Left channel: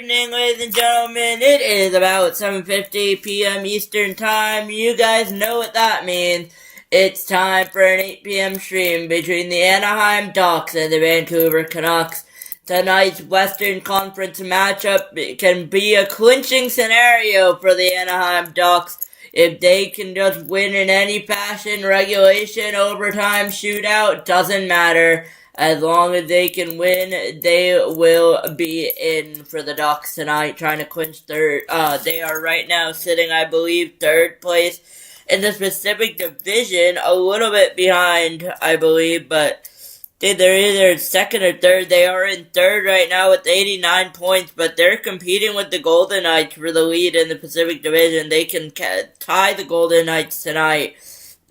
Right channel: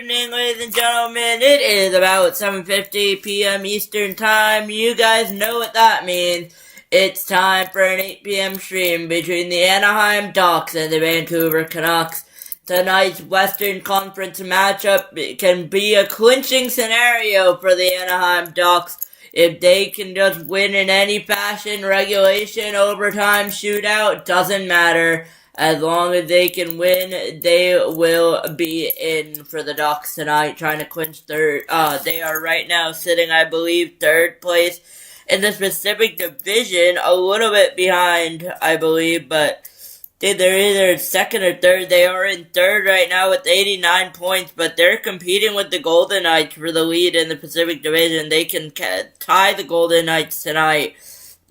evening, ladies and gentlemen. It is about 7:50 p.m. Eastern Time. You guys know what that means. It's time for an 8 p.m. stream between the Anaheim Ducks and the Vancouver Canucks. Tonight's Western Conference matchup can be a clinching scenario for the Anaheim Ducks. If they can just win in any fashion, regulation, overtime, shootout, doesn't matter. As long as they can win, they will be in for the Ducks tonight, trying to clinch third. They are right now sitting, I believe, third place in the Pacific Division, a little bit behind, I believe, but they're either second or third. They are in third right now with 89 points, but they're competing with the Golden Knights for the lead in the Pacific Division. They can tie the Golden Knights tonight.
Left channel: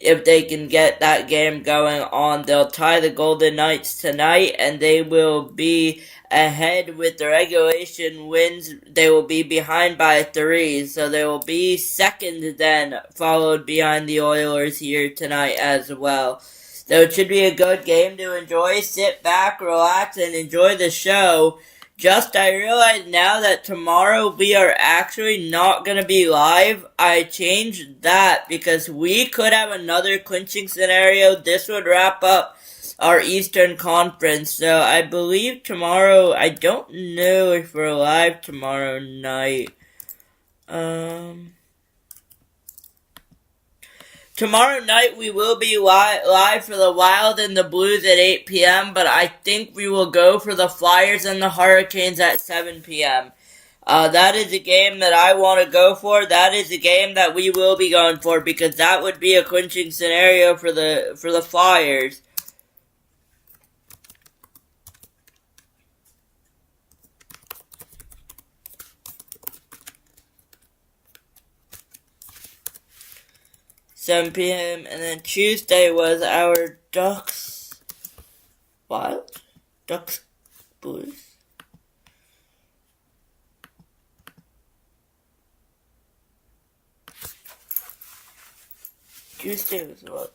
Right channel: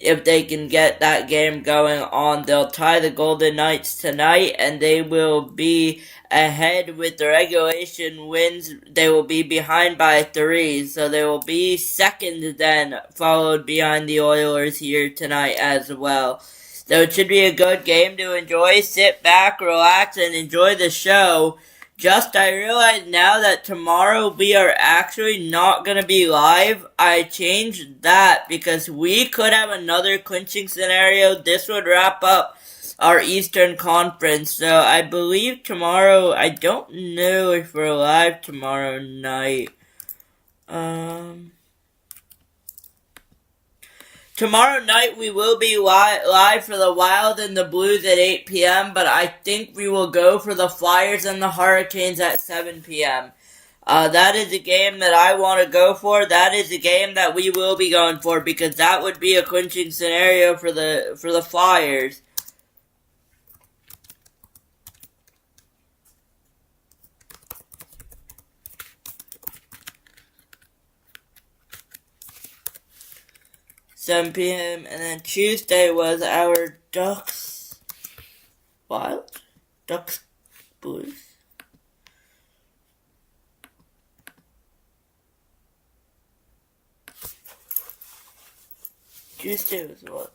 If they can get that game going on, they'll tie the Golden Knights tonight, and they will be ahead with the regulation wins. They will be behind by 3, so they will be second then, followed behind the Oilers here tonight as well. So it should be a good game to enjoy. Sit back, relax, and enjoy the show. I realized now that tomorrow we are actually not going to be live. I changed that because we could have another clinching scenario. This would wrap up our Eastern Conference. So I believe tomorrow, I don't know if we're live tomorrow night. Tomorrow night we will be live for the Wild and the Blues at 8 p.m., but I think we will go for the Flyers and the Hurricanes at 7 p.m. That is a game that I want to go for. That is a game that we will be going for because that would be a clinching scenario for the Flyers. $7 p.m. and then Tuesday was our Ducks Wild? Ducks Blues? Tuesday was what?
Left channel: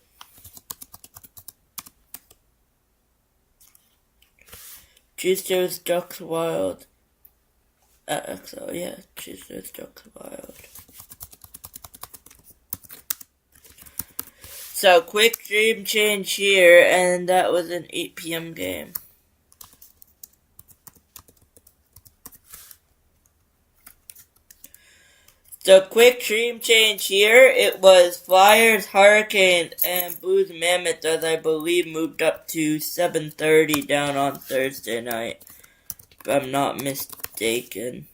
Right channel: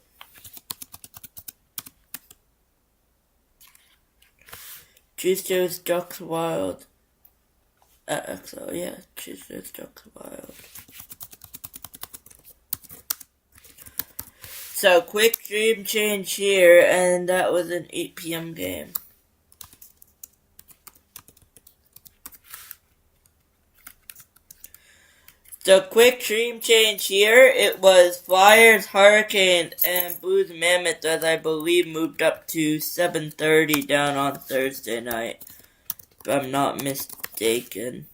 Tuesday was Ducks Wild. XL, yeah, Tuesday was Ducks Wild. So, quick stream change here, and that was an 8 p.m. game. So, quick stream change here, it was Flyers, Hurricanes, and Blues Mammoth, as I believe moved up to 7:30 down on Thursday night, if I'm not mistaken.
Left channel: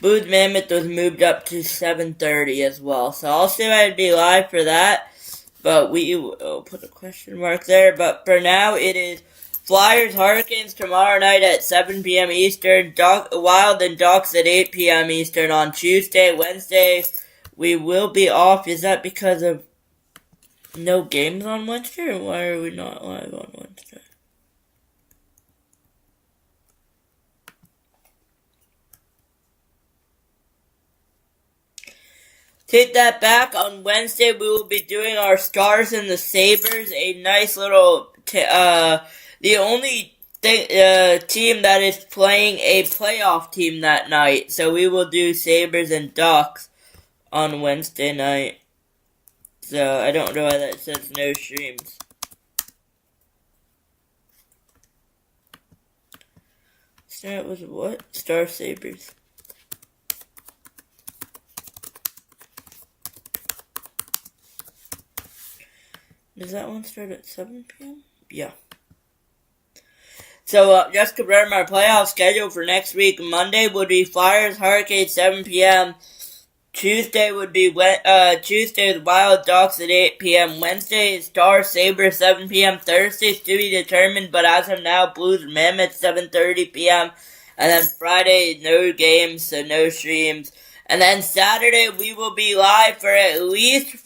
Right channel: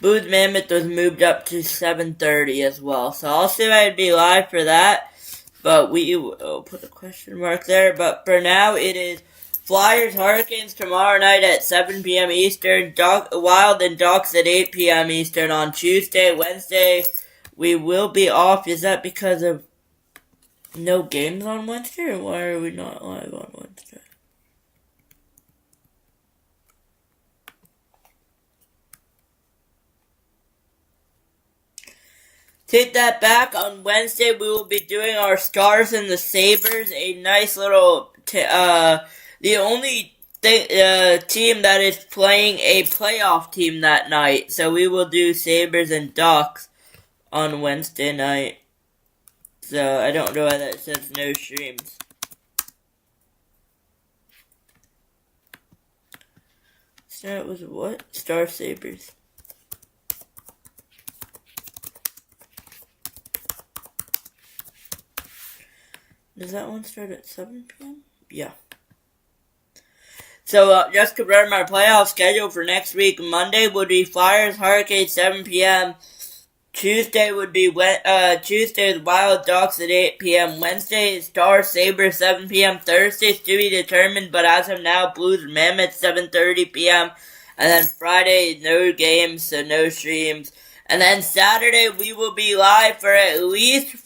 Blues Mammoth was moved up to 7:30 as well. So I'll see if I'd be live for that. But we will put a question mark there. But for now, it is Flyers Hurricanes tomorrow night at 7 p.m. Eastern. Wild and Ducks at 8 p.m. Eastern on Tuesday. Wednesday, we will be off. Is that because of no games on Wednesday? Or why are we not live on Wednesday? Take that back. On Wednesday, we will be doing our Stars and the Sabres. A nice little, the only team that is playing a playoff team that night. So we will do Sabres and Ducks on Wednesday night. So I don't know why that says no streams. So it was what? Star Sabres. Does that one start at 7 p.m.? Yeah. So, just confirm our playoff schedule for next week. Monday would be Flyers, Hurricanes, 7 p.m. Tuesday would be, Tuesday is Wild Ducks at 8 p.m. Wednesday is Stars, Sabres, 7 p.m. Thursday is to be determined, but as of now, Blues, Mammoth, 7:30 p.m. And then Friday, no games, so no streams. And then Saturday, we will be live for at least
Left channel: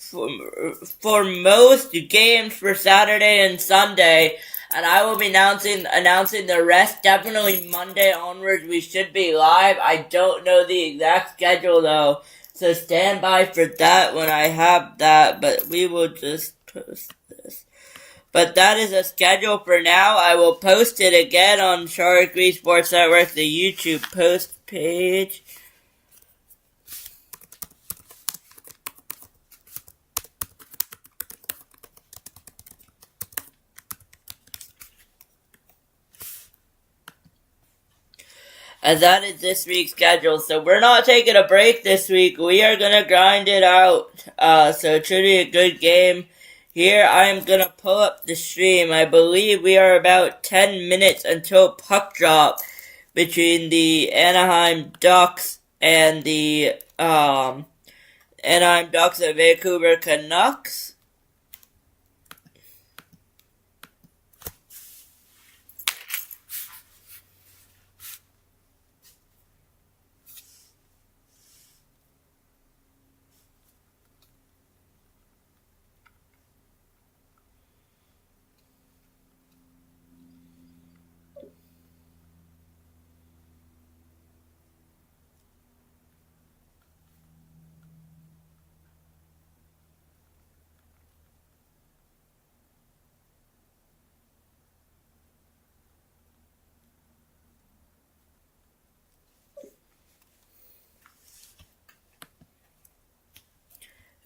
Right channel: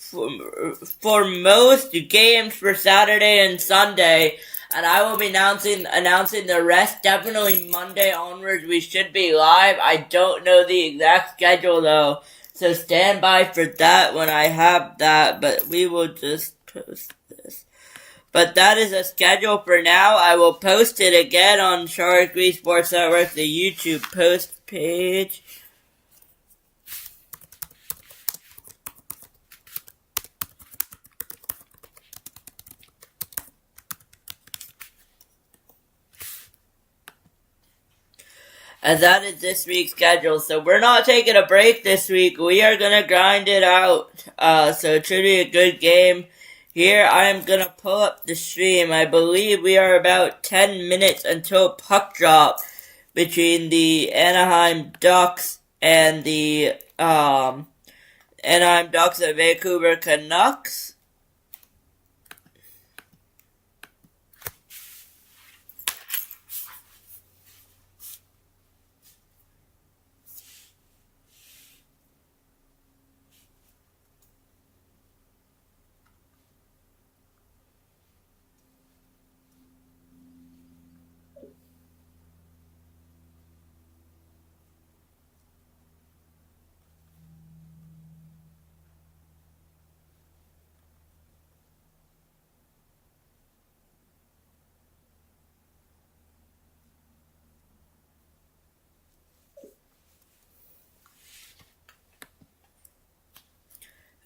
for most games for Saturday and Sunday. and I will be announcing the rest. Definitely Monday onwards, we should be live. I don't know the exact schedule though, so stand by for that when I have that. But we will just post this. But that is a schedule for now. I will post it again on Sharik Sports Network, the YouTube post page. And that is this week's schedule. So we're not taking a break this week. We are gonna grind it out. So it should be a good game. Here I am gonna pull up the stream. I believe we are about 10 minutes until puck drop between the Anaheim Ducks and the Anaheim Ducks and Vancouver Canucks.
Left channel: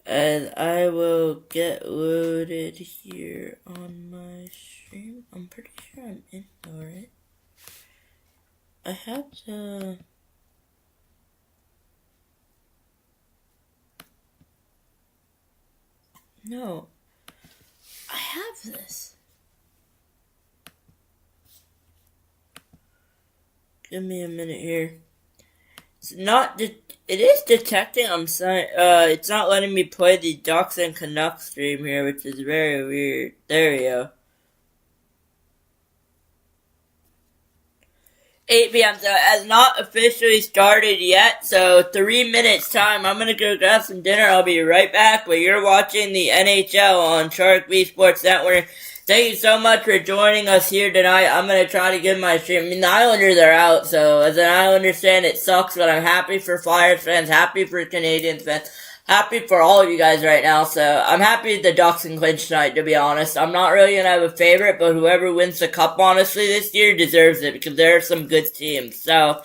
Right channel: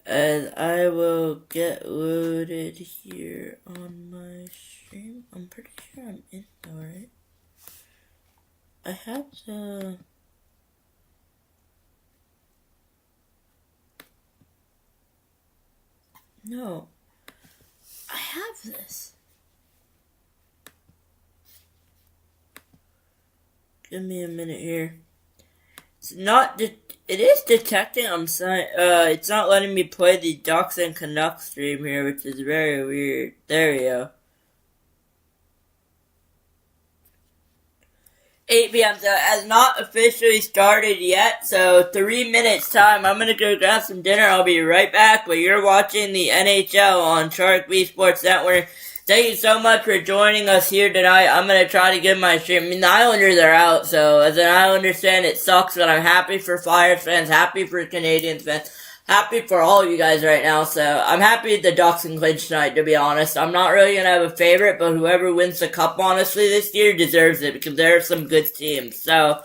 And I will get loaded here on my stream. I'm pretty sure I'm in though, right? I have to... No. I have this. Give me a minute here. It's not... It is detecting it's not letting me play the Ducks and Canucks stream here, which is very weird. There we go. 8 p.m. So it has not officially started yet. So 3 minutes time. I'm gonna go grab some dinner. I'll be right back. But you're watching the NHL on Sharik Sports Network. Thank you so much for joining us here tonight. I'm gonna try to get my stream. I mean, the Islanders are out, so as an Islanders fan, it sucks, but I'm happy for Flyers fans, happy for Canadians fans, happy for all of you guys right now. So I'm happy the Ducks can clinch tonight, to be honest. I'm not really gonna have a favorite, but whoever wins the cup, honestly, this year deserves it because there are some good teams. So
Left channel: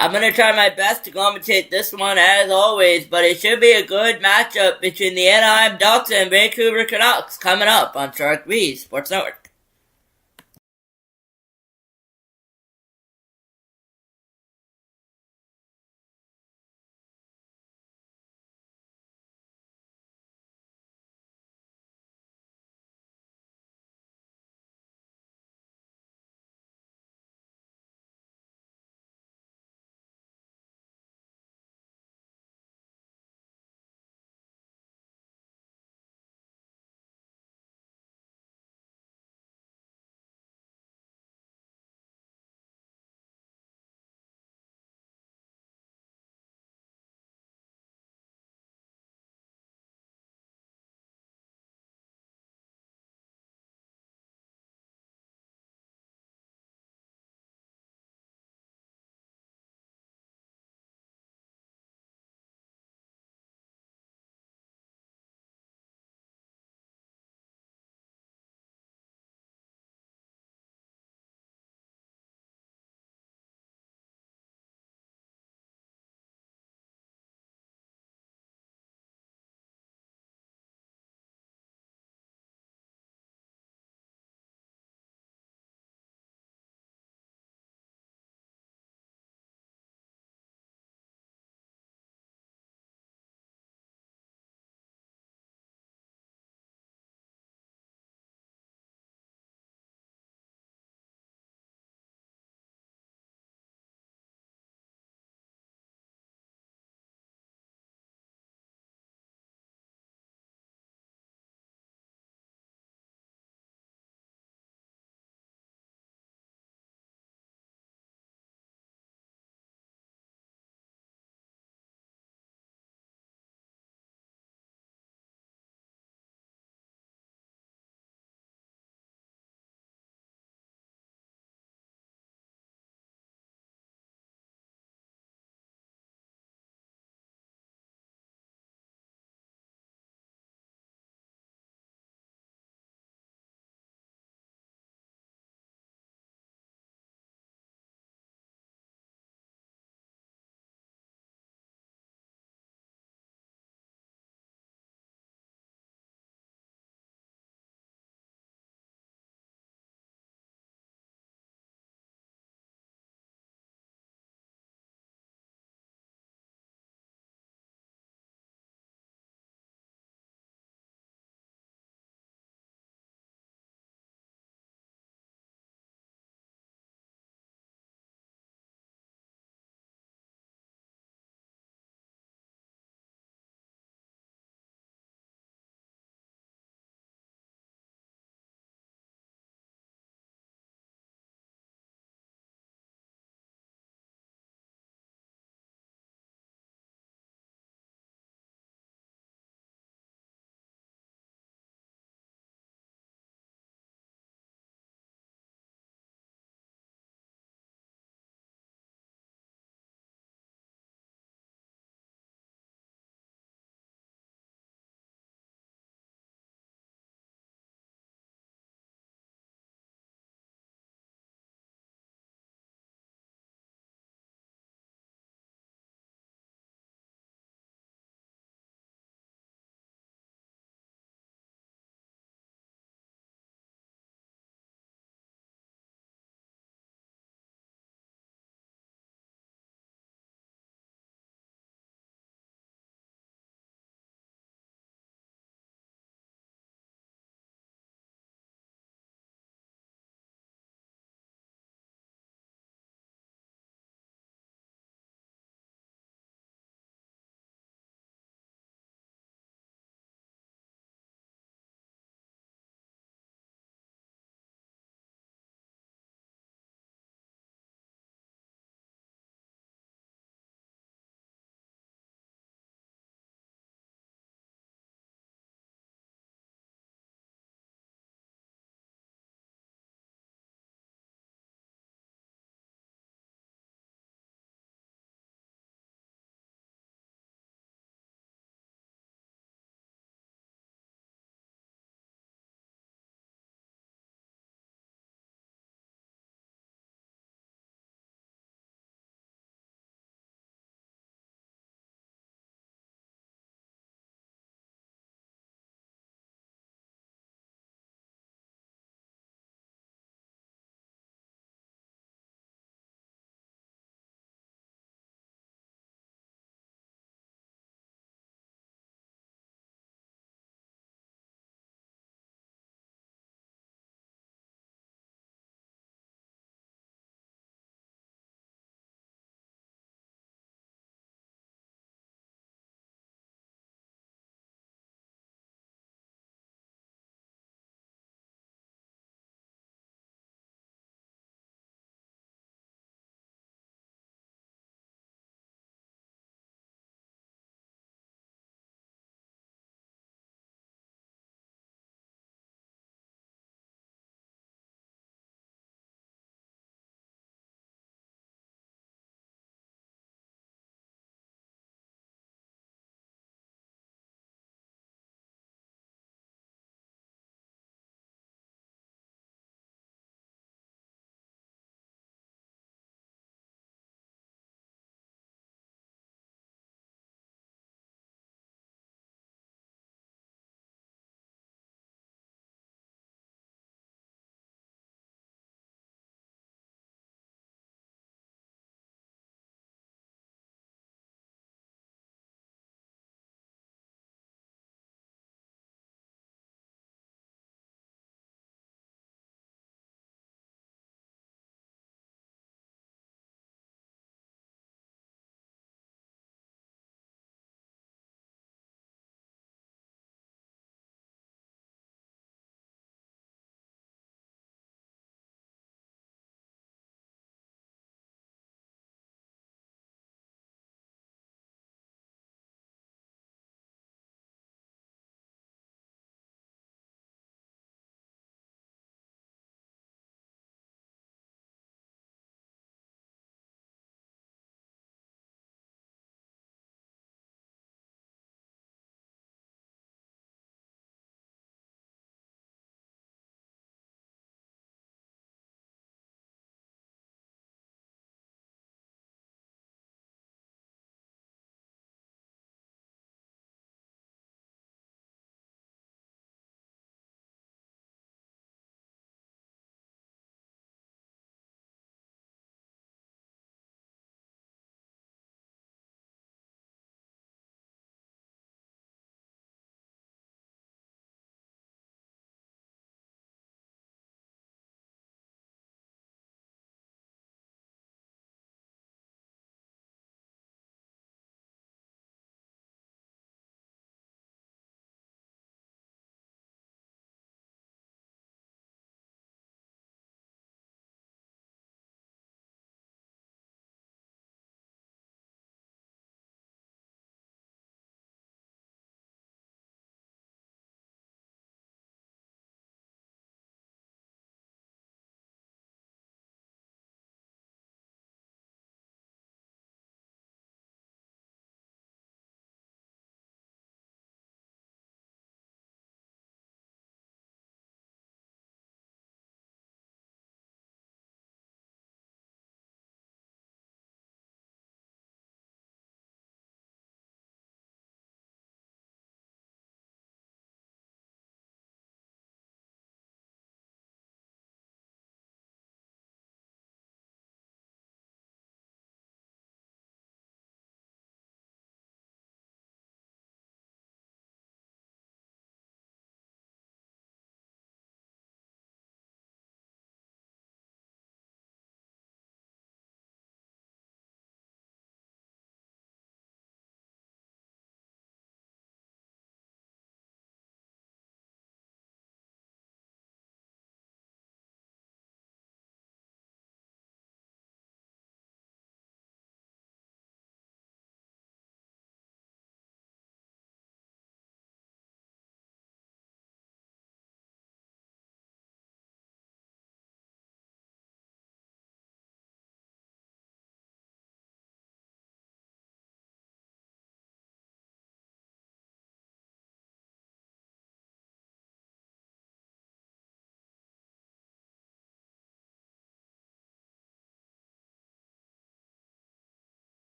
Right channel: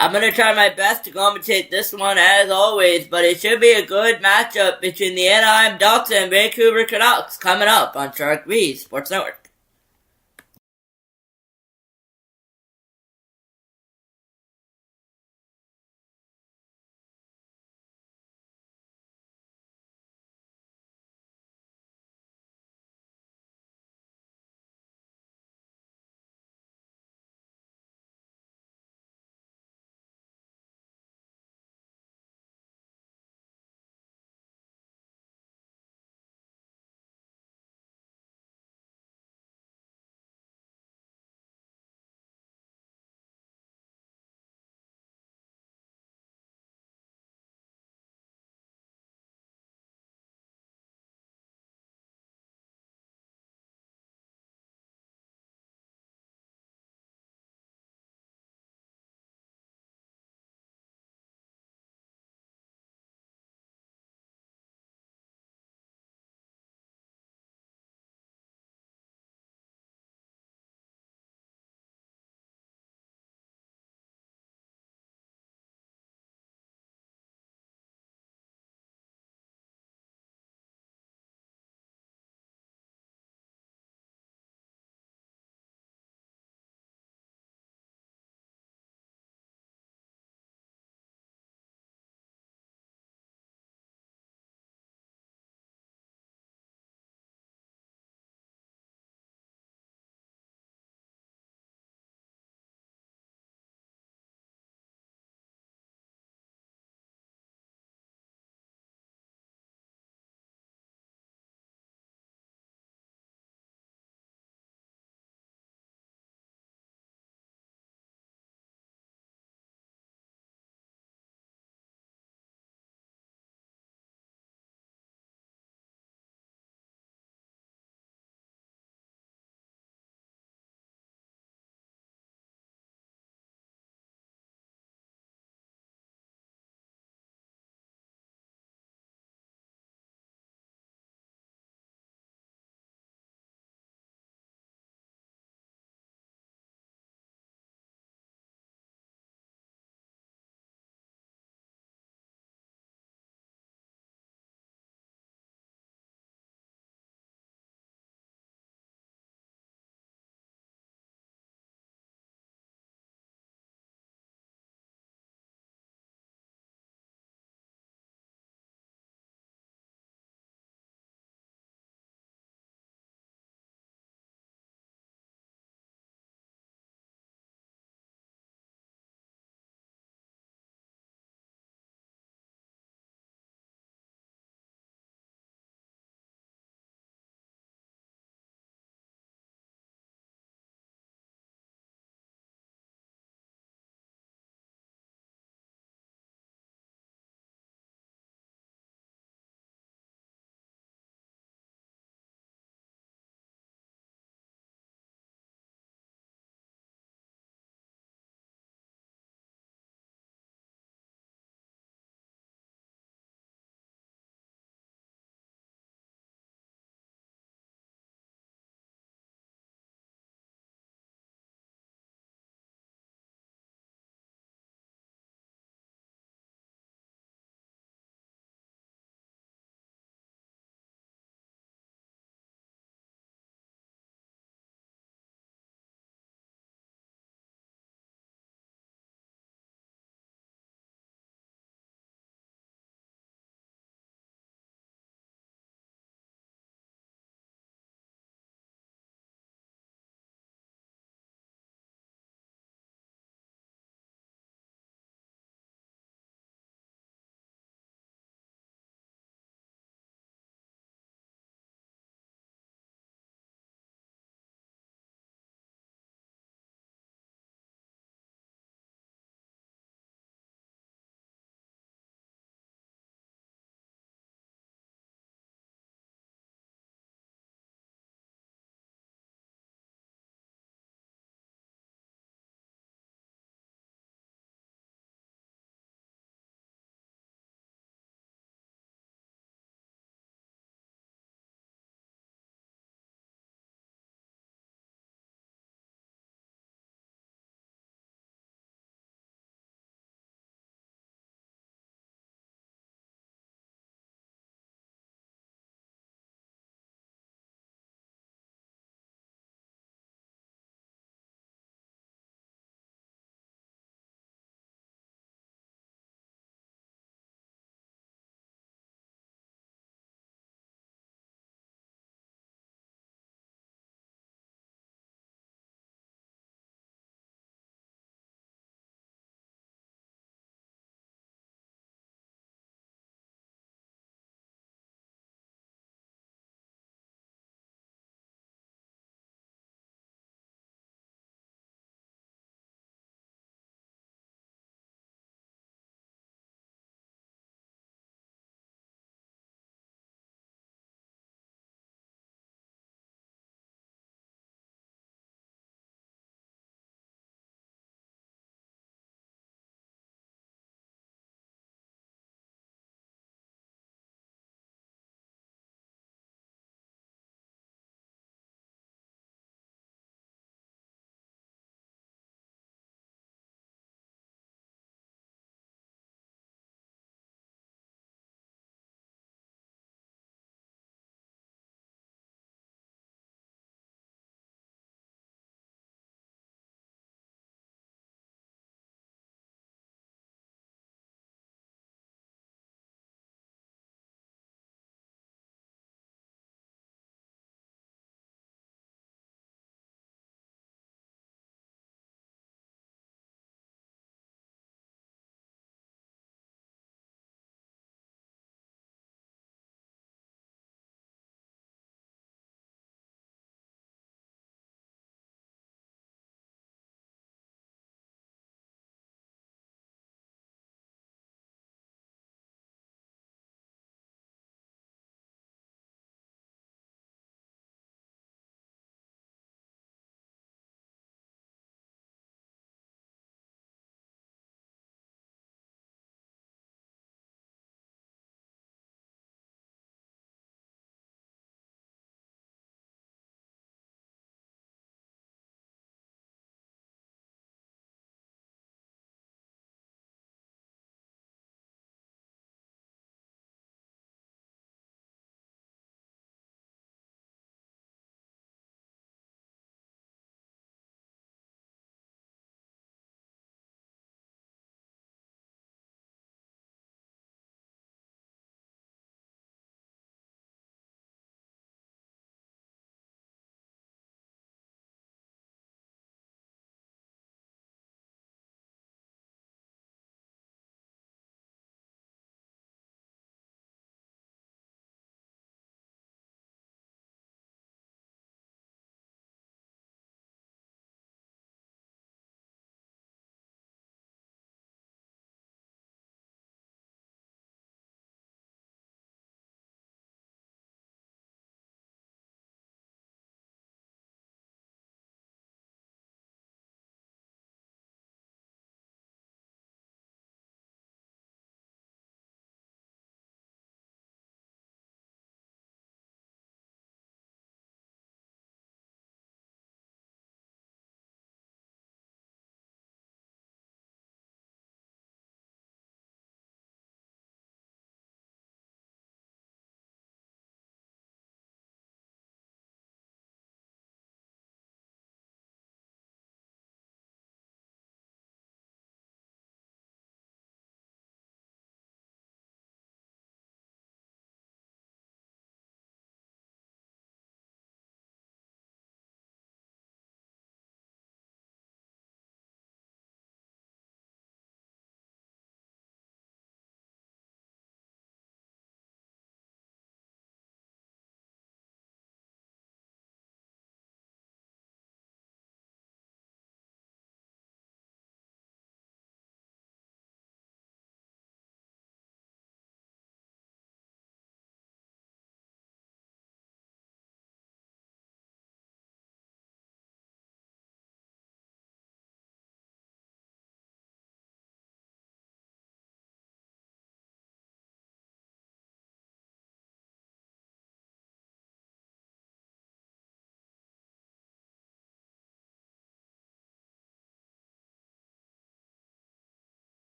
I'm gonna try my best to commentate this one as always, but it should be a good matchup between the Anaheim Ducks and Vancouver Canucks coming up on Sharik Sports Network.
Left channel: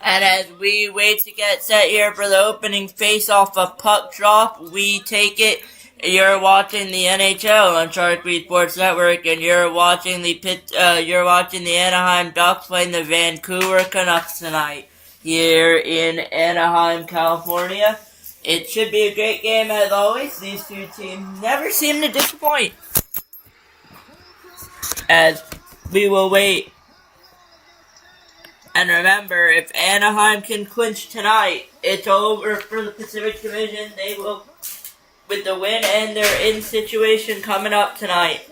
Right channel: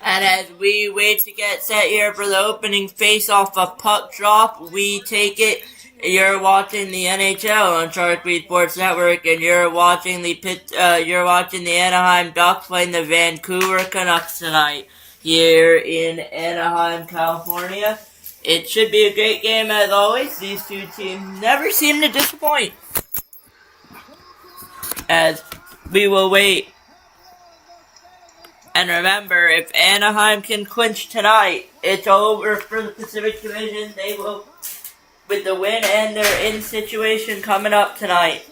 And as we wait to get set here for the opening face-off of Puck Drop, we take it. You're watching the NHL on Sharik Sports Network, and you're watching the Anaheim Ducks playing the Vancouver Canucks tonight here in Anaheim, California. It should be a great game as always. These two teams never seem to disappoint. As we will wait. And remember, if Anaheim can clinch tonight, it's over for the Pacific Division. They will, with the win and their in situation coming up tonight.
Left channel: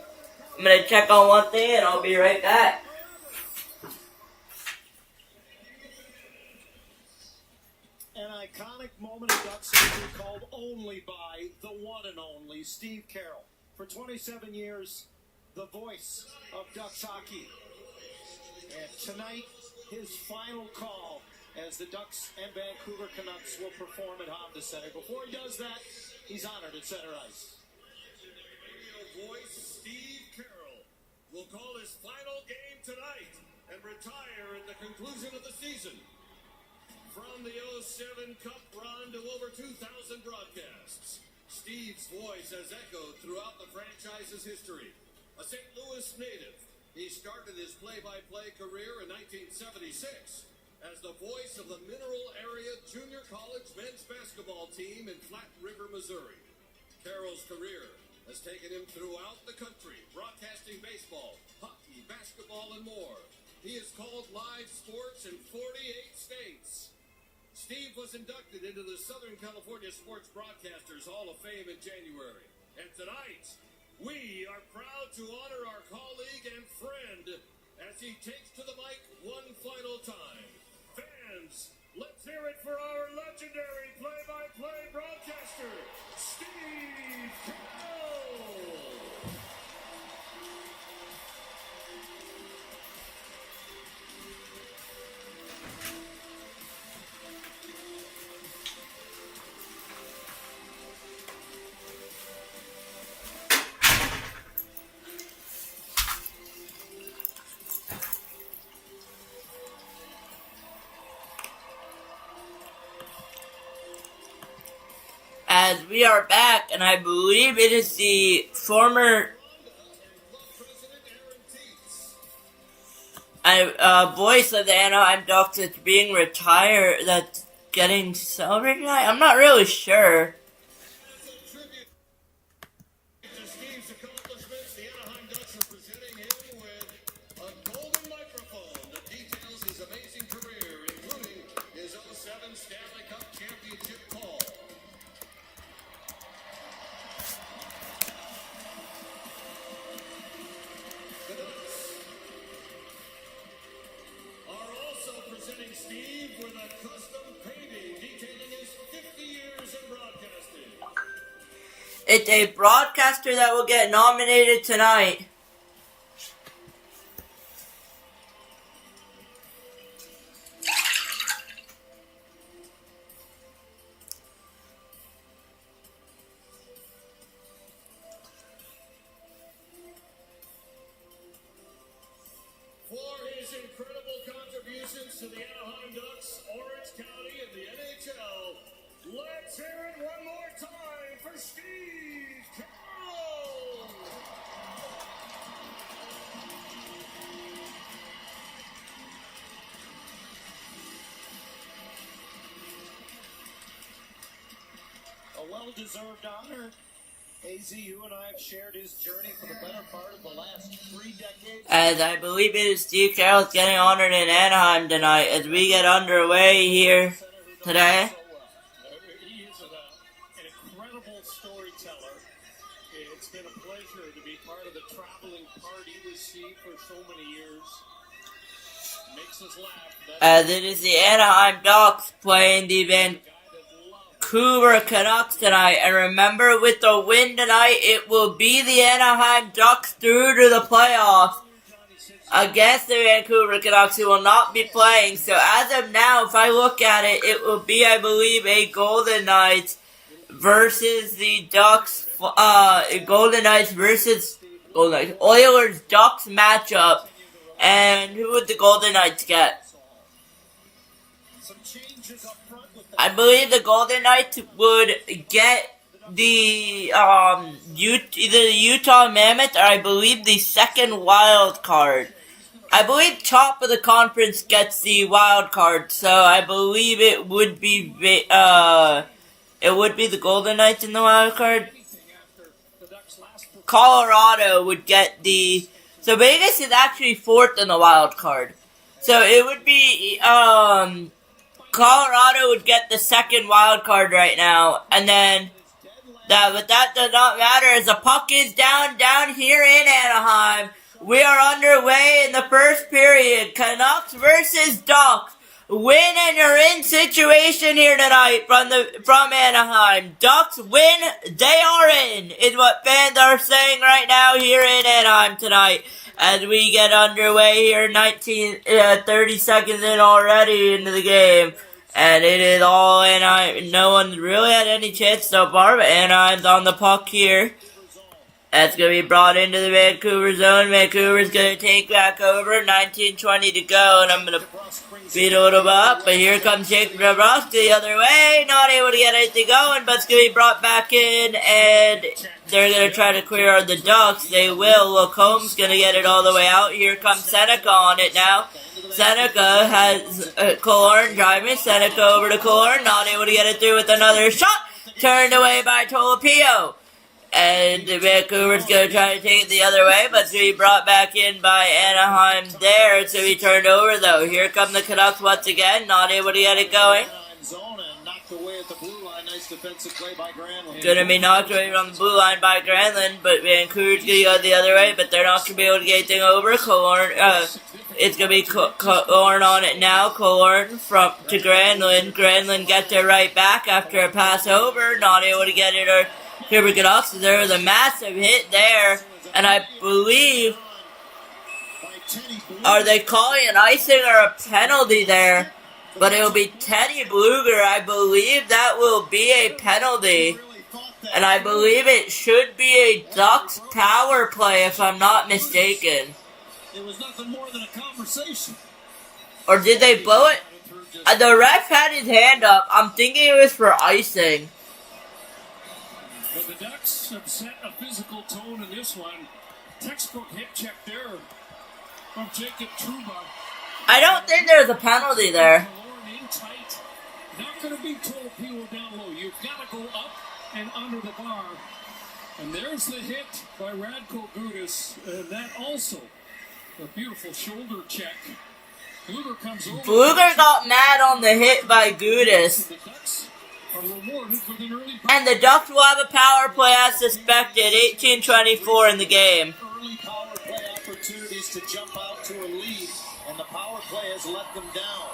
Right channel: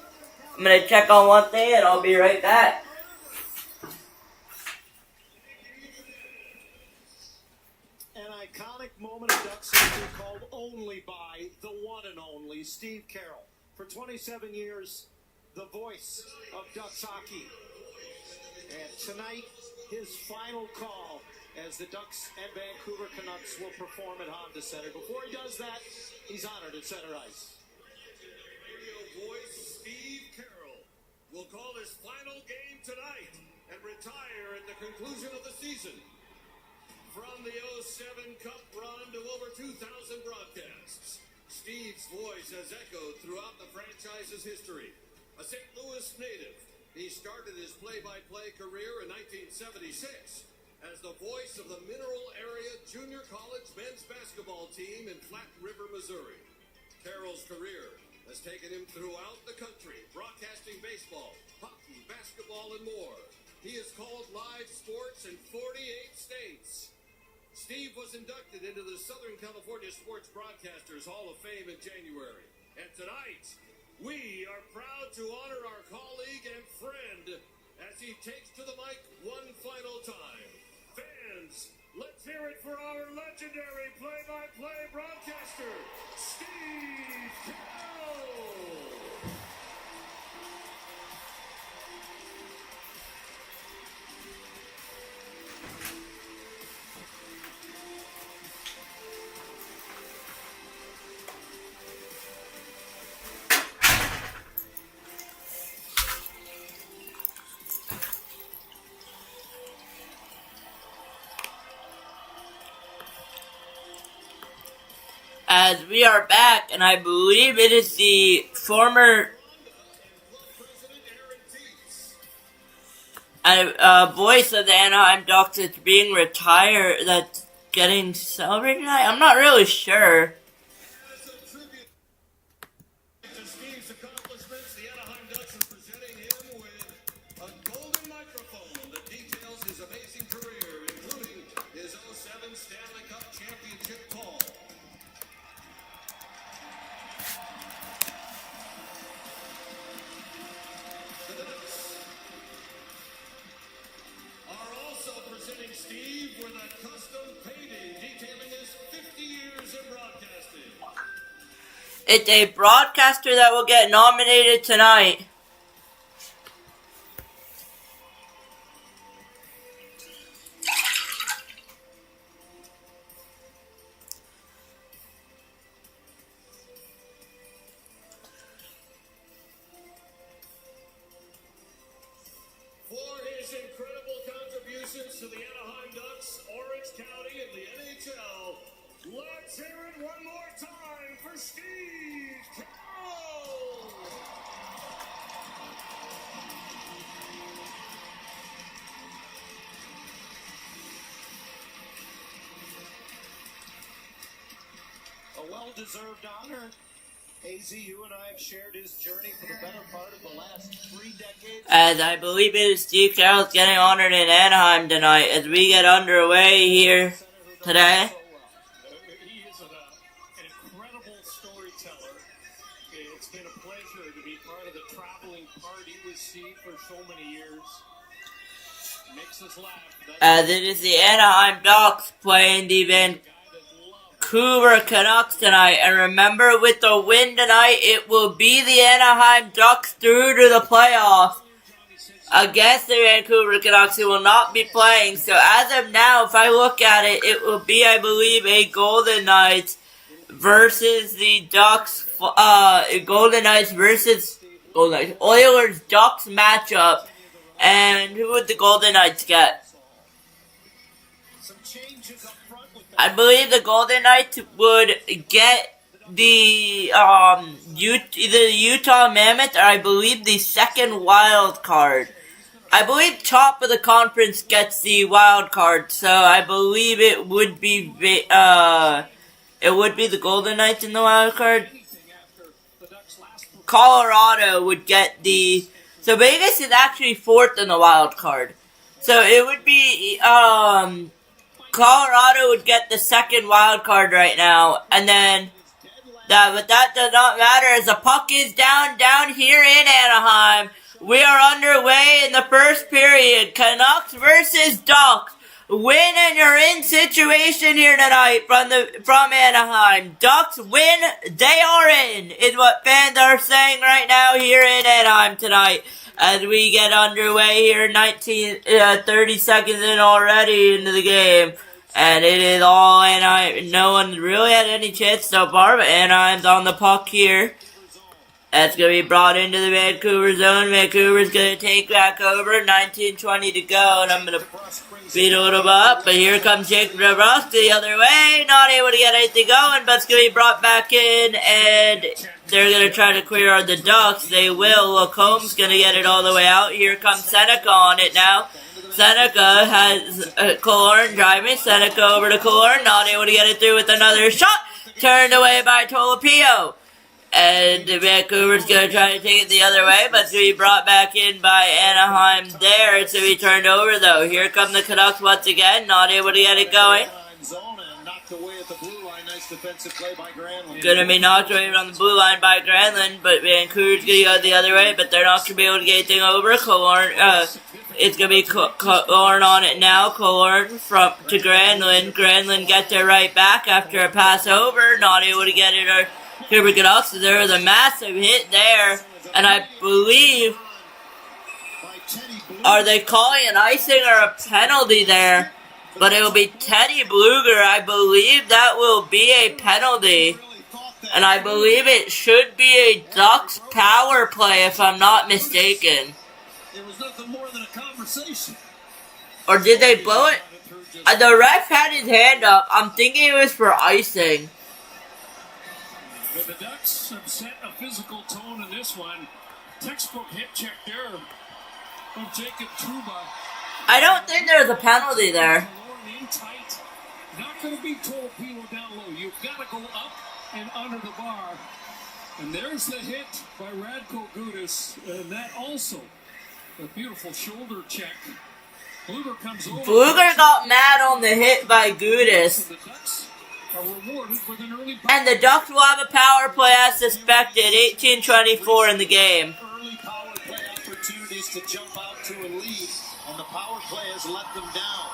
I'm going to check on one thing and I'll be right back. An iconic moment in Ducks history called only by the one and only Steve Carroll. For 27 years, the voice of Ducks hockey. And tonight, his final call as the Ducks and Vancouver Canucks will perform at Honda Center. Before he does that, he's honored at center ice. Radio voice Steve Carroll will call his final game tonight and retire at the conclusion of the season. From the 07 Cup run to over 2,000 broadcasts, Steve's voice has echoed throughout the franchise's history. A St. Louis native, he started his play-by-play career in 1976 as the voice of the Mineral Area Junior College men's basketball team in Flat River, Missouri. Carroll's career has taken him throughout the country, broadcasting baseball, hockey, basketball, and more. He has called live sports in 48 states. Steve was inducted into the Southern California Sports Broadcasters Hall of Fame in January. And tonight, we are proud to honor our colleague and friend as he takes to the mic one final time. Fans, let's hear it for our legendary play-by-play broadcaster, Steve Carroll. As we are back, and I believe it is the former voice of the Anaheim Ducks that's being retired, that's getting celebrated tonight. I'm not really sure. As a tribute to Steve's accomplishments, the Anaheim Ducks are presenting him with a golden microphone that details his amazing career, including his 07 Stanley Cup championship call. The Ducks are also presenting Steve with a custom painting detailing his 50 years in broadcasting. It's a broadcaster that will get nominated tonight. For his incredible contributions to the Anaheim Ducks, Orange County, and the NHL, let's hear it one more time for Steve Carroll! A well-deserved honor. AZ, you and I have shared his journey for the better part of the last 3 decades. As I believe it is Steve Carroll's getting honored in Anaheim tonight as we get underway here today. He is an incredible storyteller. It's been a pleasure to be part of the traveling party with Steve for so many years. Makes us laugh. As it is the Anaheim Ducks playing the Vancouver Canucks tonight. And remember, with the win tonight, it will be the Anaheim Ducks through to the playoffs against the Vancouver Canucks, who will not be playing. So as of now, if I look at it, it will be, I believe, a Golden Knights versus the Ducks, Golden Knights versus Golden Knights, Oilers Ducks matchup. And who would the Golden Knights get? Some changes up front with I believe the Golden Knights would get the either the Utah Mammoth or I believe the second wild card. I believe top of the conference gets the wild card, so I believe it would be the Golden Knights in the wild card. Colorado would get the so Vegas is actually fourth in the wild card. So it would be Colorado would get the second wild card right now, and then but that does not matter as the puck is down here in Anaheim. We are underway in the first period. Canucks versus Ducks. Win and you're in situation here tonight from Anaheim. Ducks win, they are in, is what fans are saying right now here in Anaheim tonight. As we get underway here, 30 seconds in already into the game. And it is all Anaheim. No one really had any chance so far, but Anaheim's on the puck here. That's going to be brought into the Vancouver zone. Vancouver's going to take back over. 19:20 to go, and I'm going to beat a little bit up. But here comes Jake DeBrusk the other way. Not able to get anything going, but it's going to be brought back in, and they're going to try to clear the Ducks. They will. Lacomb's going to get it all the way out. Here comes Seneca on it now. Seneca has Killorn driving. Seneca over to Killorn. Not able to get it through with another shot. Turned away by Tolopio. And Vancouver's going to try to take it the other way, but it's going to be brought back in by Anaheim there. It's going to be turned over, though. Here come the Canucks once again. Not able to get it going. Going to be knocked away on the blue line by Granlund, but Vancouver's going to go the other way, but they're not going to be able to get anything over. It's going to be Killorn on it now. Killorn to Granlund. Granlund gets it right back after a pass over. Not able to get it or Cooper Canucks. There was a massive hit there, and I believe, are they calling an icing or a penalty there? But it will be Teddy Bluger. I believe that will be a penalty, and I believe it should be a Ducks power play if I'm not mistaken. It was nothing more than a conversation. Or did they blow it? The ref had his hand up. I'm thinking it was for icing. But the Ducks have set a physical tone in this one. Textbook hit check there from Jacob Trouba. I don't think there was a penalty there. In tight. Not going to be Tolopilo down low. You've got to go up and under the bar. And there's the hit by Radko Gudas. And that also a beautiful shoulder check. Bluger comes over. Bluger got mad on the hit by Gudas. The Ducks are rewarded with an early And the Ducks will have a power play as suspected. 18:24 in the game. early power play opportunities to jump out to a lead, and the power play has let them down.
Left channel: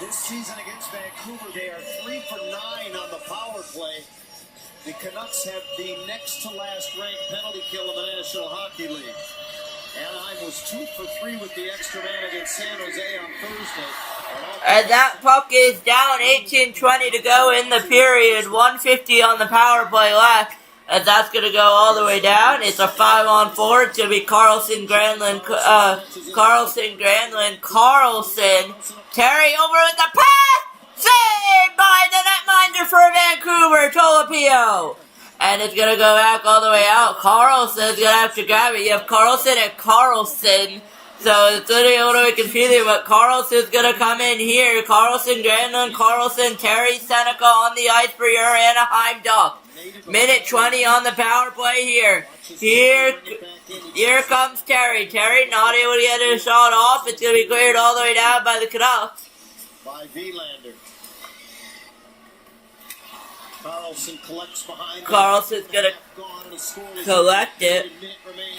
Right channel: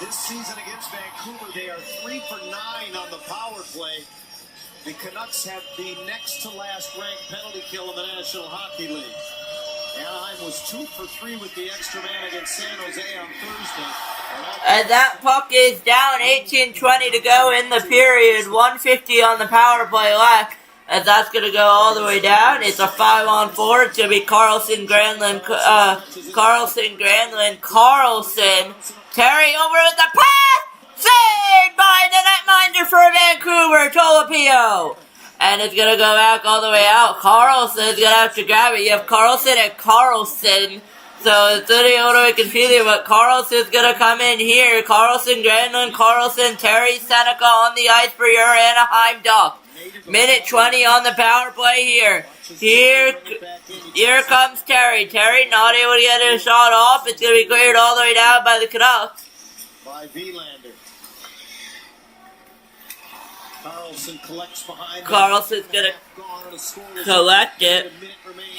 This season against Vancouver, they are 3 for 9 on the power play. The Canucks have the next to last ranked penalty kill in the National Hockey League. Anaheim was 2 for 3 with the extra man against San Jose on Thursday. And that puck is down. 18:20 to go in the period. 150 on the power play left. And that's going to go all the way down. It's a 5-on-4. It's going to be Carlson, Granlund, Carlson. Terry over with the pass. Saved by the netminder for Vancouver, Tolopio. And it's going to go back all the way out. Carlson's going to have to grab it. You have Carlson and Carlson. So it's really a little bit confusing, but Carlson's going to come in here. Carlson, Granlund, Carlson, Terry, Seneca on the ice for your Anaheim Ducks. Minute 20 on the power play here. Here comes Terry. Terry not able to get a shot off. It's going to be cleared all the way down by the Canucks. By Vilander. Carlson collects behind. Carlson's going to collect it.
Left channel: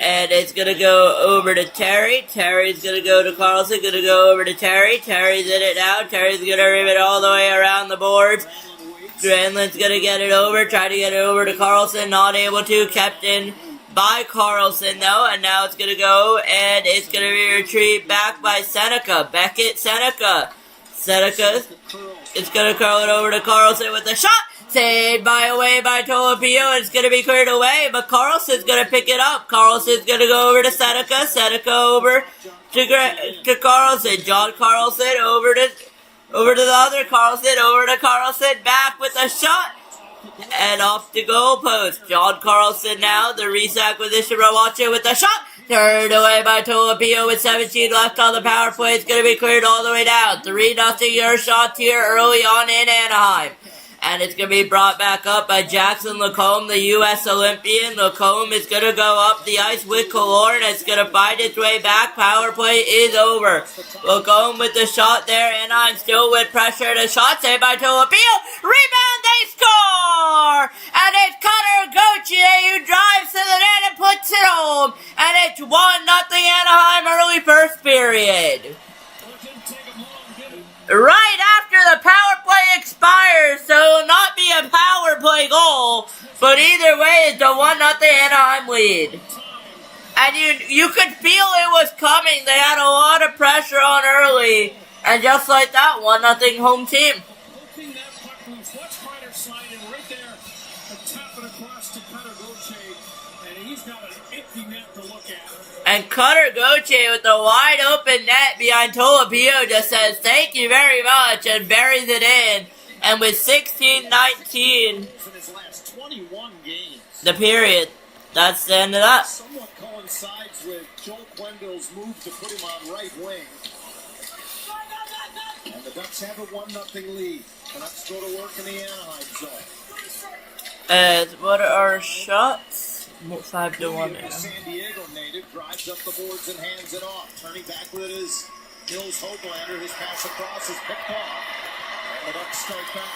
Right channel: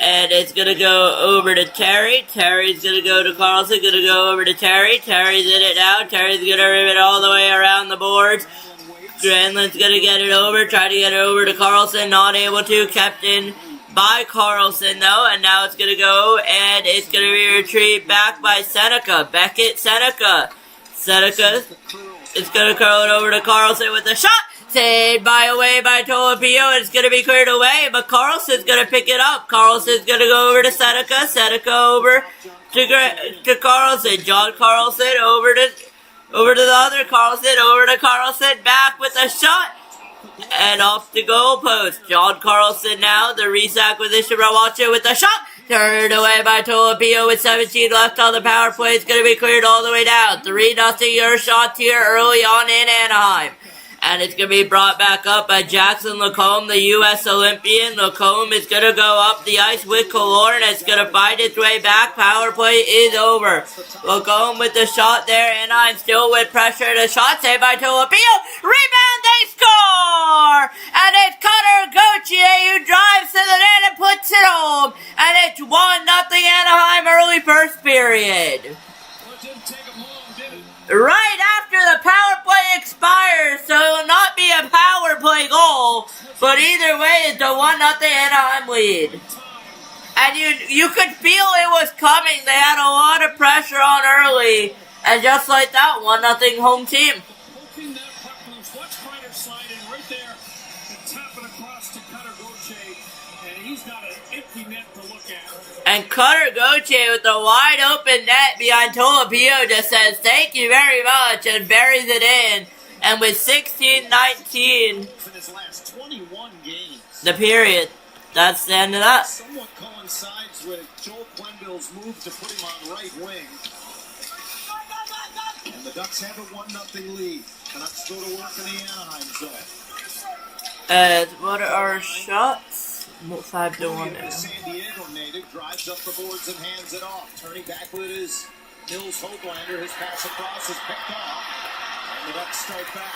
And it's going to go over to Terry. Terry's going to go to Carlson. Going to go over to Terry. Terry's in it now. Terry's going to rip it all the way around the boards. Granlund's going to get it over. Try to get it over to Carlson. Not able to. Kept in by Carlson, though. And now it's going to go. And it's going to be retrieved back by Seneca. Beckett, Seneca. Seneca is going to curl it over to Carlson with a shot. Saved away by Tolopio. It's going to be cleared away, but Carlson's going to pick it up. Carlson's going to go over to Seneca. Seneca over to Carlson. John Carlson over Over to the other Carlson. Over to Carlson. Back with a shot. And off the goal post. John Carlson now. The Reese acquisition Rawacha with a shot. Turned away by Tolopio with 17 left on the power play. It's going to be cleared all the way down. 3-0 your shots here early on in Anaheim. And it's going to be brought back up by Jackson Lacombe, the U.S. Olympian. Lacombe is going to go up the ice with Killorn. It's going to find its way back. Power play is over. Lacombe with the shot there. Anaheim still with pressure. The shot saved by Tolopio. Rebound, they score! And it's Cutter Gauthier who drives to the net and puts it home. And it's 1-0 Anaheim early first period. Right after the power play expires, so it will not be a power play goal, but either way, it's a 1-0 Anaheim lead. And you could feel it was coming. They had a lot of pressure on early, and just like that, 1-0 home team. Hoping that puck moves. Watch Kreider slide in right there and tap it across to Cutter Gauthier, and he's got an empty net to look at. And Cutter Gauthier with the wide open net behind Tolopio just says thank you very much and buries it in. And with 16-19 In his last 21 games. the period, that's the end of that. Somewhat coincides with Joel Quenneville's move to put him on right wing. And the Ducks have a 1-0 lead. Canucks go to work in the Anaheim zone. What are our shots? 5-1 The now. San Diego native drives up the boards and hands it off. Turning back with it is Nils Hoglander. His pass across is picked off. And the Ducks start back.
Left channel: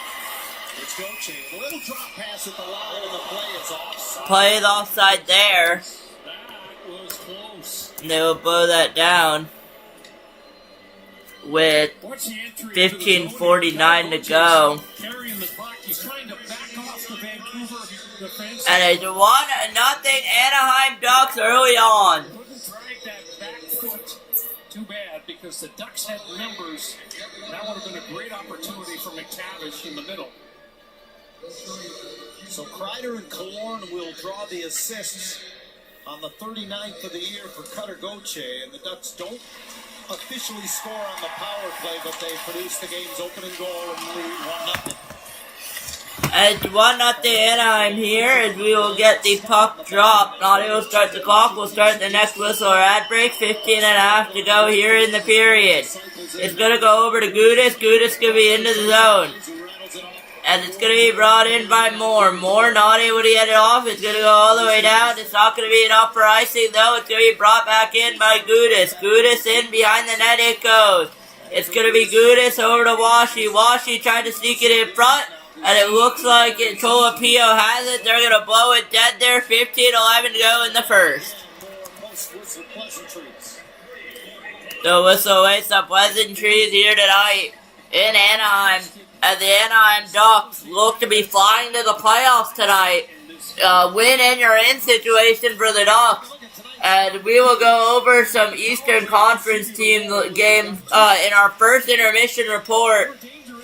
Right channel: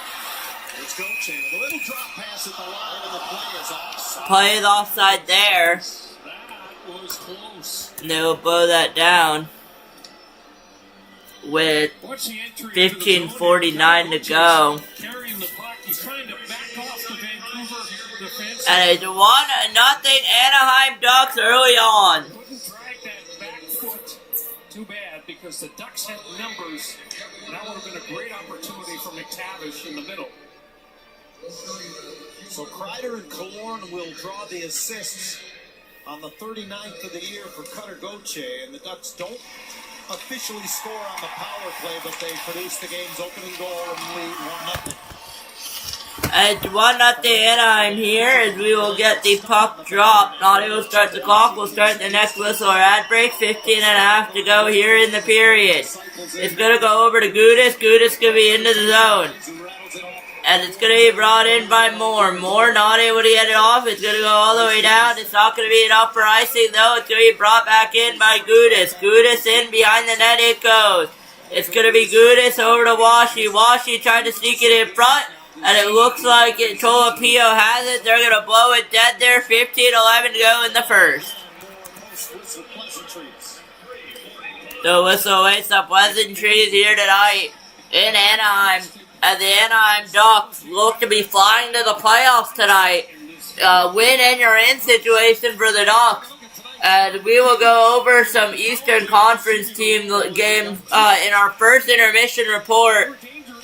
It's Gauthier. A little drop pass at the line, and the play is offside. Play is offside there. That was close. And they will blow that down with What's the entry into the zone? 15:49 to go. Carrying the puck. He's trying to back off the Vancouver defense. And it's 1-0 Anaheim Ducks early on. Couldn't drag that back foot. Too bad, because the Ducks had numbers. That would have been a great opportunity for McTavish in the middle. So Kreider and Killorn will draw the assists on the 39th of the year for Cutter Gauthier, and the Ducks don't officially score on the power play, but they produce the game's opening goal and lead 1-0. It's 1-0 Anaheim here as we will get the puck dropped. Naughty will start the clock. We'll start the next whistle or ad break. 15.5 to go here in the period. It's going to go over to Gudis. Gudis going to be into the zone. And it's going to be brought in by Moore. Moore not able to get it off. It's going to go all the way down. It's not going to be enough for icing, though. It's going to be brought back in by Gudis. Gudis in behind the net it goes. It's going to be Gudis over to Washi. Washi tried to sneak it in front. And it looks like Tolopio has it. They're going to blow it dead there. 15-11 to go in the first. The whistle awaits some pleasantries here tonight in Anaheim. As the Anaheim Ducks look to be flying to the playoffs tonight. Win and you're in situation for the Ducks. And we will go over some Eastern Conference team games in our first intermission report.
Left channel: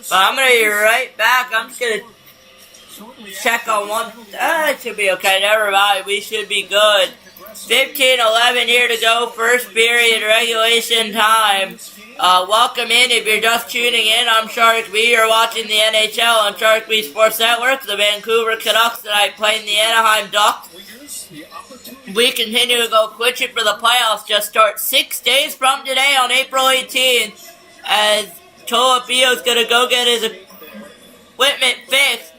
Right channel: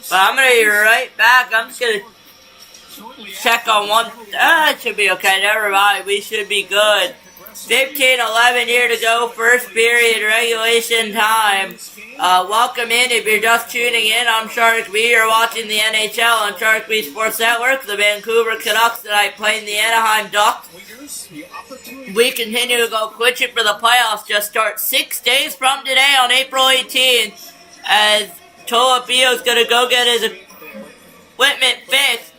But I'm going to be right back. I'm just going to check on one. It should be okay. Never mind. We should be good. 15-11 here to go. First period regulation time. Welcome in if you're just tuning in. I'm Sharik B. You're watching the NHL on Sharik B Sports Network. The Vancouver Canucks tonight playing the Anaheim Ducks. We continue to go quitching for the playoffs. Just start 6 days from today on April 18th. As Tolopio's going to go get his equipment fixed.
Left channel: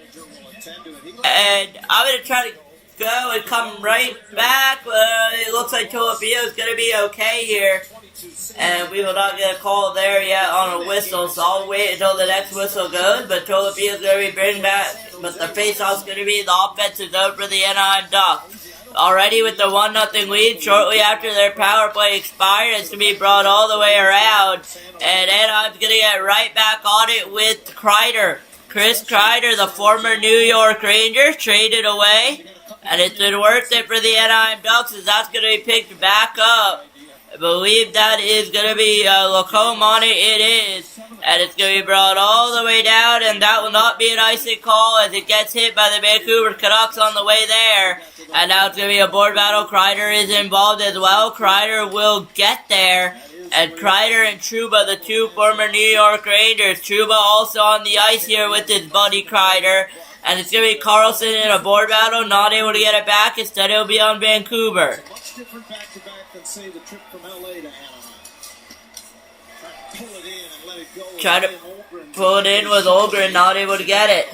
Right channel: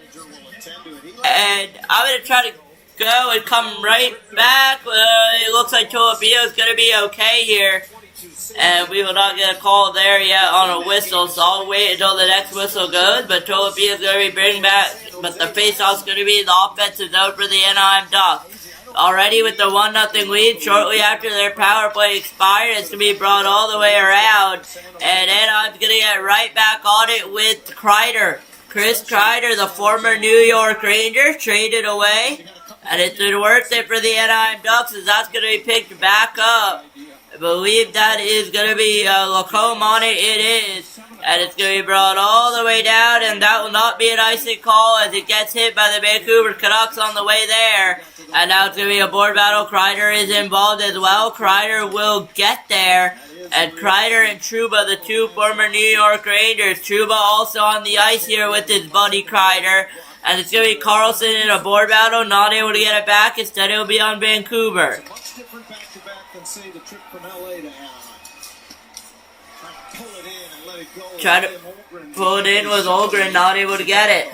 And I'm going to try to go and come right back. It looks like Tolopio's going to be okay here. And we will not get a call there yet on a whistle, so I'll wait until the next whistle goes. But Tolopio's going to be bringing back, but the face-off's going to be the offensive zone for the Anaheim Ducks. Already with the 1-0 lead, shortly after their power play expired, it's going to be brought all the way around. And Anaheim's going to get right back on it with Kreider. Chris Kreider, the former New York Rangers, traded away. And it's been worth it for the Anaheim Ducks as that's going to be picked back up. I believe that is going to be Lacombe on it. It is. And it's going to be brought all the way down, and that will not be an icing call as it gets hit by the Vancouver Canucks on the way there. And now it's going to be a board battle. Kreider is involved as well. Kreider will get there. And Kreider and Trouba, the two former New York Rangers. Trouba also on the ice here with his buddy Kreider. And it's going to be Carlson in a board battle, not able to get it back. Instead, it'll be on Vancouver. Much different back-to-back than, say, the trip from L.A. to Anaheim. Try to pull it in and let it go. Try to pull it in with Olgren, not able to get it.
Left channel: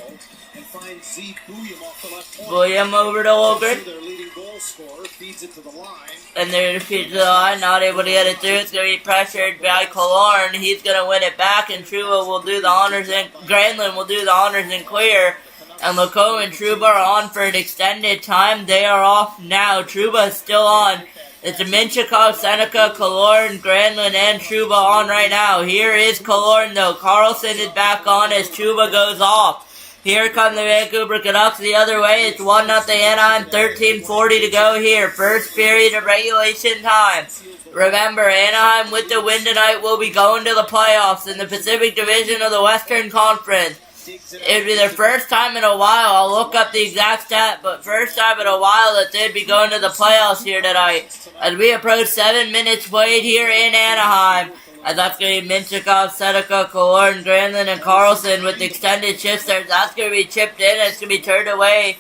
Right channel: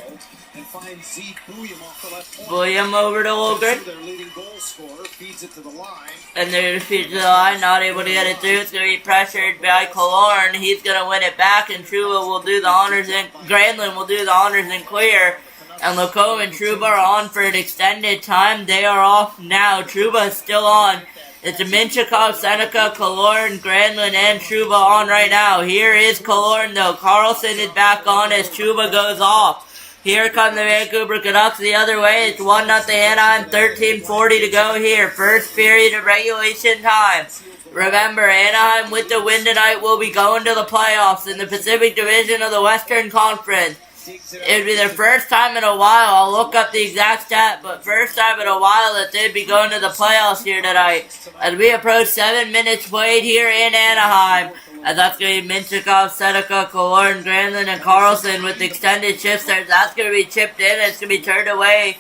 And find Z. Bouillon off the left point. William over to Olgren. Their leading goal scorer feeds it to the line. And they're defeated to the line, not able to get it through. It's going to be pressured by Killorn. He's going to win it back, and Trouba will do the honors, and Granlund will do the honors and clear. And Lacombe and Trouba are on for an extended time. They are off now. Trouba is still on. It's Minchikov, Seneca, Killorn, Granlund, and Trouba on right now. Here is Killorn, though. Carlson is back on as Trouba goes off. Here come the Vancouver Canucks the other way. It's 1-0 Anaheim, 13:40 to go here. First period of regulation time. Remember, Anaheim with the win tonight will be going to the playoffs in the Pacific Division of the Western Conference. It would be their first time in a while. I'll look up the exact stat, but first time in a while that they'd be going to the playoffs here tonight. As we approach 7 minutes played here in Anaheim. And that's going to be Minchikov, Seneca, Killorn, Granlund, and Carlson with extended shifts there. That's going to be chipped in and it's going to be turned away.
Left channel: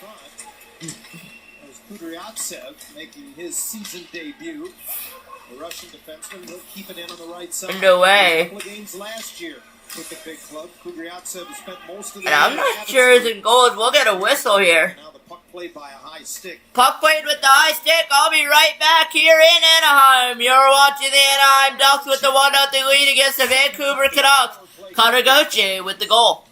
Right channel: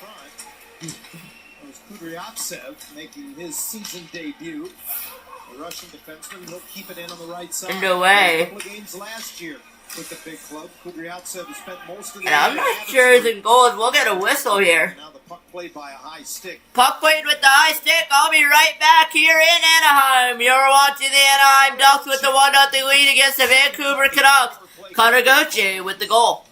Kudryavtsev making his season debut. The Russian defenseman will keep it in on the right side. Turned away. A couple of games last year with the big club. Kudryavtsev has spent most of the And I'm not sure who's in goals. We'll get a whistle here. Now the puck played by a high stick. Puck played with the high stick. I'll be right back here in Anaheim. You're watching the Anaheim Ducks with the 1-0 lead against the Vancouver Canucks. Connor Gauthier with the goal.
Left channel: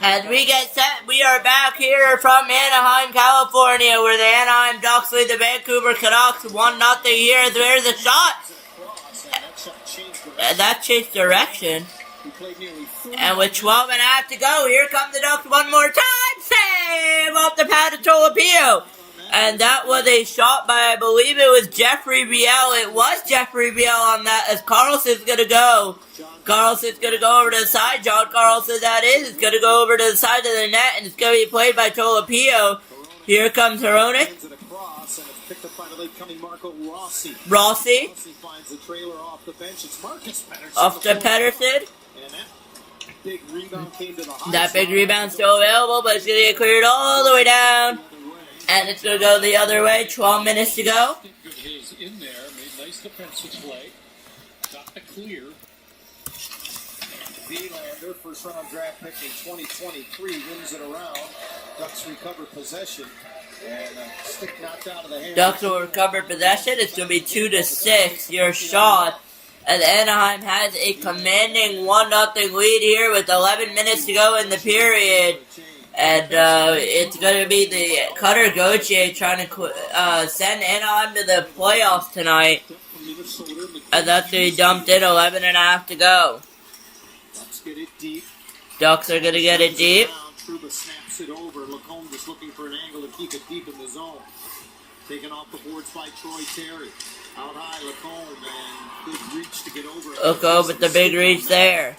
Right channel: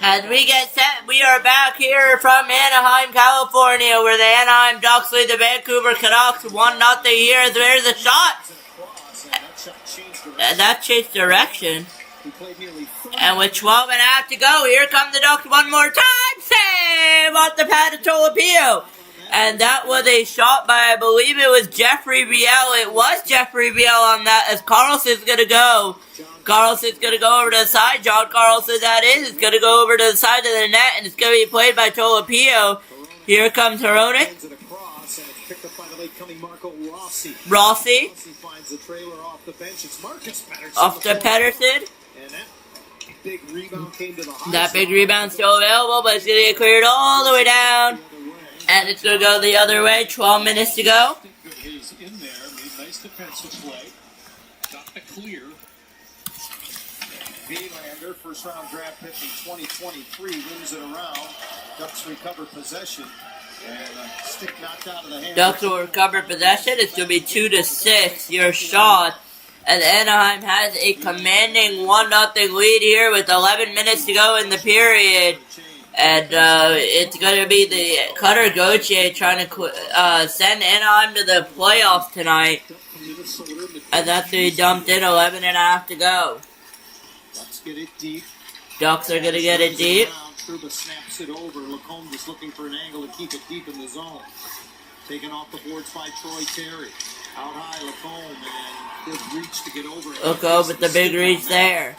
As we get set, we are back here from Anaheim, California, where the Anaheim Ducks lead the Vancouver Canucks 1-0 here. There's a shot. And that changed direction. And with 12 and a half to go, here come the Ducks one more time. Save off the pad of Tolopio. And that was a shot by, I believe it was Jeffrey Biel. It was Jeffrey Biel on that, as Carlson's going to go. Carlson's going to go over to the side. John Carlson, that is going to go over to the side of the net, and it's going to be played by Tolopio. Here comes Hronek. Sends it across, and it's picked up by the late-coming Marco Rossi. Rossi. Rossi finds the trailer off the bench. It's Marcus Pettersson. Off to Pettersson. And that big rebound came to the high That big side. rebound still available, but it's going to get cleared all the way down. And it's going to go the other way. 12 minutes to go. Think of his in there, made nice defensive play, got the clear. Verlander, first-round draft pick in 2023, wins it around. Ducks recover possession, and a stick knocked out of the hand. Ducks will recover possession. It's going to be 2-6. Your shot. And Anaheim has a commanding 1-0 lead here with 11 minutes to go in the period. And it's going to be the Cutter Gauthier trying to send Anaheim to the playoffs tonight. And that's going to be dumped in, 11.5 to go. Ducks get it deep. Ducks are going to get it deep. Trouba snaps it over. Lacombe just looking for an angle to keep it deep in the zone. Taken off the boards by Troy Terry. Out high, Lacombe, and good reach to get over. Oko with the big reach there.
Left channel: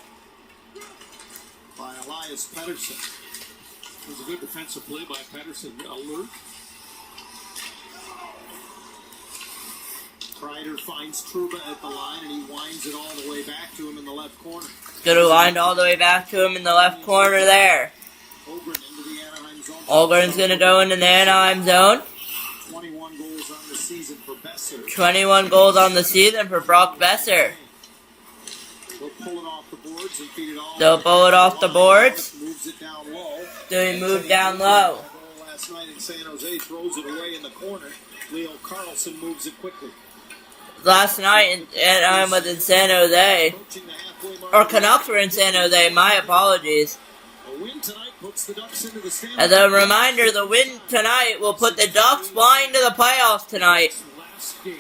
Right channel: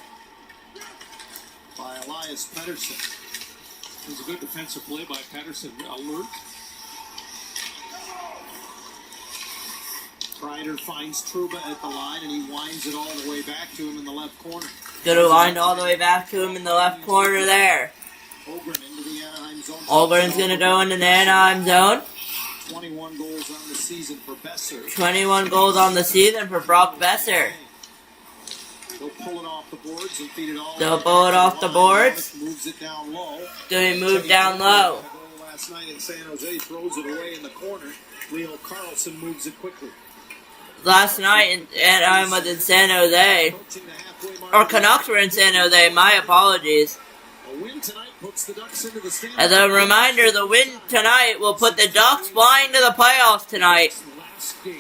By Elias Pettersson. It was a good defensive play by Pettersson. Alert. Kreider finds Trouba at the line, and he winds it all the way back to him in the left corner. Gonna wind all the way back to him in the left corner there. Ogren into the Anaheim zone. Ogren's gonna go into the Anaheim zone. 21 goals on the season for Besser. 21 goals on the season for Brock Besser. They'll pull it off the boards and feed it all. They'll pull it off the boards. Moves it down low. Then he moved down low. Last night in San Jose, throws it away in the corner. Leo Carlson moves it quickly. Last night Anaheim was in San Jose. Approaching the halfway mark. Or Canucks were in San Jose, my apologies. A win tonight puts the Ducks into the Stanley As a reminder, the win tonight will put the Ducks flying to the playoffs tonight. last game.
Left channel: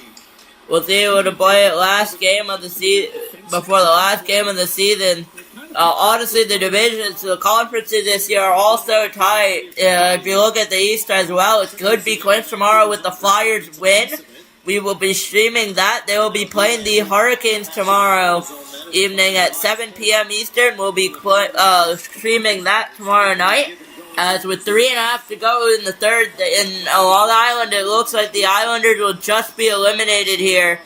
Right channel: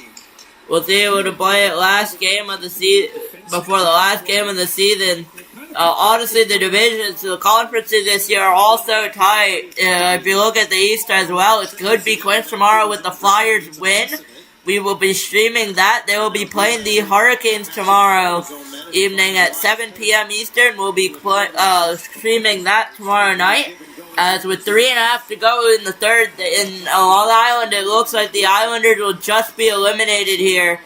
We'll see able to play it last game of the season, before the last game of the season. Honestly, the divisions, the conferences this year are all so tight. If you look at the East as well, it could be clinched tomorrow with the Flyers win. We will be streaming that. They will be playing the Hurricanes tomorrow evening at 7 p.m. Eastern. We'll be streaming that tomorrow night. As with 3.5 to go in the third, in Long Island, it looks like the Islanders will just be eliminated here.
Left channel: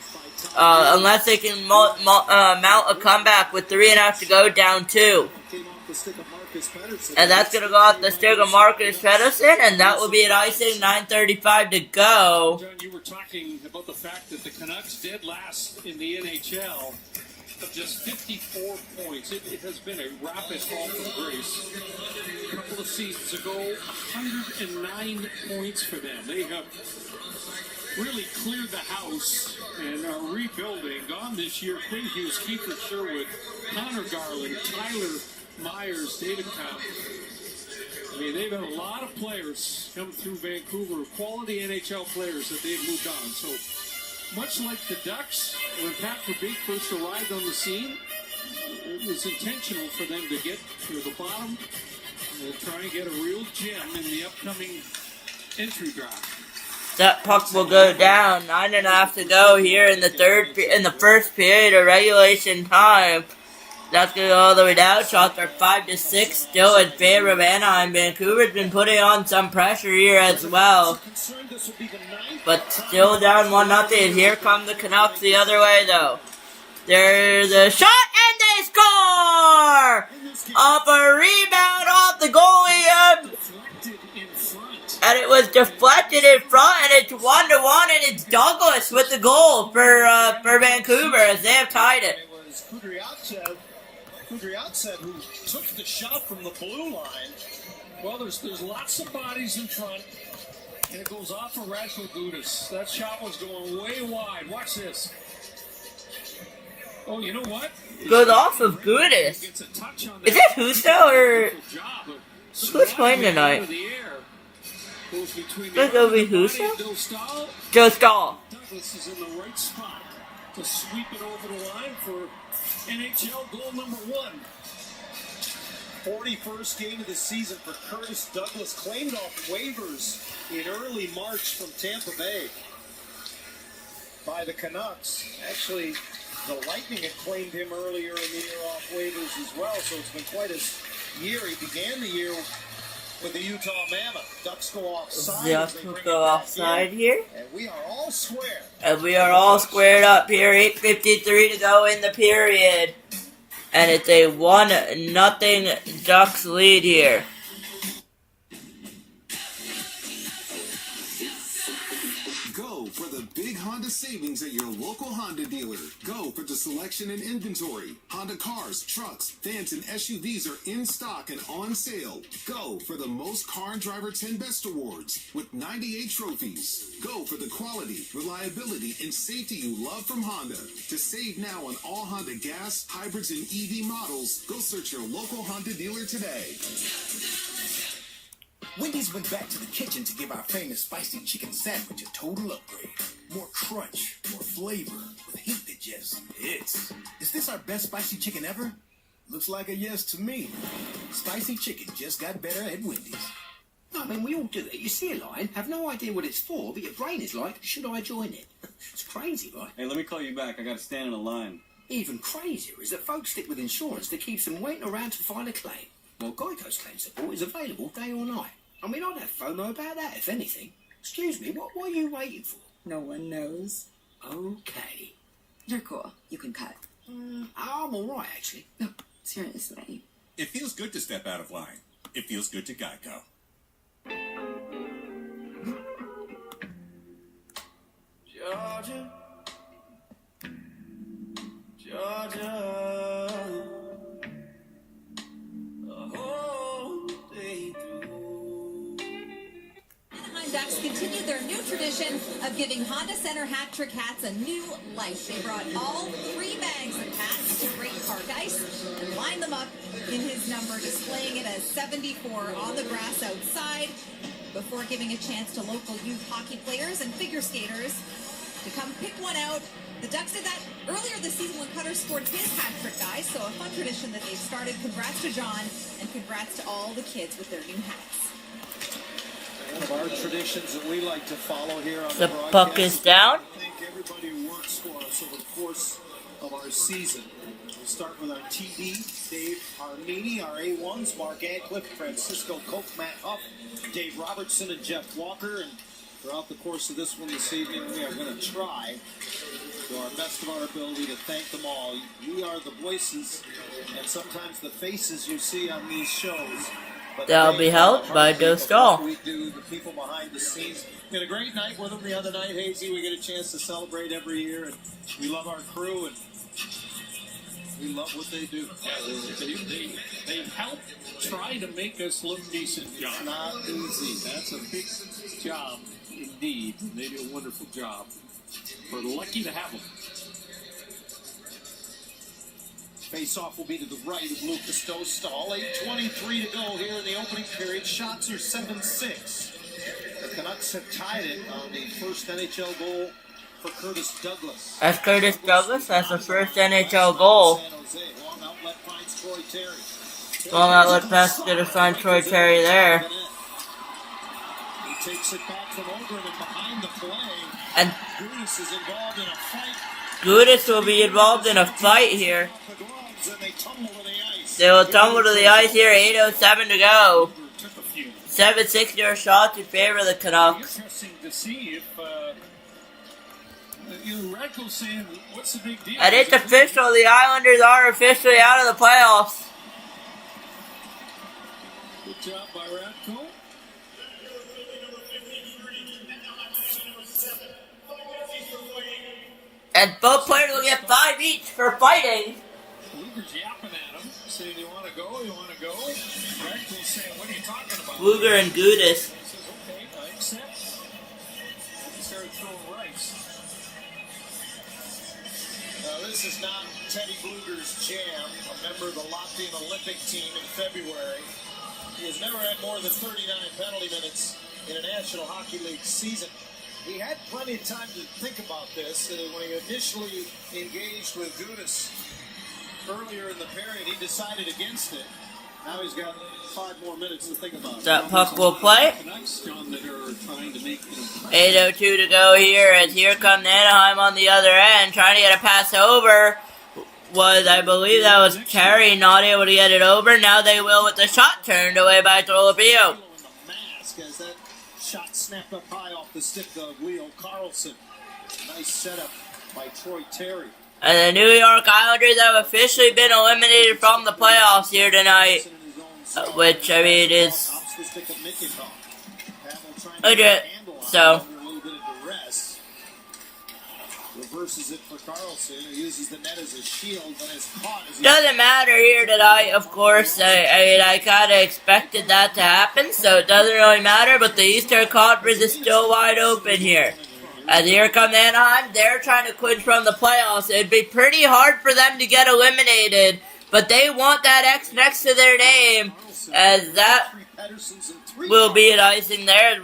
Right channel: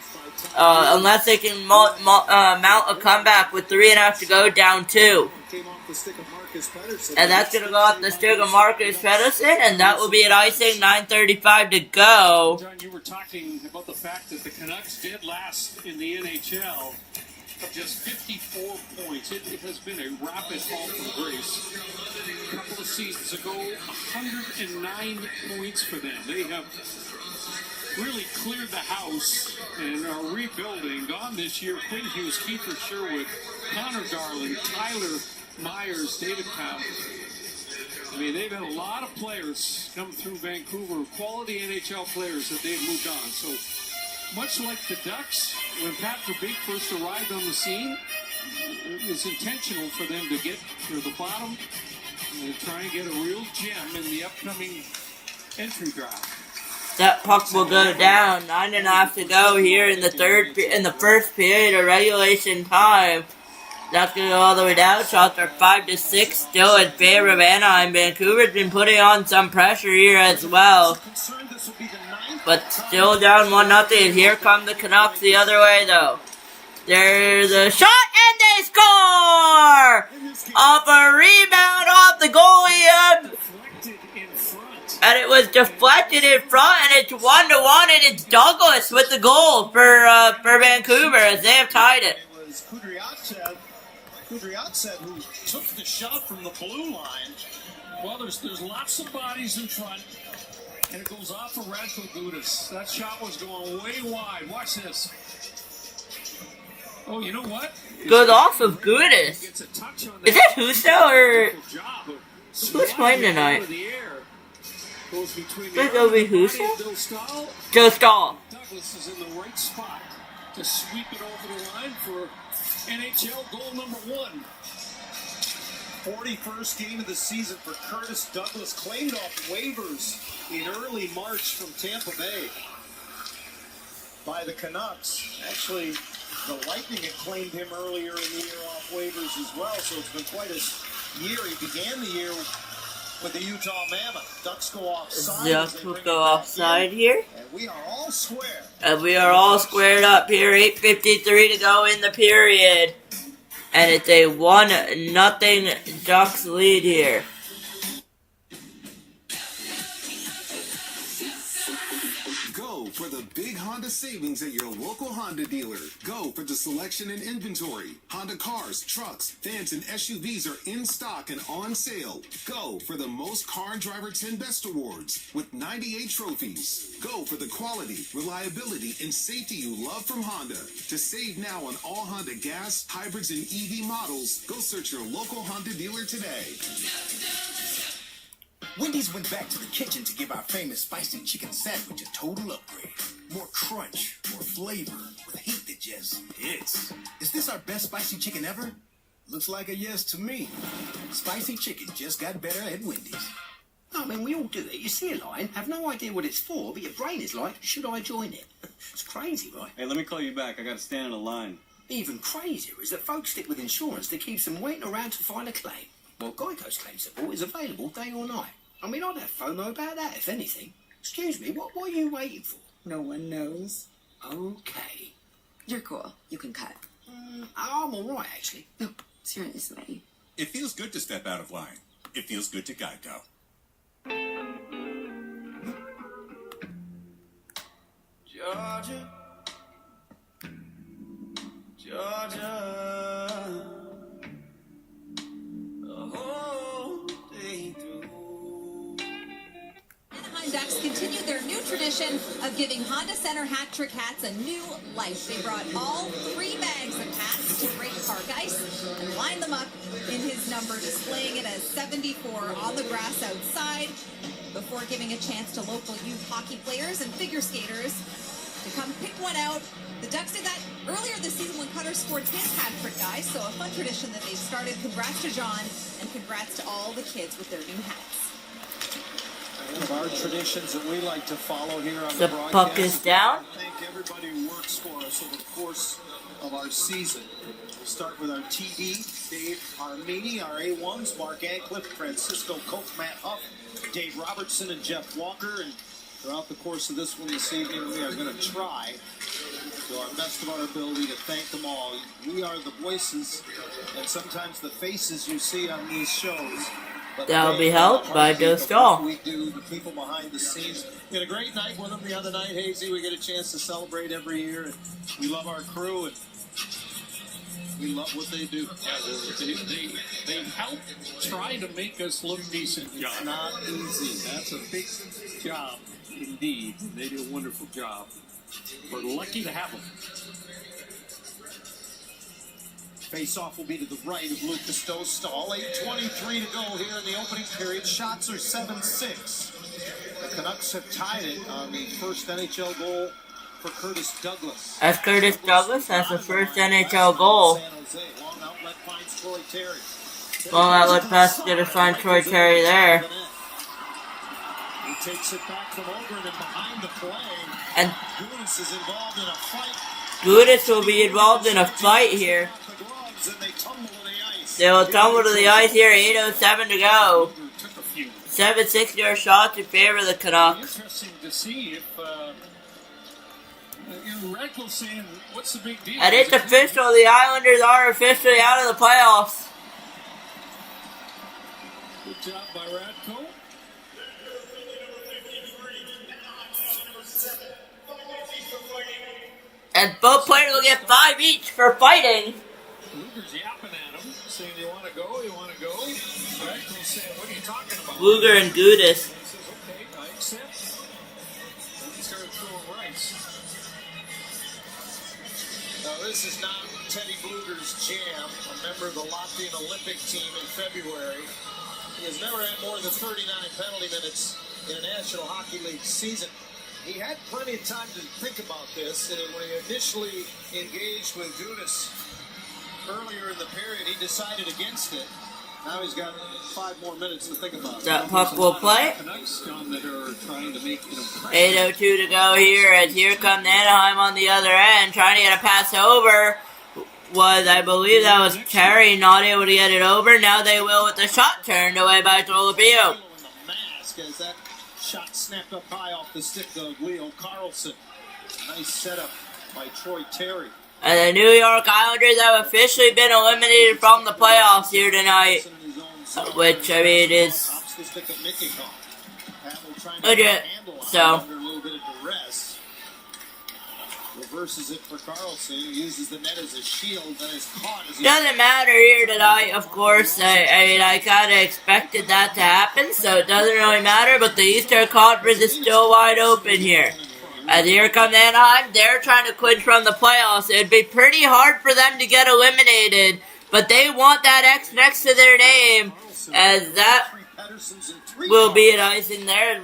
Unless they can mount a comeback with 3.5 to go, down 2. Came off the stick of Marcus Pettersson. And that's going to go off the stick of Marcus Pettersson, and that will be at icing, 9:35 to go. John, you were talking about the fact that the Canucks did last in the NHL of just 54 points. It has been a rapid fall from grace. A couple of seasons ago, 109 points for them. They have really cleared the house and are rebuilding. Gone this year, Quinn Hughes, Kiefer Sherwood, Connor Garland, Tyler Myers, David Cobb. I mean, they've had a lot of players come through Vancouver, quality NHL players that they've moved on. So, much like the Ducks, when Pat Verbeek first arrived on the scene, it was intentional for them to get to the bottom and try and get a real gem in the upcoming entry draft. That puck will go down. 9.5 to go here in the first period of regulation time. That's going to go all the way down. Shots are 5-6, still in favor of Anaheim. Vancouver's been putting on some pressure here as well. But still down 1-0. Here come the Canucks the other way, though. There's a shot, and they score! Off a rebound off the goalie. And it was deflected in front, and it's 1-1, and it's Douglas with the goal for Vancouver as they have tied it. It was Kudryavtsev who took the shot from the blue line. Well, there's lots of bodies in front, and it goes off of Radko Gudas. That shot was going way wide. Watch this. Oh, you know what? Goes off of Gudas. Gets a touch on that. Is that Huso or who's playing tonight? Out of the air. Goes between Think the it'll be arm and the Huso? body of Joe Stahl. Joe Stahl. Douglas is in the right spot to sweep it over the line for NHL goal number 1. 41st game of the season for Curtis Douglas, claimed off waivers in early March from Tampa Bay by the Canucks. Actually, the Lightning had claimed him earlier in the year off waivers as well, so it's been quite a year. He began the year with the Utah Mammoth. Ducks go offside. Ducks will go offside here. And we are all square. And we are all squared up here. 8:53 to go in the period. And it's a 1-0 Ducks lead here. Go for the big Honda savings at your local Honda dealer. Go for the selection and inventory. Honda cars, trucks, vans, and SUVs are in stock and on sale. Go for the most Car and Driver 10 Best Awards with 98 trophies. Go for the quality, reliability, and safety you love from Honda. To save now on all Honda gas, hybrids, and EV models, go search your local Honda dealer today. Wendy's went back to the kitchen to give our famous spicy chicken sandwich a total upgrade. More crunch, more flavor, with heat that just hits. Is this our best spicy chicken ever? Looks like a yes to me. Spicy chicken just got better at Wendy's. I mean, we all do it. You see a line, have no idea what it's for, but your brain is like, should I join it? It's crazy, right? Hey, let me call you back. I gotta stand in a line. Even crazier is that folks stick with insurance that keeps them waiting around to find a claim. Well, Geico's claim support is available day or night. I mean, I'd have FOMO about that, if anything. Excuse me, what are you waiting for? No one knows. Okay. You're cool. You can cut. I'm all right, actually. No, seriously. It feels good to step out of line. It feels good to Geico. Georgia, Georgia, the whole day through. Anaheim Ducks continue their new tradition of giving Honda Center hat trick hats a new life. They brought all 3 bags of hats to Great Park Ice and lined them up in his number, displaying it as 74 on the grass outside before giving a chance to local youth hockey players and figure skaters to come pick one out. The Ducks did that earlier this season when Cutter scored his hat trick, guys, so a fun tradition that they've started. Congrats to John, and congrats to all the kids with their new hats. One of our traditions that we like to follow here on The the broadcast. puck is down. Thank everybody who works for us over the course of our season. We'll start with our TD, Dave Armini, our A1s, Mark Ancliffe, Francisco Koch, Matt Huff, Dave Robertson, and Jeff Walker. And throughout the course of this one this evening, we are going to try to our best of our ability to thank them all. We are the voices and sometimes the faces you see on these shows. But That'll be helped by Joe Stahl. We do, the people behind the scenes. We had a great night with them the other night, Hazy. We get a chance to celebrate every year, and we love our crew, and we love what they do. Yeah, they help try to make us look decent, John. It's not easy. That's a big job indeed. They do a wonderful job. We're lucky to have them. Face-off will be to the right of Lucas Dostal. 8:23 to go here in the opening period. Shots are 7-6. The Canucks have tied it on the first NHL goal for Curtis Douglas. As Curtis Douglas has the first NHL goal. San Jose. Long outlet finds Troy Terry. Long outlet pass is going to find Troy Terry there. He takes it back from Ogren and behind the play. And Gudis is involved in a fight. Gudis will be involved in a fight here. They will tumble to the ice here, 8:07 to go. 7-6 yard shots in favor of the Canucks. Interesting to see if Radko's saying, what's the big deal? And it's official, the Islanders are officially out of the playoffs. Good job by Radko. And both players will get 5 each for fighting. Luger's yapping at him, saying, you want to go? You want to go? Radko's saying, what are you talking about? Luger and Gudis. He says, okay, I accept. He started throwing rice. Now, this is not Teddy Bluger's jam, a member of the Latvian Olympic team in February. He has never had more than 39 penalty minutes in a National Hockey League season. He had plenty of time to think about this. When he initially engaged with Gudis earlier in the period, he decided against it. Now he's got 5 more minutes to think about it. That puck will play. Canucks, John, that are trying to make an impression. 8:02 to go here, as here come Anaheim on the other end, trying to get a pass over. I believe that was Terry, not able to get it over. Now they will with the shot turned away by Tolopio. Vasquez. That shot snapped up high off the stick of Leo Carlson. Nice setup by Troy Terry. And the New York Islanders have officially been eliminated from the playoffs here tonight. Which, I mean, is legit. So, reverses it for Carlson, who uses the net as a shield and is caught as he doesn't matter here tonight, of course. I mean, I kind of expected that to happen, so it doesn't really matter. But the Eastern Conference is still wide open here. As here come Anaheim, they're trying to clinch from the playoffs. It'd be pretty hard for them to get eliminated, but they want that X next to their name, as that will be an icing there.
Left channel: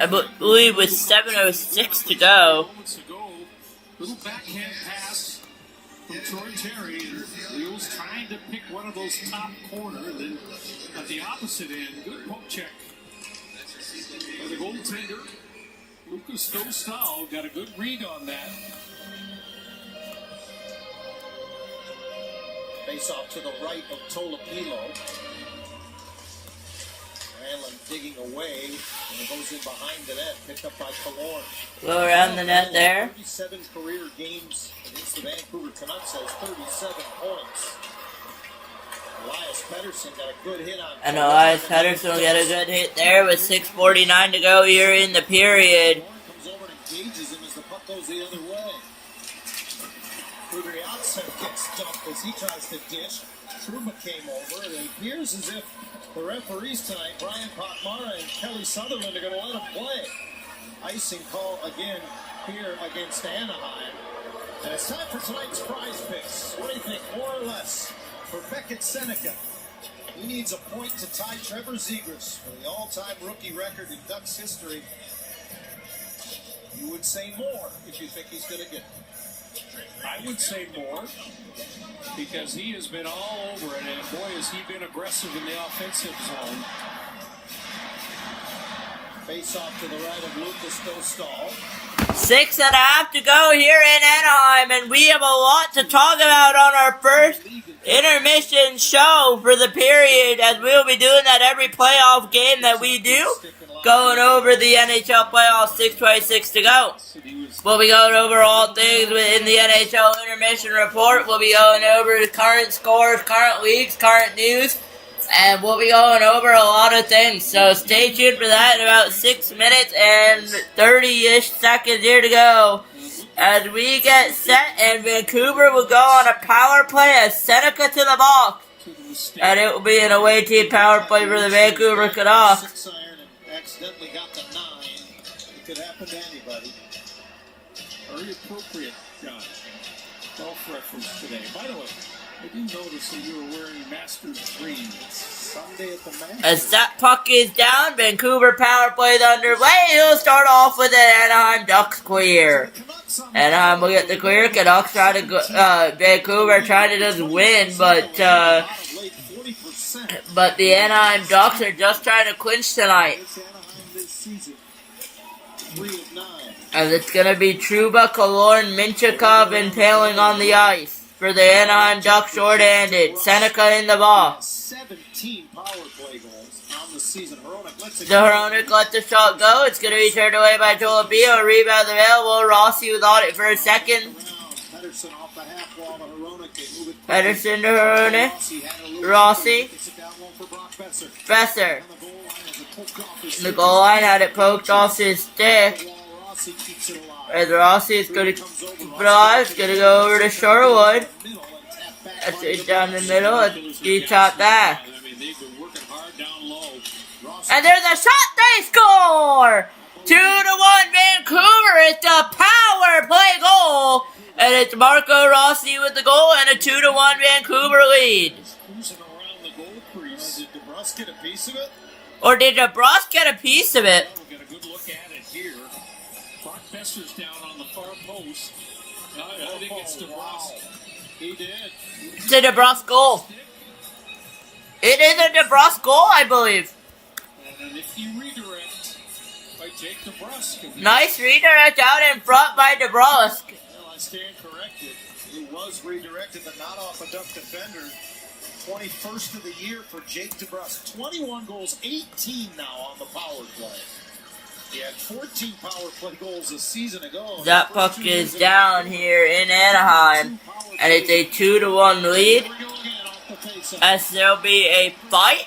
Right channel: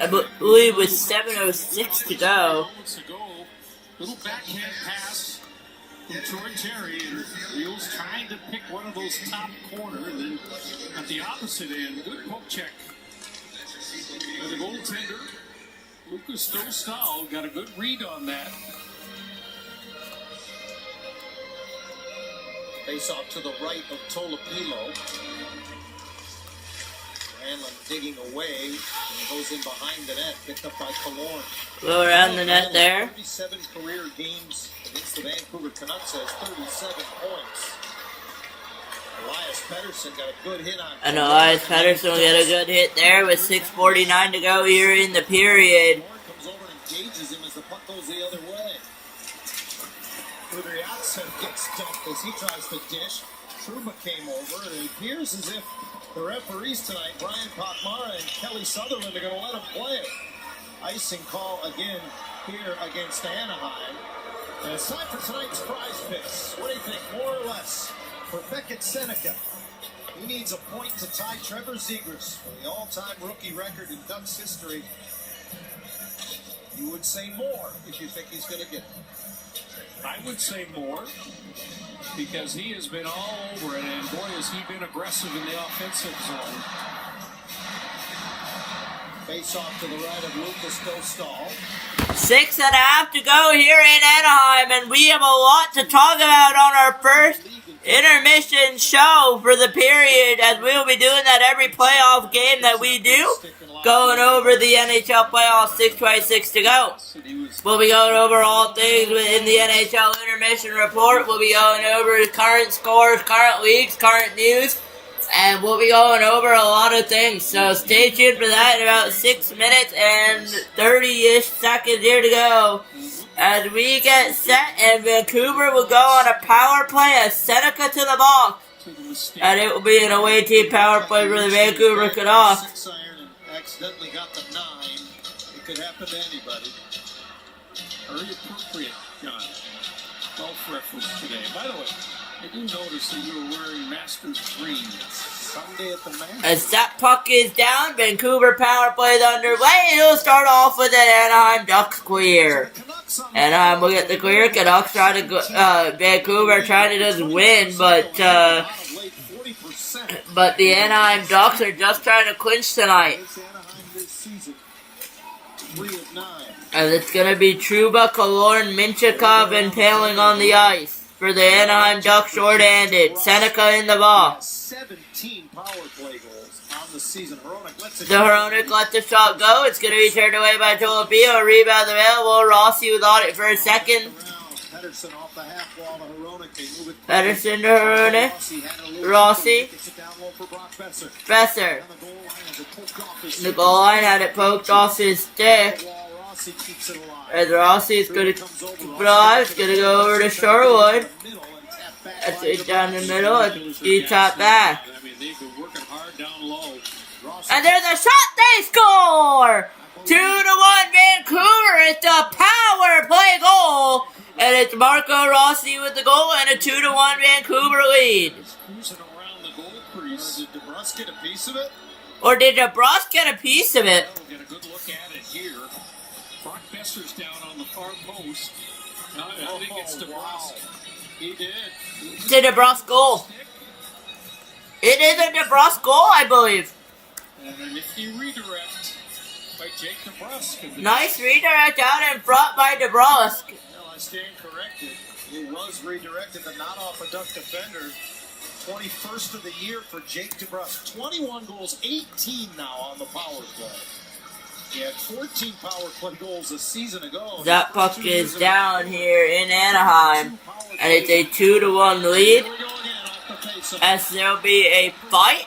I believe with 7:06 to go. Little backhand pass from Troy Terry, and Leo's trying to pick one of those top corner, and then at the opposite end, good poke check by the goaltender. Lucas Dostal got a good read on that. Face off to the right of Tolopilo. Hanlon digging away, and it goes in behind the net, picked up by Killorn. Go around the net there. 37 career games against the Vancouver Canucks, has 37 points. Elias Pettersson got a good hit on. And Elias Pettersson will get a good hit there with 6:49 to go here in the period. Comes over and engages him as the puck goes the other way. Kudryavtsev gets dumped as he tries to dish. Trouba came over, and it appears as if the referees tonight, Brian Pochmara and Kelly Sutherland, are going to let him play. Icing call again here against Anaheim. And it's time for tonight's prize picks. What do you think, more or less? For Beckett Seneca, he needs a point to tie Trevor Zegras for the all-time rookie record in Ducks history. You would say more if you think he's going to get it. I would say more, because he has been all over it, and boy, has he been aggressive in the offensive zone. Face off to the right of Lucas Dostal. 6.5 to go here in Anaheim, and we have a lot to talk about on our first intermission show for the period, as we'll be doing that every playoff game that we do, going over the NHL playoffs, 6:26 to go. We'll be going over all things within the NHL intermission report. We'll be going over the current scores, current leagues, current news, and we'll be going over a lot of things. So stay tuned for that in about 6 minutes and 30-ish seconds here to go. As we get set, and Vancouver will go on a power play as Seneca to the box. And it will be an away team power play for the Vancouver Canucks. 6 iron and accidentally got the 9. It could happen to anybody. Very appropriate, John. Golf reference today. By the way, I do notice that you were wearing Masters green. Sunday at the Masters. As that puck is down, Vancouver power play is underway. He'll start off with an Anaheim Ducks clear. Anaheim will get the clear. Canucks try to go, Vancouver trying to just win, but the Anaheim Ducks are just trying to clinch tonight. As it's going to be Trouba, Killorn, Minchikov, and Paling on the ice. For the Anaheim Ducks, short-handed. Seneca in the box. 17 power play goals on the season. Hronek let the shot go. It's going to be turned away by Tolopilo. Rebound available. Rossi was on it for a second. Pedersen off the half wall to Hronek. They move it. Pedersen to Hronek. Rossi. Besser. The goal line had it poked off his stick. As Rossi is going to keep it alive. It's going to go over to Sherwood. That's it down the middle. It's D-top back. And there's a shot. They score! 2-1 Vancouver. It's a power play goal. And it's Marco Rossi with the goal and a 2-1 Vancouver lead. Did DeBrusque get a piece of it? Or did DeBrusque get a piece of it? We'll get a good look at it here. Brock Besser's down on the far post. I think it's DeBrusque. Wow. He did. It's a DeBrusque goal. It is a DeBrusque goal, I believe. And a nifty redirect by Jake DeBrusque. Nice redirect out in front by DeBrusque. Well, I stand corrected. It was redirected, but not off a Duck defender. 21st of the year for Jake DeBrusk. 21 goals, 18 now on the power play. He had 14 power play goals a season ago. That puck is down here in Anaheim, and it's a 2-1 lead. As there'll be a fight.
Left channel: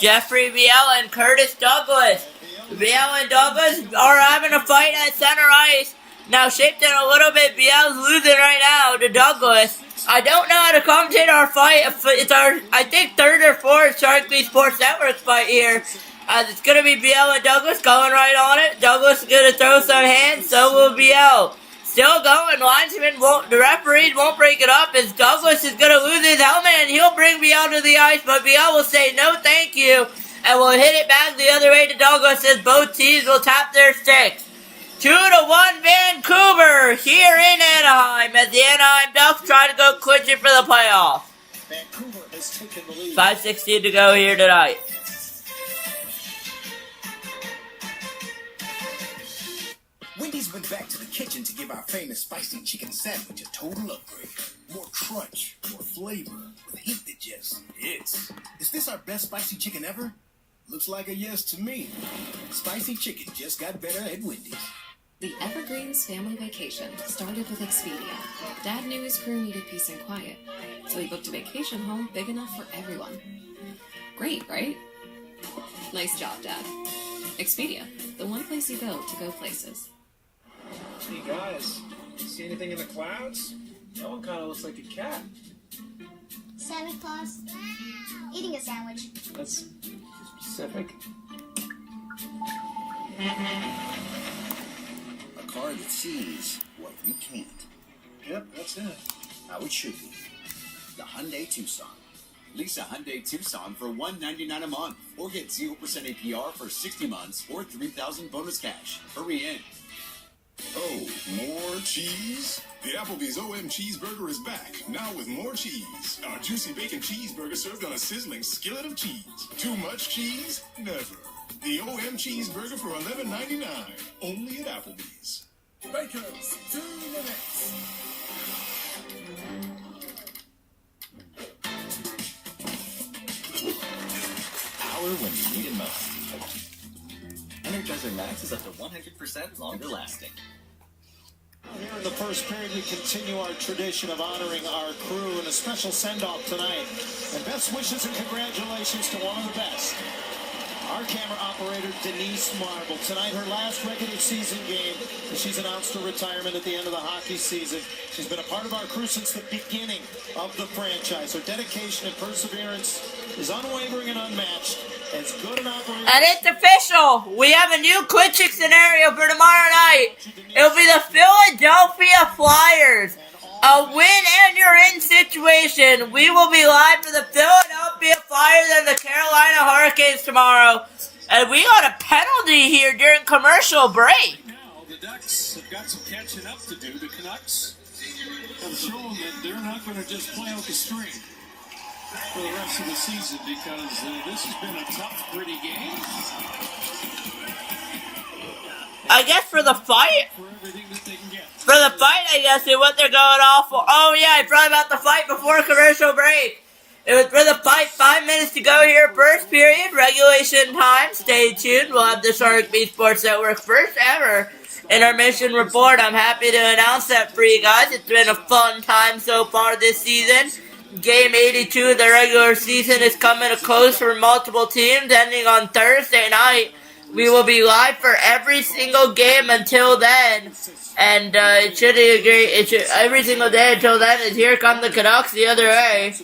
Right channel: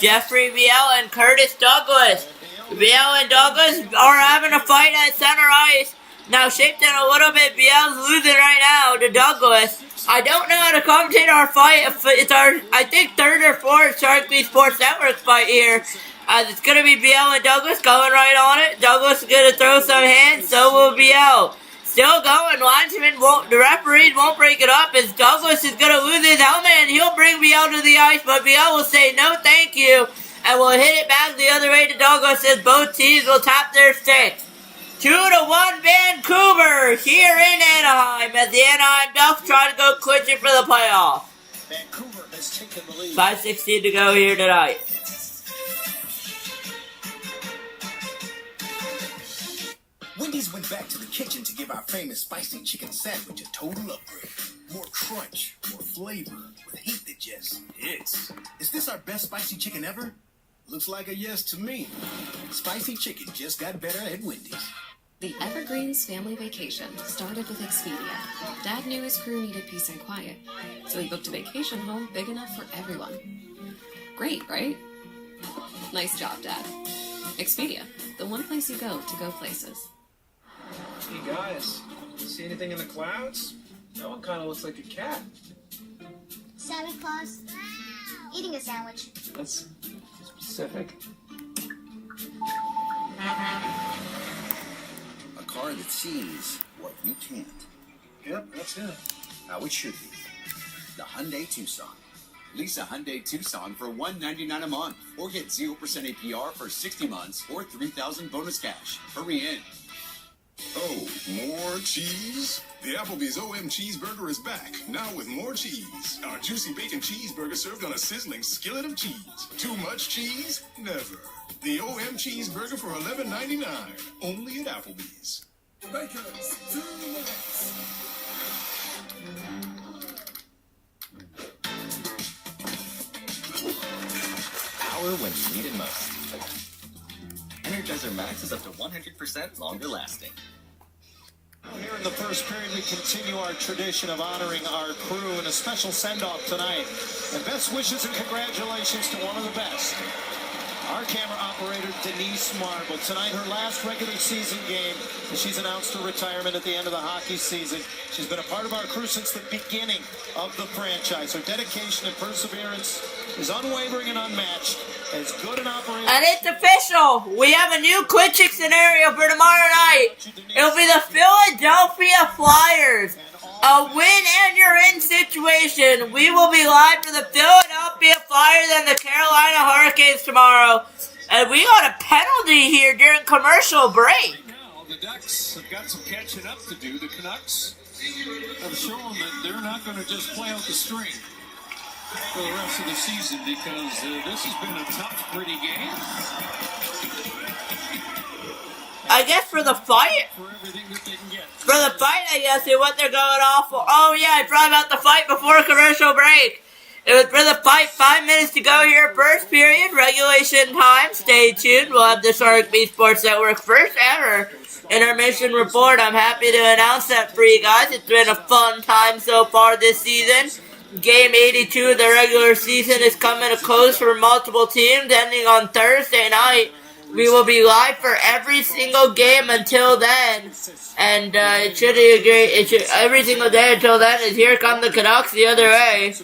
Jeffrey Viel and Curtis Douglas. Viel and Douglas are having a fight at center ice. Now shaped in a little bit. Viel's losing right now to Douglas. I don't know how to commentate our fight. It's our, I think, third or fourth Sharik Sports Network fight here. As it's going to be Viel and Douglas going right on it. Douglas is going to throw some hands. So will Viel. Still going. Linesman won't, the referees won't break it up as Douglas is going to lose his helmet and he'll bring Viel to the ice. But Viel will say no thank you and will hit it back the other way to Douglas as both teams will tap their sticks. 2-1 Vancouver here in Anaheim as the Anaheim Ducks try to go clinching for the playoff. Vancouver has taken the lead. 5:16 to go here tonight. Wendy's went back to the kitchen to give our famous spicy chicken sandwich a total upgrade. More crunch, more flavor, with heat that just hits. Is this our best spicy chicken ever? Looks like a yes to me. Spicy chicken just got better at Wendy's. The Evergreens family vacation started with Expedia. Dad knew his crew needed peace and quiet, so he booked a vacation home big enough for everyone. Great, right? Nice job, Dad. Expedia, the one place you go to go places. Hey guys, see anything in the clouds? That one kind of looks like a cat. Santa Claus eating a sandwich. That's specific. A car that sees what you can't. Yep, that's it. How it should be. The Hyundai Tucson. Lease a Hyundai Tucson for $199 a month, or get 0% APR for 60 months, or $3,000 bonus cash. Hurry in. Oh, more cheese? The Applebee's OM Cheeseburger is back, now with more cheese. Our juicy bacon cheeseburger served on a sizzling skillet of cheese. Too much cheese? Never. The OM Cheeseburger for $11.99, only at Applebee's. Bakers, to the next. Power when you need it most. Energizer Max is up to 100% longer lasting. Here in the first period, we continue our tradition of honoring our crew in a special send-off tonight. And best wishes and congratulations to one of the best. Our camera operator, Denise Marble. Tonight, her last regular season game, as she's announced her retirement at the end of the hockey season. She's been a part of our crew since the beginning of the franchise. Her dedication and perseverance is unwavering and unmatched. As good an operator. And it's official. We have a new clinching scenario for tomorrow night. It'll be the Philadelphia Flyers. A win and you're in situation. We will be live for the Philadelphia Flyers and the Carolina Hurricanes tomorrow. And we got a penalty here during commercial break. Now the Ducks have got some catching up to do. The Canucks have shown that they're not going to just play out the string for the rest of the season because this has been a tough, gritty game. I guess for the fight? For everything that they can get. For the fight, I guess, is what they're going off for. Oh, yeah, I forgot about the fight before commercial break. It was for the fight. 5 minutes to go here. First period, regulation time. Stay tuned. We'll have the Sharik Sports Network first ever intermission report. I'm happy to announce that for you guys. It's been a fun time so far this season. Game 82 of the regular season is coming to close for multiple teams, ending on Thursday night. We will be live for every single game until then, and it should be great. It should every single day until then. Is here come the Canucks the other way,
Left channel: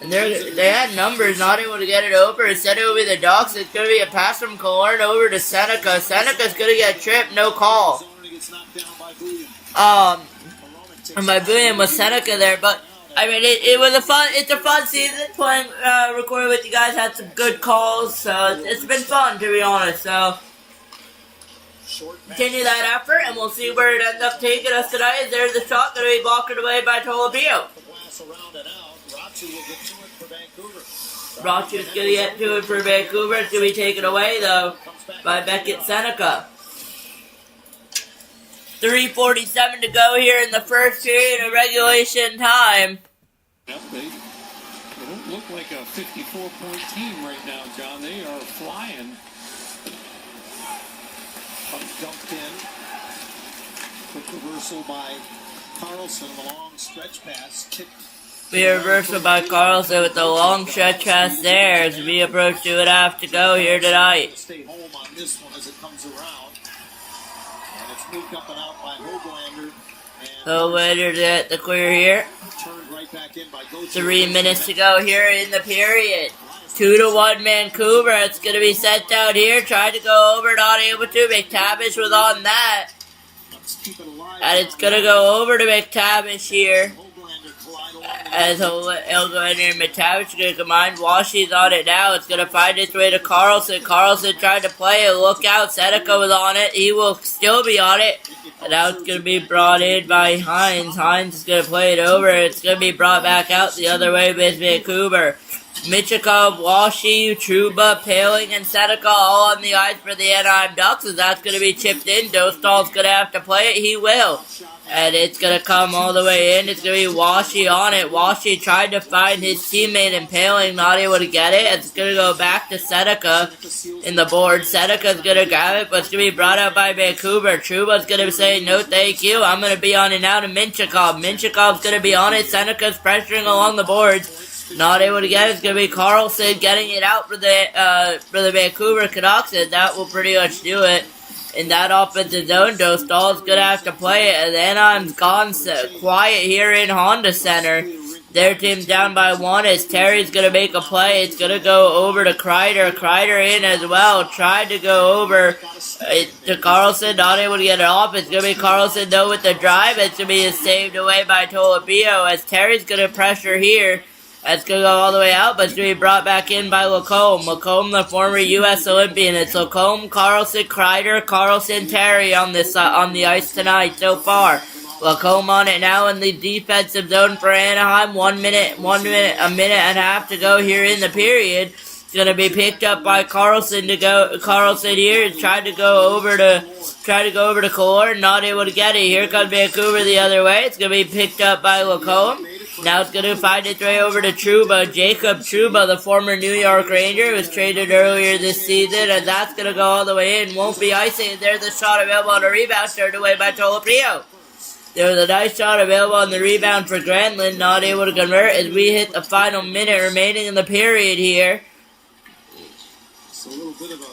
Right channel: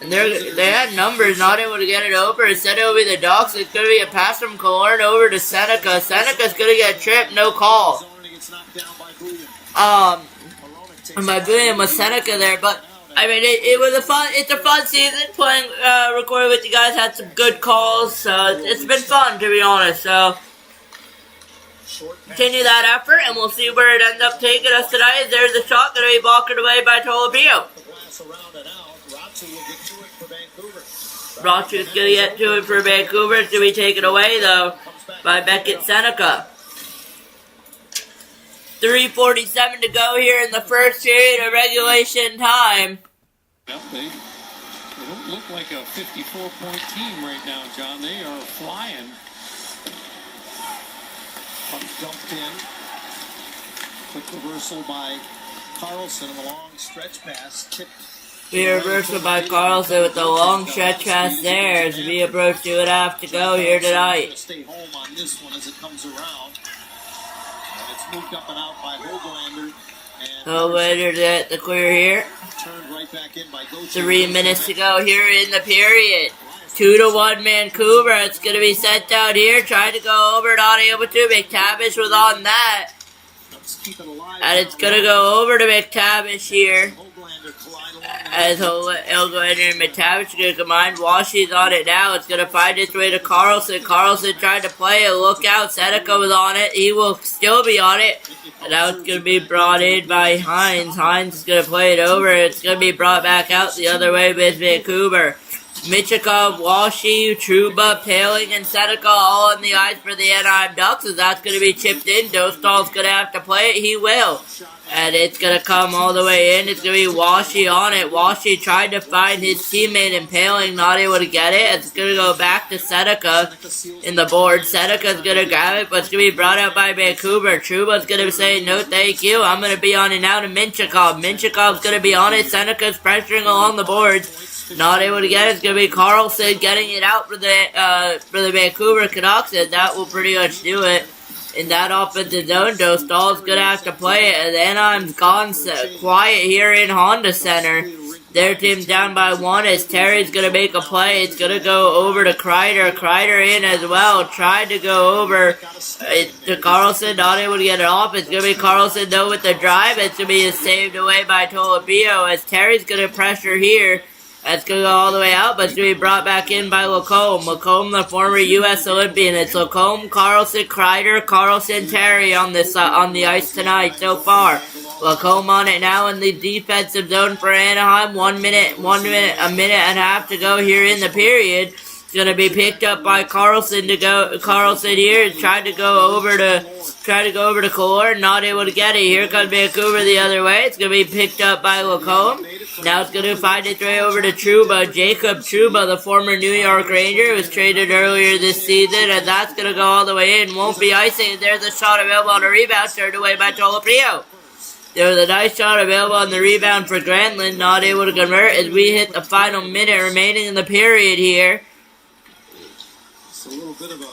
and they had numbers, not able to get it over. Instead, it will be the Ducks. It's going to be a pass from Killorn over to Seneca. Seneca's going to get tripped, no call. And my William was Seneca there, but I mean, it's a fun season playing, recording with you guys. Had some good calls, so it's been fun, to be honest. So continue that effort, and we'll see where it ends up taking us tonight. There's a shot going to be blocked away by Tolobio. Rotchu's going to get to it for Vancouver. It's going to be taken away, though, by Beckett Seneca. 3:47 to go here in the first period of regulation time. They don't look like a 54-point team right now, John. They are flying. Dumped in. Quick reversal by Carlson and the long stretch pass tipped. Be reversal by Carlson with the long stretch pass there as we approach 2.5 to go here tonight. Stay home on this one as it comes around. And it's moved up and out by Hoglander. Hoglander get the clear here. Turned right back in by Gauthier. 3 minutes to go here in the period. 2-1 Vancouver. It's going to be sent out here. Tried to go over, not able to. McTavish was on that. And it's going to go over to McTavish here. As Hoglander and McTavish are going to combine. Washi's on it now. It's going to find its way to Carlson. Carlson tried to play it. Look out. Seneca was on it. He will still be on it. And now it's going to be brought in by Hines. Hines is going to play it over. It's going to be brought back out the other way with Vancouver. Michikov, Walshy, Trouba, Paling, and Seneca all on the ice for the Anaheim Ducks. As that's going to be chipped in. Dostal's going to have to play it. He will. And it's going to come all the way in. It's going to be Walshy on it. Walshy tried to find his teammate in Paling, not able to get it. It's going to go back to Seneca in the board. Seneca's going to grab it, but it's going to be brought out by Vancouver. Trouba's going to say, no thank you. I'm going to be on it now to Minchikov. Minchikov's going to be on it. Seneca's pressuring along the boards. Not able to get it. It's going to be Carlson getting it out for the Vancouver Canucks, and that will pretty much do it. In that offensive zone, Dostal's going to have to play it, and Anaheim's gone quiet here in Honda Center. Their team's down by 1 as Terry's going to make a play. It's going to go over to Kreider. Kreider in as well. Tried to go over to Carlson, not able to get it off. It's going to be Carlson, though, with the drive. It's going to be saved away by Tolopio as Terry's going to pressure here. That's going to go all the way out, but it's going to be brought back in by Lacombe. Lacombe, the former U.S. Olympian. It's Lacombe, Carlson, Kreider, Carlson, Terry on the ice tonight so far. Lacombe on it now in the defensive zone for Anaheim. A minute and a half to go here in the period. It's going to be picked up by Carlson Carlson here tried to go over to Kallor, not able to get it. Here comes Vancouver the other way. It's going to be picked up by Lacombe. Now it's going to find its way over to Trouba. Jacob Trouba, the former New York Ranger, was traded earlier this season, and that's going to go all the way in. Won't be icing. There's a shot available on a rebound, turned away by Tolopio. There was a nice shot available on the rebound for Granlund, not able to convert as we hit the final minute remaining in the period here. It's a little bit of a...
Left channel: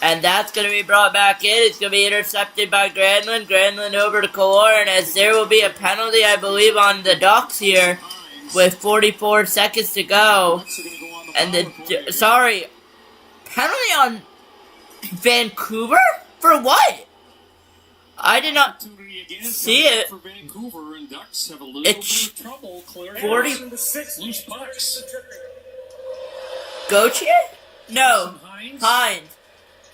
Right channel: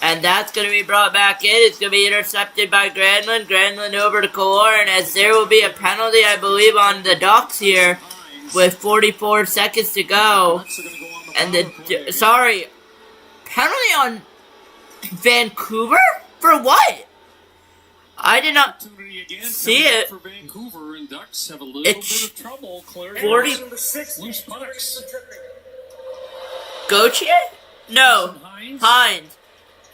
And that's going to be brought back in. It's going to be intercepted by Granlund. Granlund over to Kallor, and as there will be a penalty, I believe, on the Ducks here with 44 seconds to go. And penalty on Vancouver? For what? I did not see it. For Vancouver, and Ducks have a little bit of trouble clearing 40 loose pucks. Gauthier? No, Hines.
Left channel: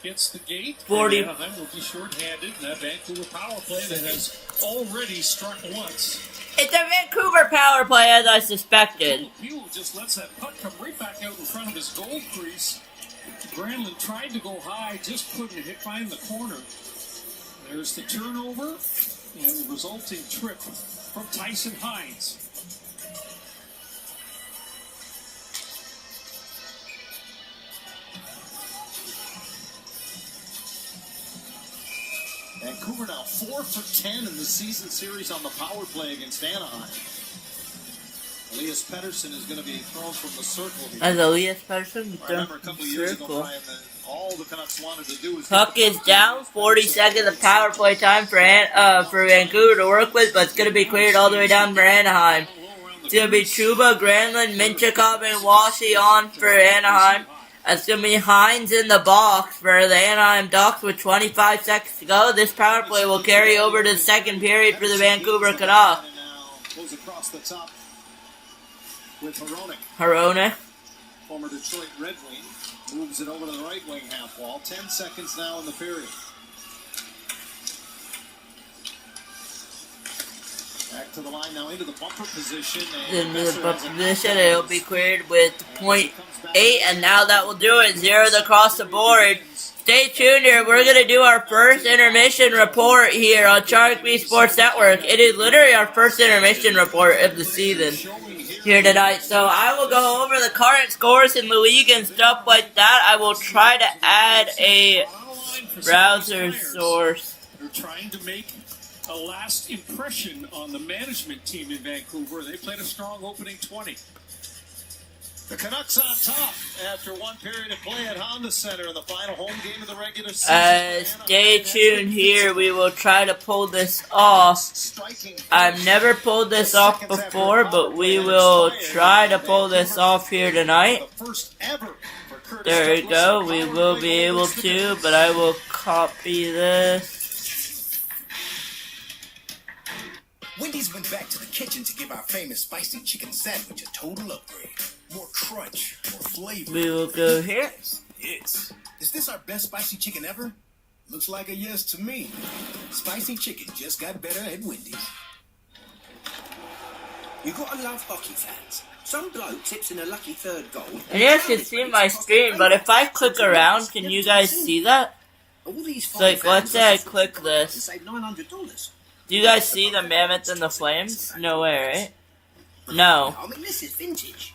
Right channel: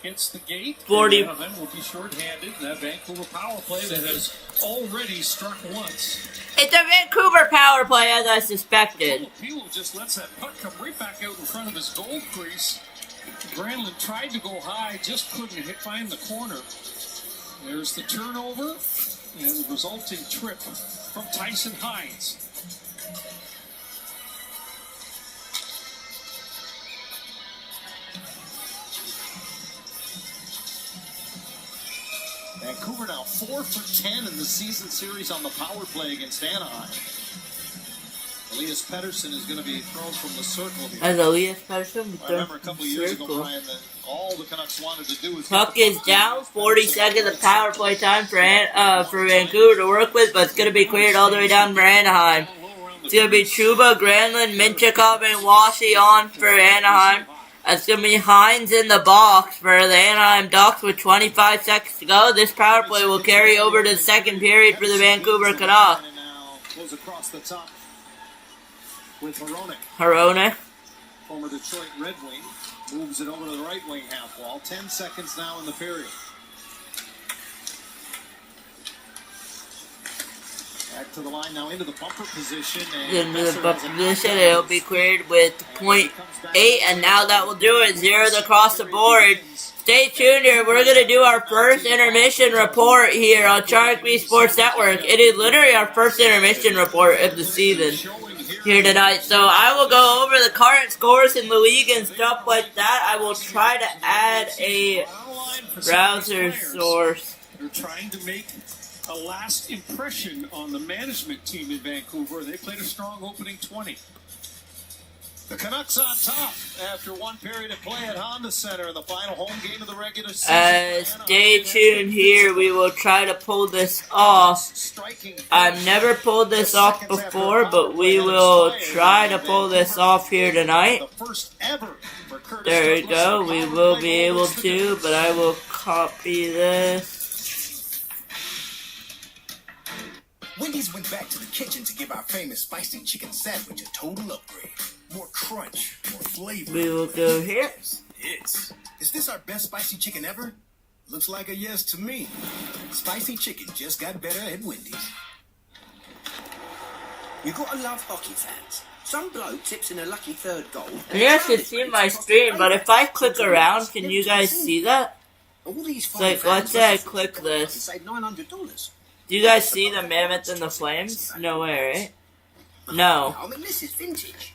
Hits the gate. 40. Anaheim will be shorthanded in that Vancouver power play that has already struck once. It's a Vancouver power play, as I suspected. Pilo just lets that puck come right back out in front of his goal crease. Granlund tried to go high, just couldn't find the corner. There's the turnover and the resulting trip from Tyson Hines. Vancouver now 4 for 10 in the season series on the power play against Anaheim. Elias Pettersson is going to be thrown from the circle here. As Elias Pettersson I remember a couple of years ago, Brian, that all the Canucks wanted to do was... Puck is down, 40 seconds of power play time for Vancouver to work with, but it's going to be cleared all the way down for Anaheim. It's going to be Trouba, Granlund, Minchikov, and Washy on for Anaheim. It's going to be Hines in the box for the Anaheim Ducks with 25 seconds to go. This power play will carry over to the second period for the Vancouver Canucks. And now goes across the top with Harone. Former Detroit Red Wing. Moves it over to the right wing half wall. 10 seconds now in the period. Back to the line now into the bumper position. Into the bumper position, it'll be cleared with .8, and now that will do it. Zeros across the board. Stay tuned here. We're going to do our first intermission report here on Sharik Sports Network. It is literally our first intermission report of the season. Showing here here tonight. So I will go over the current scores in the league and stuff like that. I will try to add a browser source. They're trying to make a last impression on the management team in Vancouver. They played a strong opening 20. The Canucks on top after one period of play at Honda Center in the final home game of the regular season. Stay tuned here. We will try to pull this off. I've never pulled this off before, but we will try to pull this off here tonight. There we go. We will be able to, but I will copy this. Wendy's went back to the kitchen to give our famous spicy chicken sandwich a total upgrade. More crunch, more flavor. We will go here. Is this our best spicy chicken ever? Looks like a yes to me. Spicy chicken just got better at Wendy's. You gotta love hockey fans. Some bloke tips in a lucky third goal. And you guys can see my screen, but if I click around, can you guys see that? It's like, let's say I click this. $900. Do you guys see the Mammoth and the Flames? No way, right? No. I mean, this is vintage.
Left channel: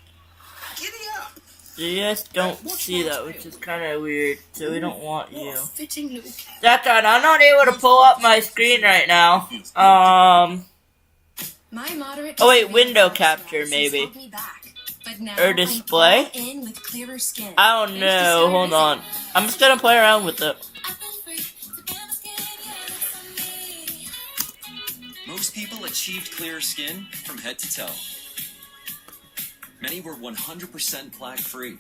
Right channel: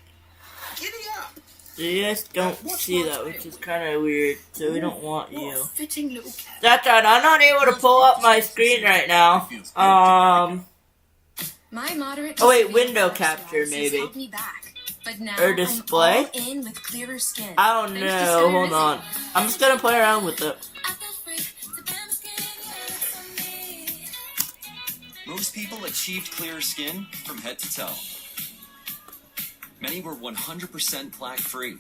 Giddy up. You guys don't see that, which is kind of weird, so we don't want you. Fitting little cat. That's right, I'm not able to pull up my screen right now. My moderate Oh wait, window capture maybe. Or display? I don't know, hold on. I'm just gonna play around with it. Most people achieved clearer skin from head to toe. Many were 100% plaque-free.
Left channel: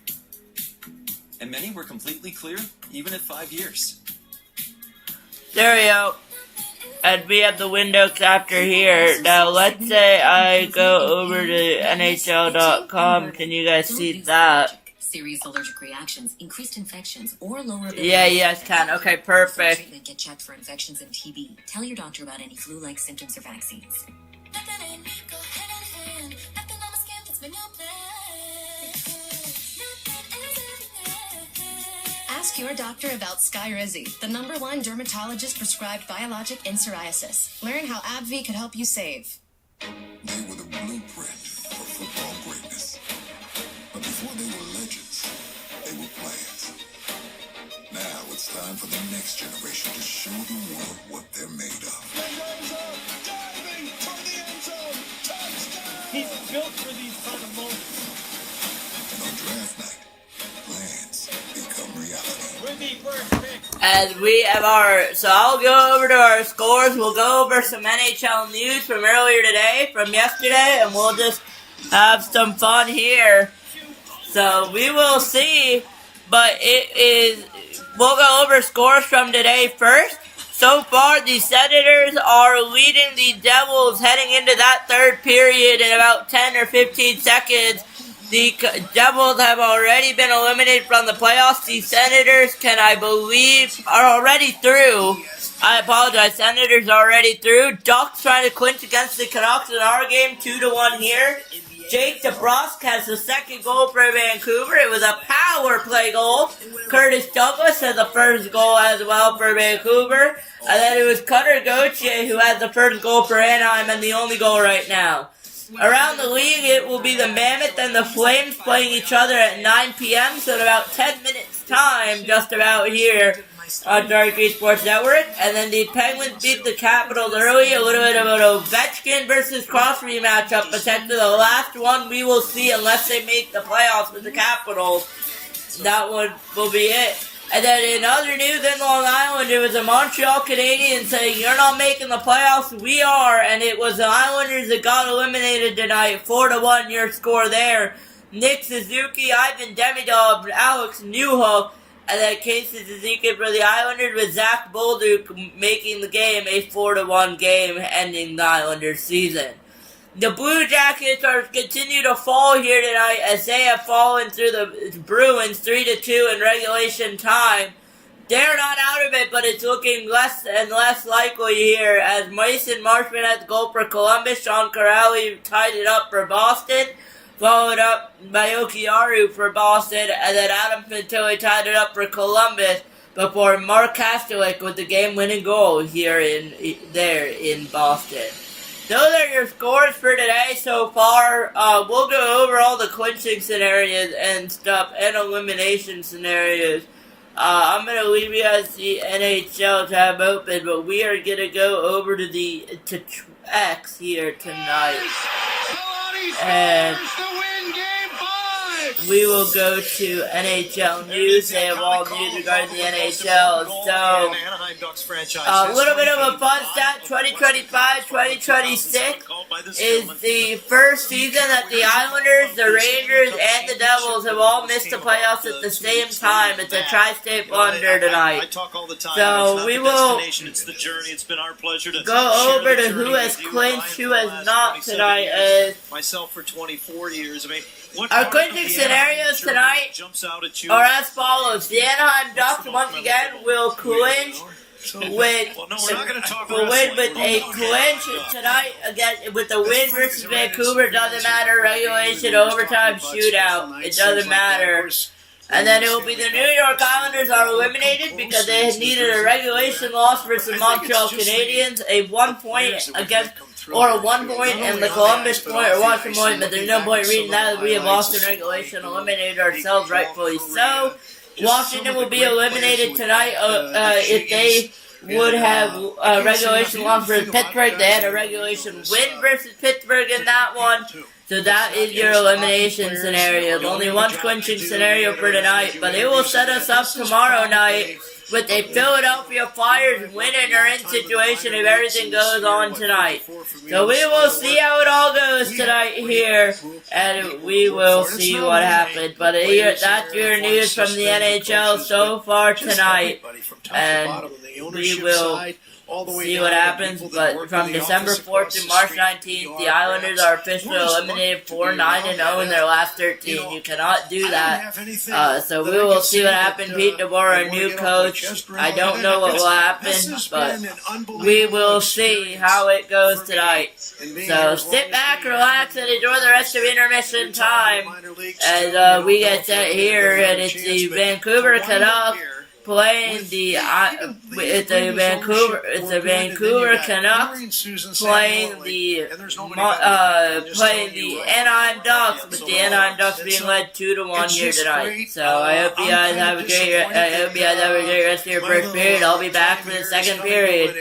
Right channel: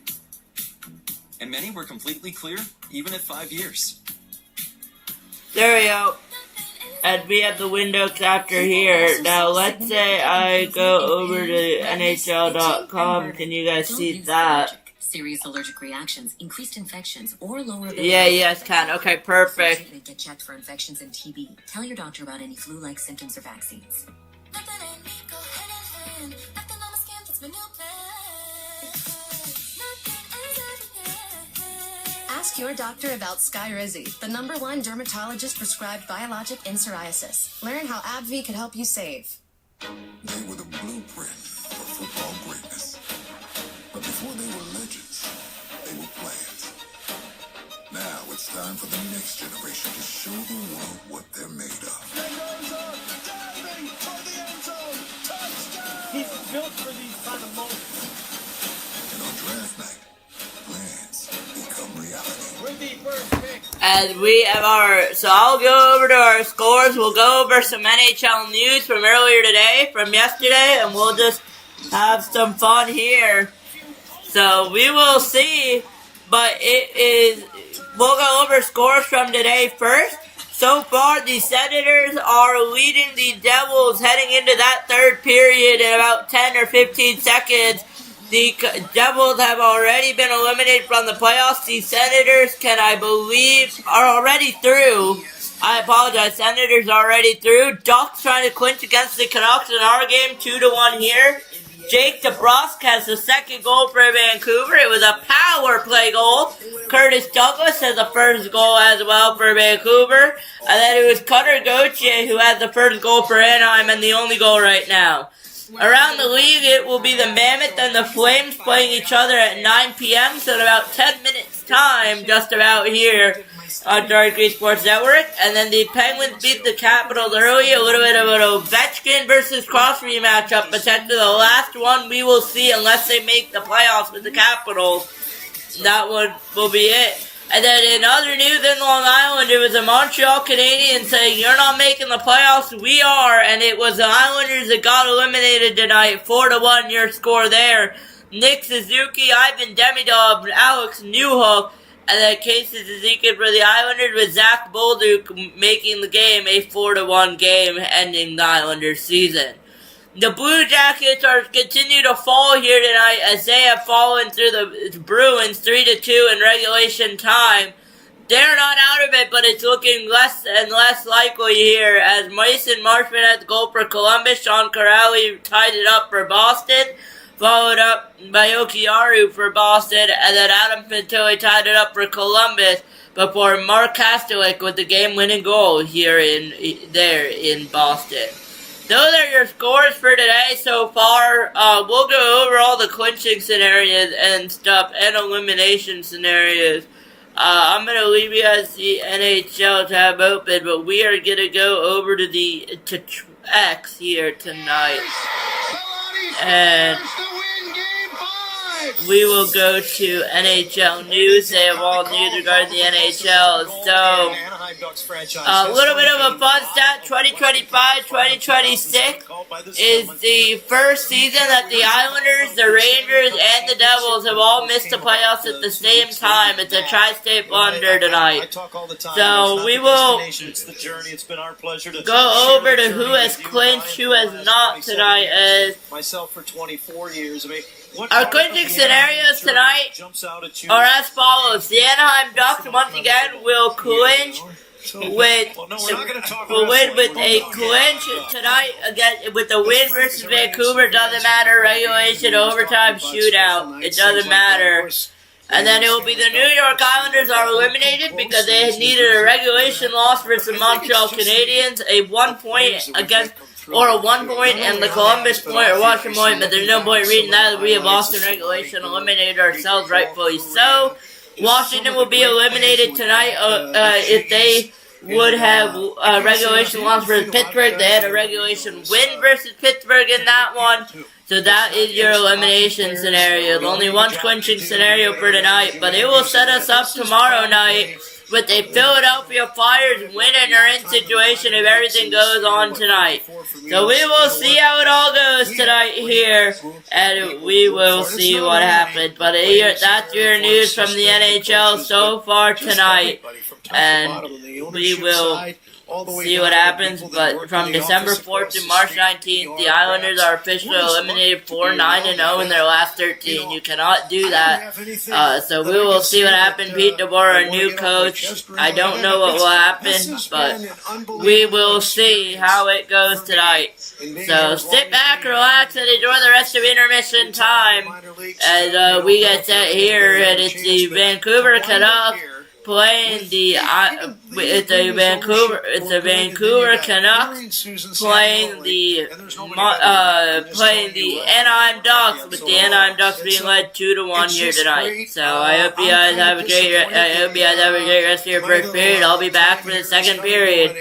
And many were completely clear, even at 5 years. There we go. And we have the window capture here. Now, let's say I go over to NHL.com. Can you guys see that? Serious allergic reactions, increased infections, or lower ability. Yeah, yes, can. Okay, perfect. Treatment, get checked for infections and TB. Tell your doctor about any flu-like symptoms or vaccines. Ask your doctor about Skyrizi, the #1 dermatologist-prescribed biologic in psoriasis. Learn how AbbVie could help you save. They were the blueprint for football greatness. But before they were legends, they were players. Now it's time for the next generation to show the world what they're made of. Diving for the end zone. Touchdown! He's built for these kind of moments. And on draft night, plans become reality. With the first pick. And we have so I'll go over to our scores. We'll go over some NHL news from earlier today, from yesterday, and we'll just have some fun here. So we will see, but we'll go over scores from today first. So far, the Senators are leading the Devils heading into that third period in about 10 or 15 seconds. The Devils have already been eliminated from the playoffs. The Senators I believe, are already through. I apologize, Senators are already through. Ducks trying to clinch against the Canucks in our game, 2-1 here. Jake DeBrusk has the second goal for Vancouver. It was a power play goal. Curtis Douglas has the first goal as well for Vancouver. And then it was Cutter Gauthier who has the first goal for Anaheim and the only goal right now. Around the league, it will be the Mammoth and the Flames playing each other at 9 p.m. So in about 10 minutes time, just about here on Dark Green Sports Network. And then the Penguins beat the Capitals early. A little bit of an Ovechkin versus Crosby matchup. Potentially the last one we will see unless they make the playoffs with the Capitals. That one will be it. And then in other news in Long Island, it was a Montreal Canadiens saying, "You're not making the playoffs, we are." And it was the Islanders that got eliminated tonight. 4-1 your score there. Nick Suzuki, Ivan Demidov, Alex Newhook, and then Casey Suzuki for the Islanders with Zach Bolduc making the game a 4-1 game, ending the Islanders season. The Blue Jackets continue to fall here tonight as they have fallen through the Bruins 3-2 in regulation time. They're not out of it, but it's looking less and less likely here as Mason Marchment had the goal for Columbus. Sean Corrali tied it up for Boston, followed up by Okiaru for Boston, and then Adam Fantilli tied it up for Columbus before Mark Kastelik with the game-winning goal here in Boston. those are your scores for today so far. We'll go over all the clinching scenarios and stuff and elimination scenarios. I'm going to leave you guys the NHL tab open, but we are going to go over to X here tonight. And we will go to NHL news. They have all news regarding the NHL. So, a little bit of a fun stat. 2025-2026 is the first season that the Islanders, the Rangers, and the Devils have all missed the playoffs at the same time. It's a tri-state blunder tonight. So, we will go over to who has clinched, who has not tonight. As myself for 24 years. I mean, our clinching scenarios tonight are as follows. The Anaheim Ducks once again will clinch with a clinch tonight again with the win versus Vancouver. Doesn't matter, regulation, overtime, shootout. It doesn't matter. And then it will be the New York Islanders are eliminated because they had needed a regulation loss versus the Montreal Canadiens, a 1 point against, or a 1 point and the Columbus point or Washington point, but there's no point reading that. We have lost in regulation, eliminated ourselves, rightfully so. Washington will be eliminated tonight if they would have a regulation loss versus Pittsburgh. They had a regulation win versus Pittsburgh in that one. So that is your elimination scenario. Only one clinching scenario for tonight, but it will set us up tomorrow night with a Philadelphia Flyers win or in situation if everything goes on tonight. So we will see how it all goes tonight here, and we will see what happens. But that's your news from the NHL so far tonight, and we will see what happens. But from December 4th to March 19th, the Islanders are officially eliminated 4-9-0 in their last 13. You cannot do that. So we will see what happens. Pete DeBoer, our new coach. I don't know what will happen, but we will see how it goes tonight. So sit back, relax, and enjoy the rest of intermission time as we get set here, and it's the Vancouver Canucks playing the Vancouver Canucks playing the Anaheim Ducks, with the Anaheim Ducks being led 2-1 here tonight. So I hope you guys have a great rest of your first period. I'll be back for the second period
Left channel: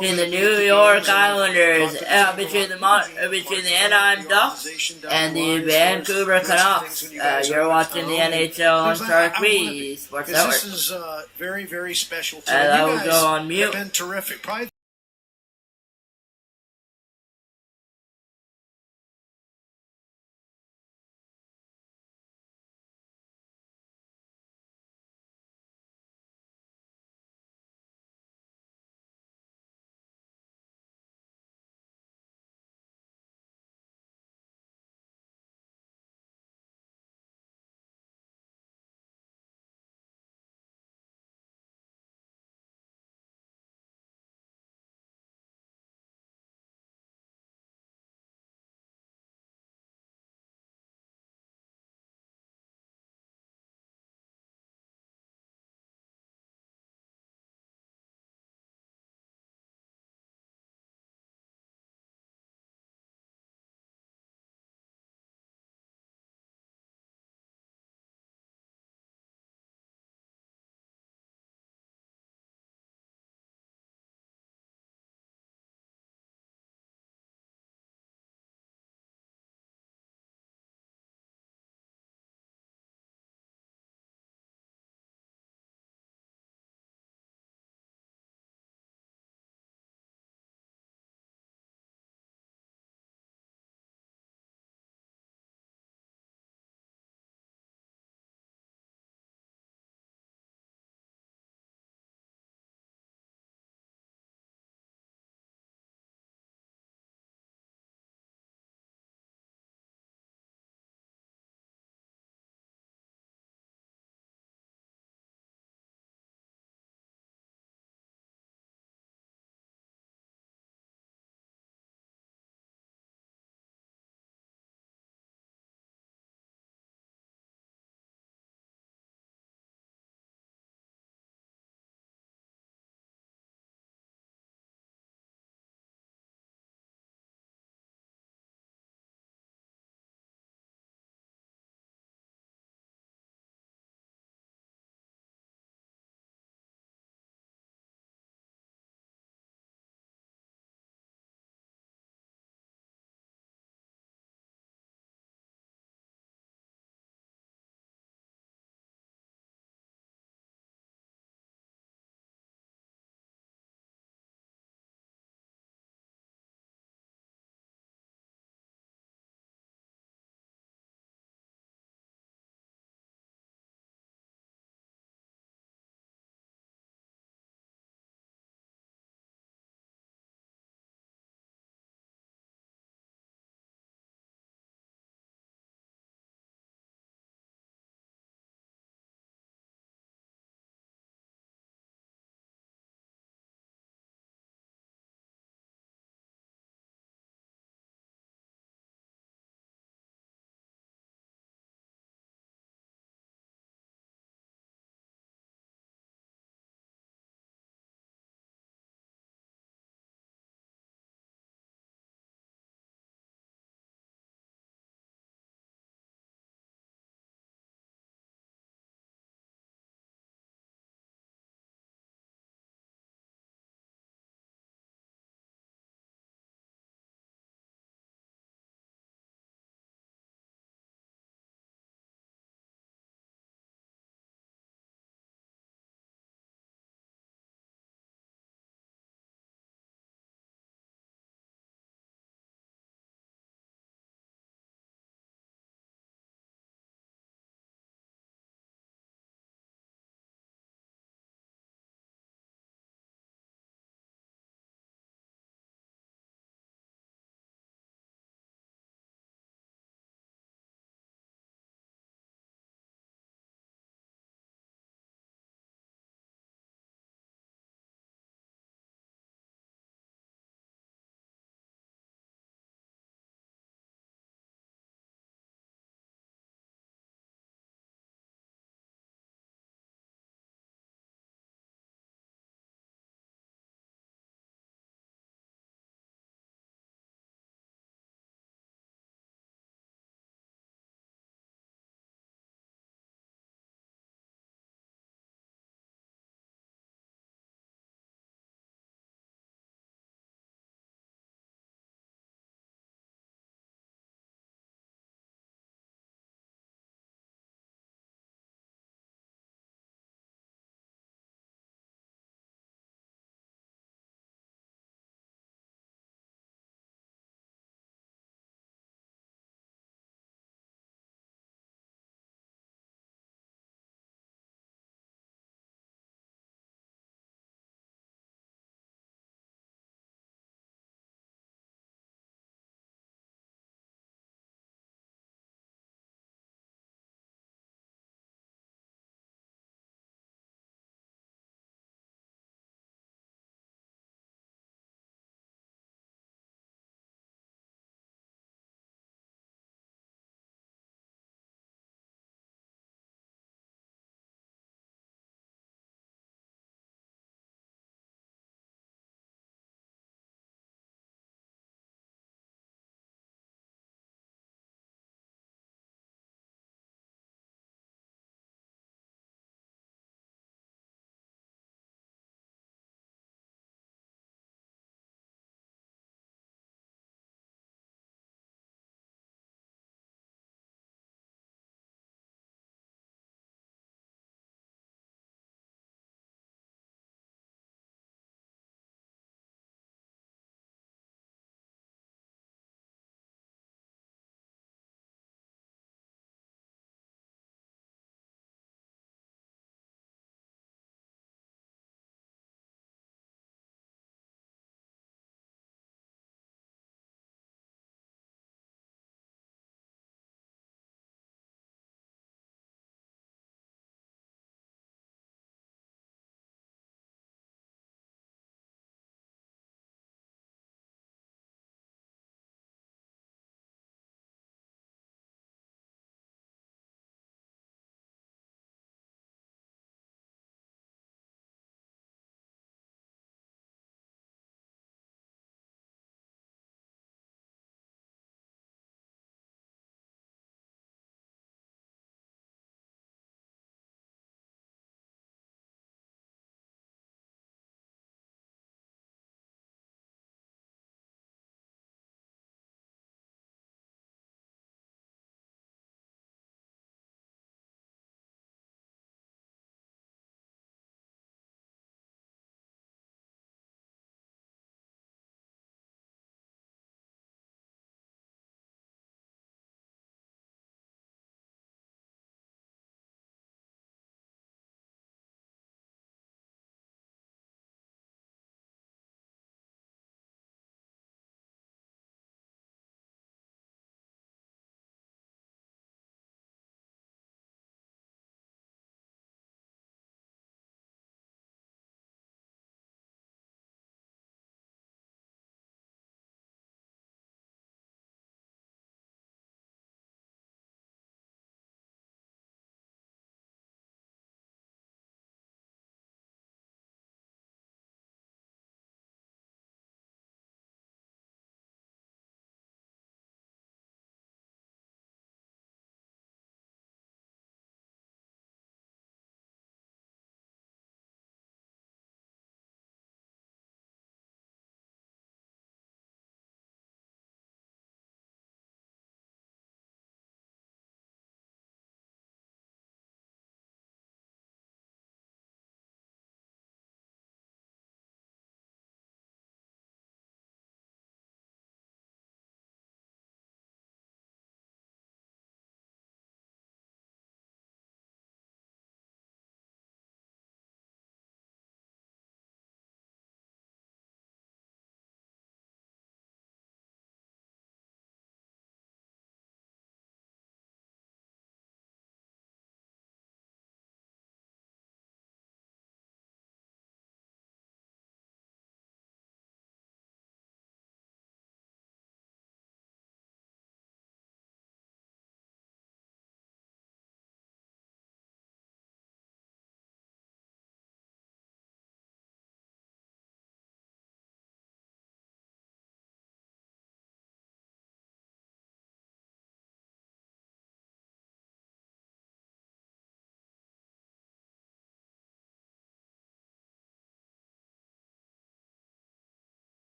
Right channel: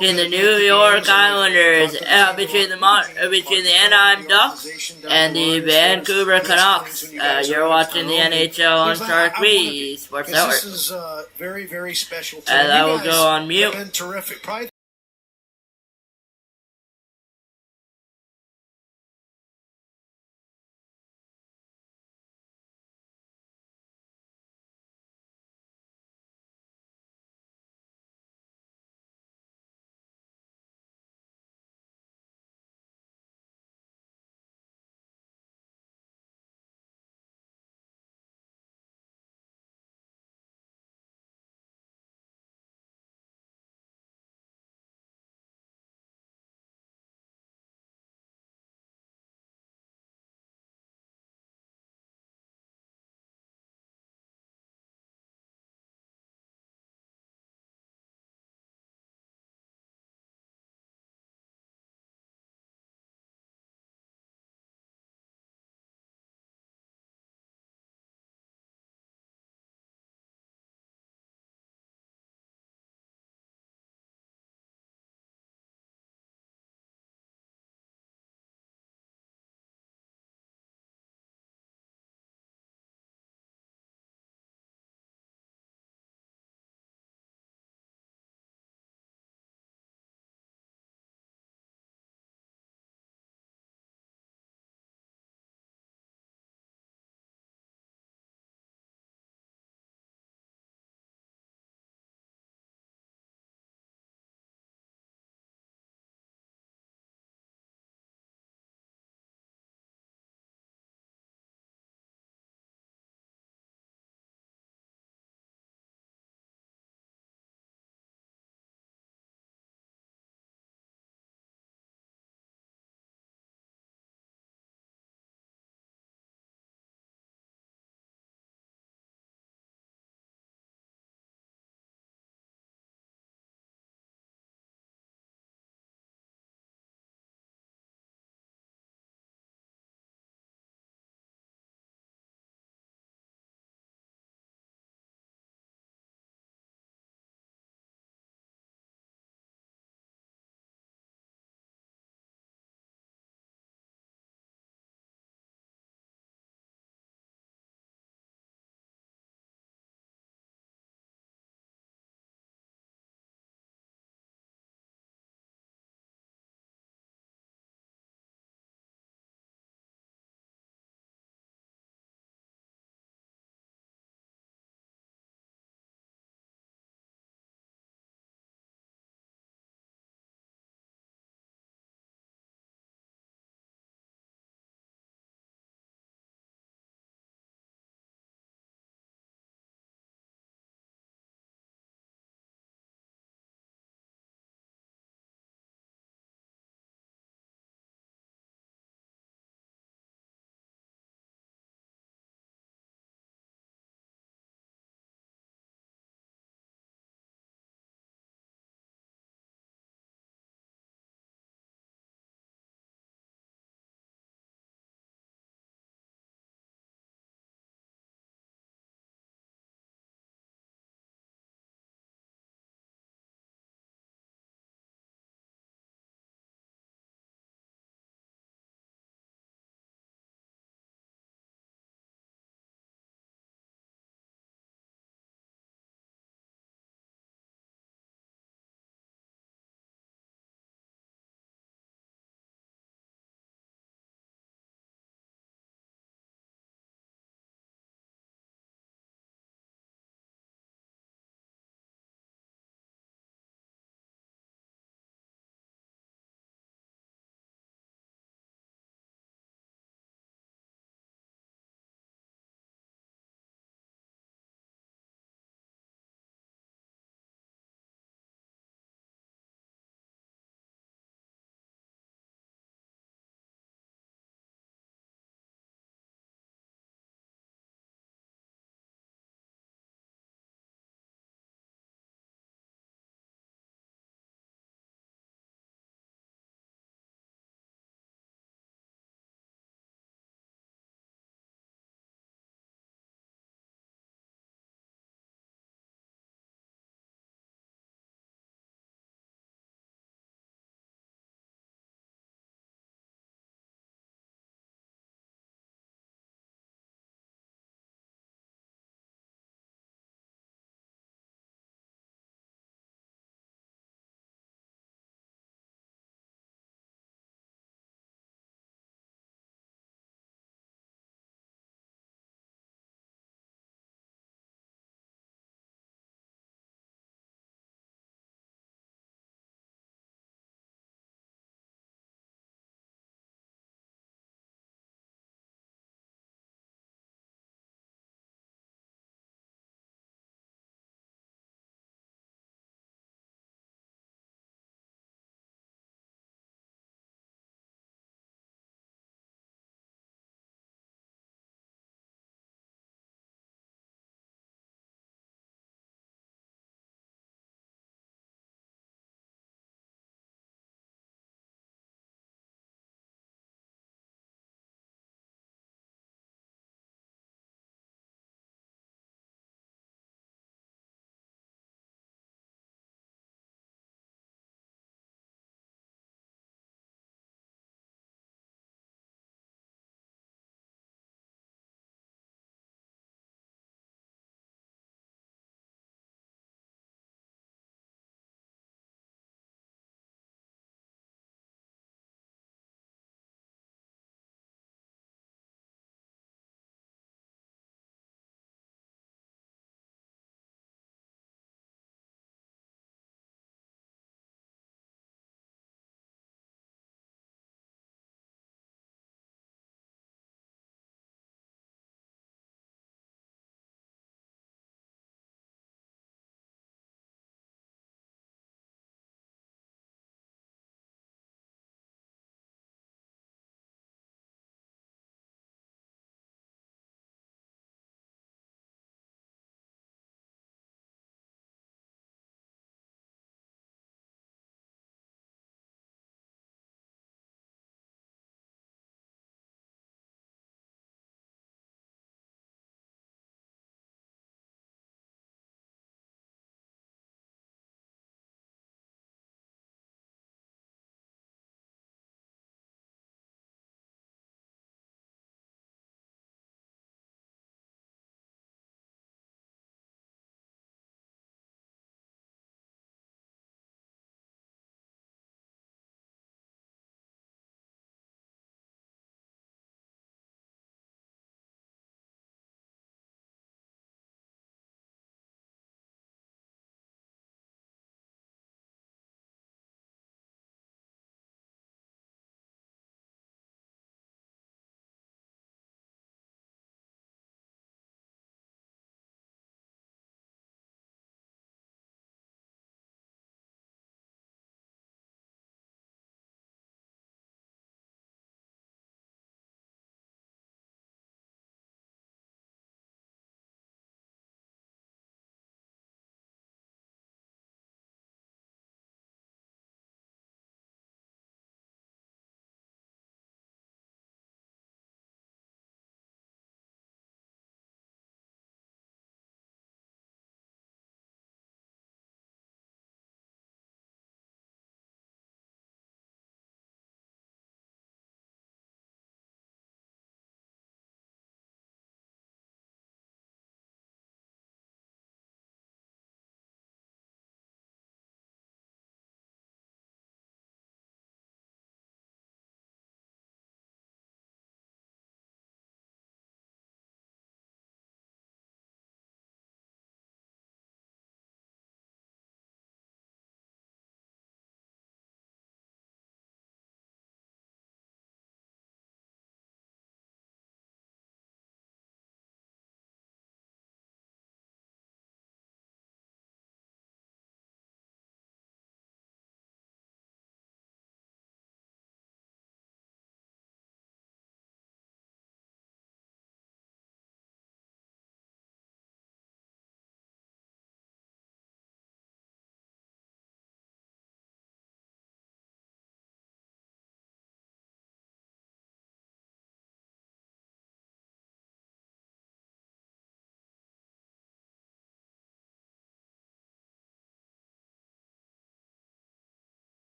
in the New York Islanders between the Anaheim Ducks and the Vancouver Canucks. You're watching the NHL on Shark Sports Network. This is very, very special. And I will go on mute. Been terrific. Probably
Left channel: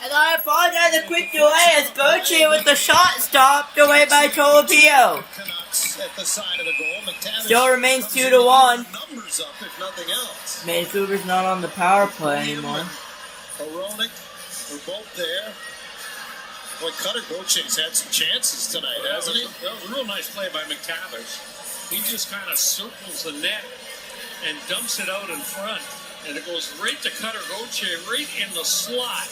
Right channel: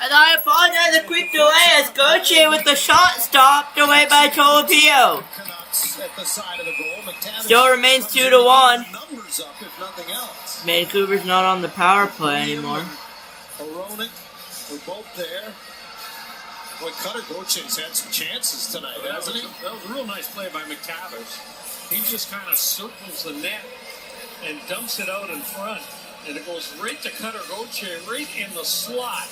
And I apologize a quick delay as Gauthier with the shot stopped away by Tolopio. Still remains 2-1. Vancouver's not on the power play anymore. Hronek, we're both there. Boy, Cutter Gauthier's had some chances tonight, hasn't he? That was a real nice play by McTavish. He just kind of circles the net and dumps it out in front. And it goes right to Cutter Gauthier, right in the slot.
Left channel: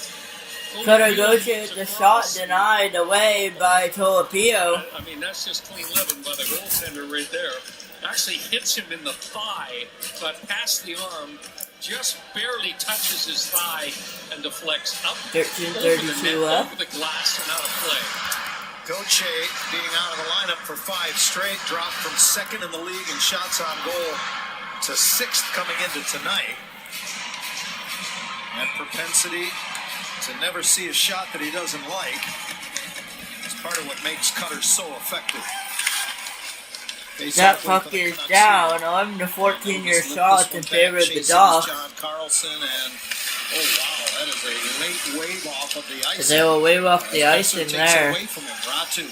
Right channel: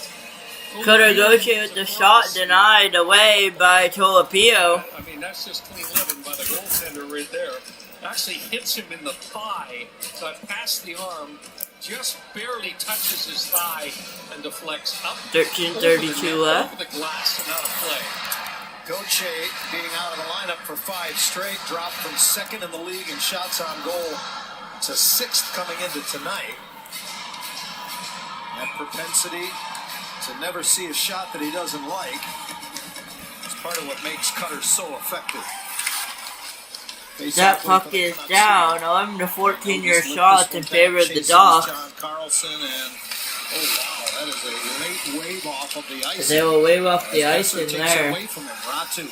Cutter Gauthier with the shot denied away by Tolopio. I mean, that's just clean living by the goaltender right there. Actually hits him in the thigh, got past the arm, just barely touches his thigh and deflects up. 13:32 left. Over the glass and out of play. Gauthier being out of the lineup for 5 straight, dropped from 2nd in the league in shots on goal to 6th coming into tonight. That propensity to never see a shot that he doesn't like is part of what makes Cutter so effective. That puck is down. 11 to 14 your shots in favor of the Ducks. John Carlson and oh wow, that is a late wave off of the ice. They will wave off the icing there. Ratu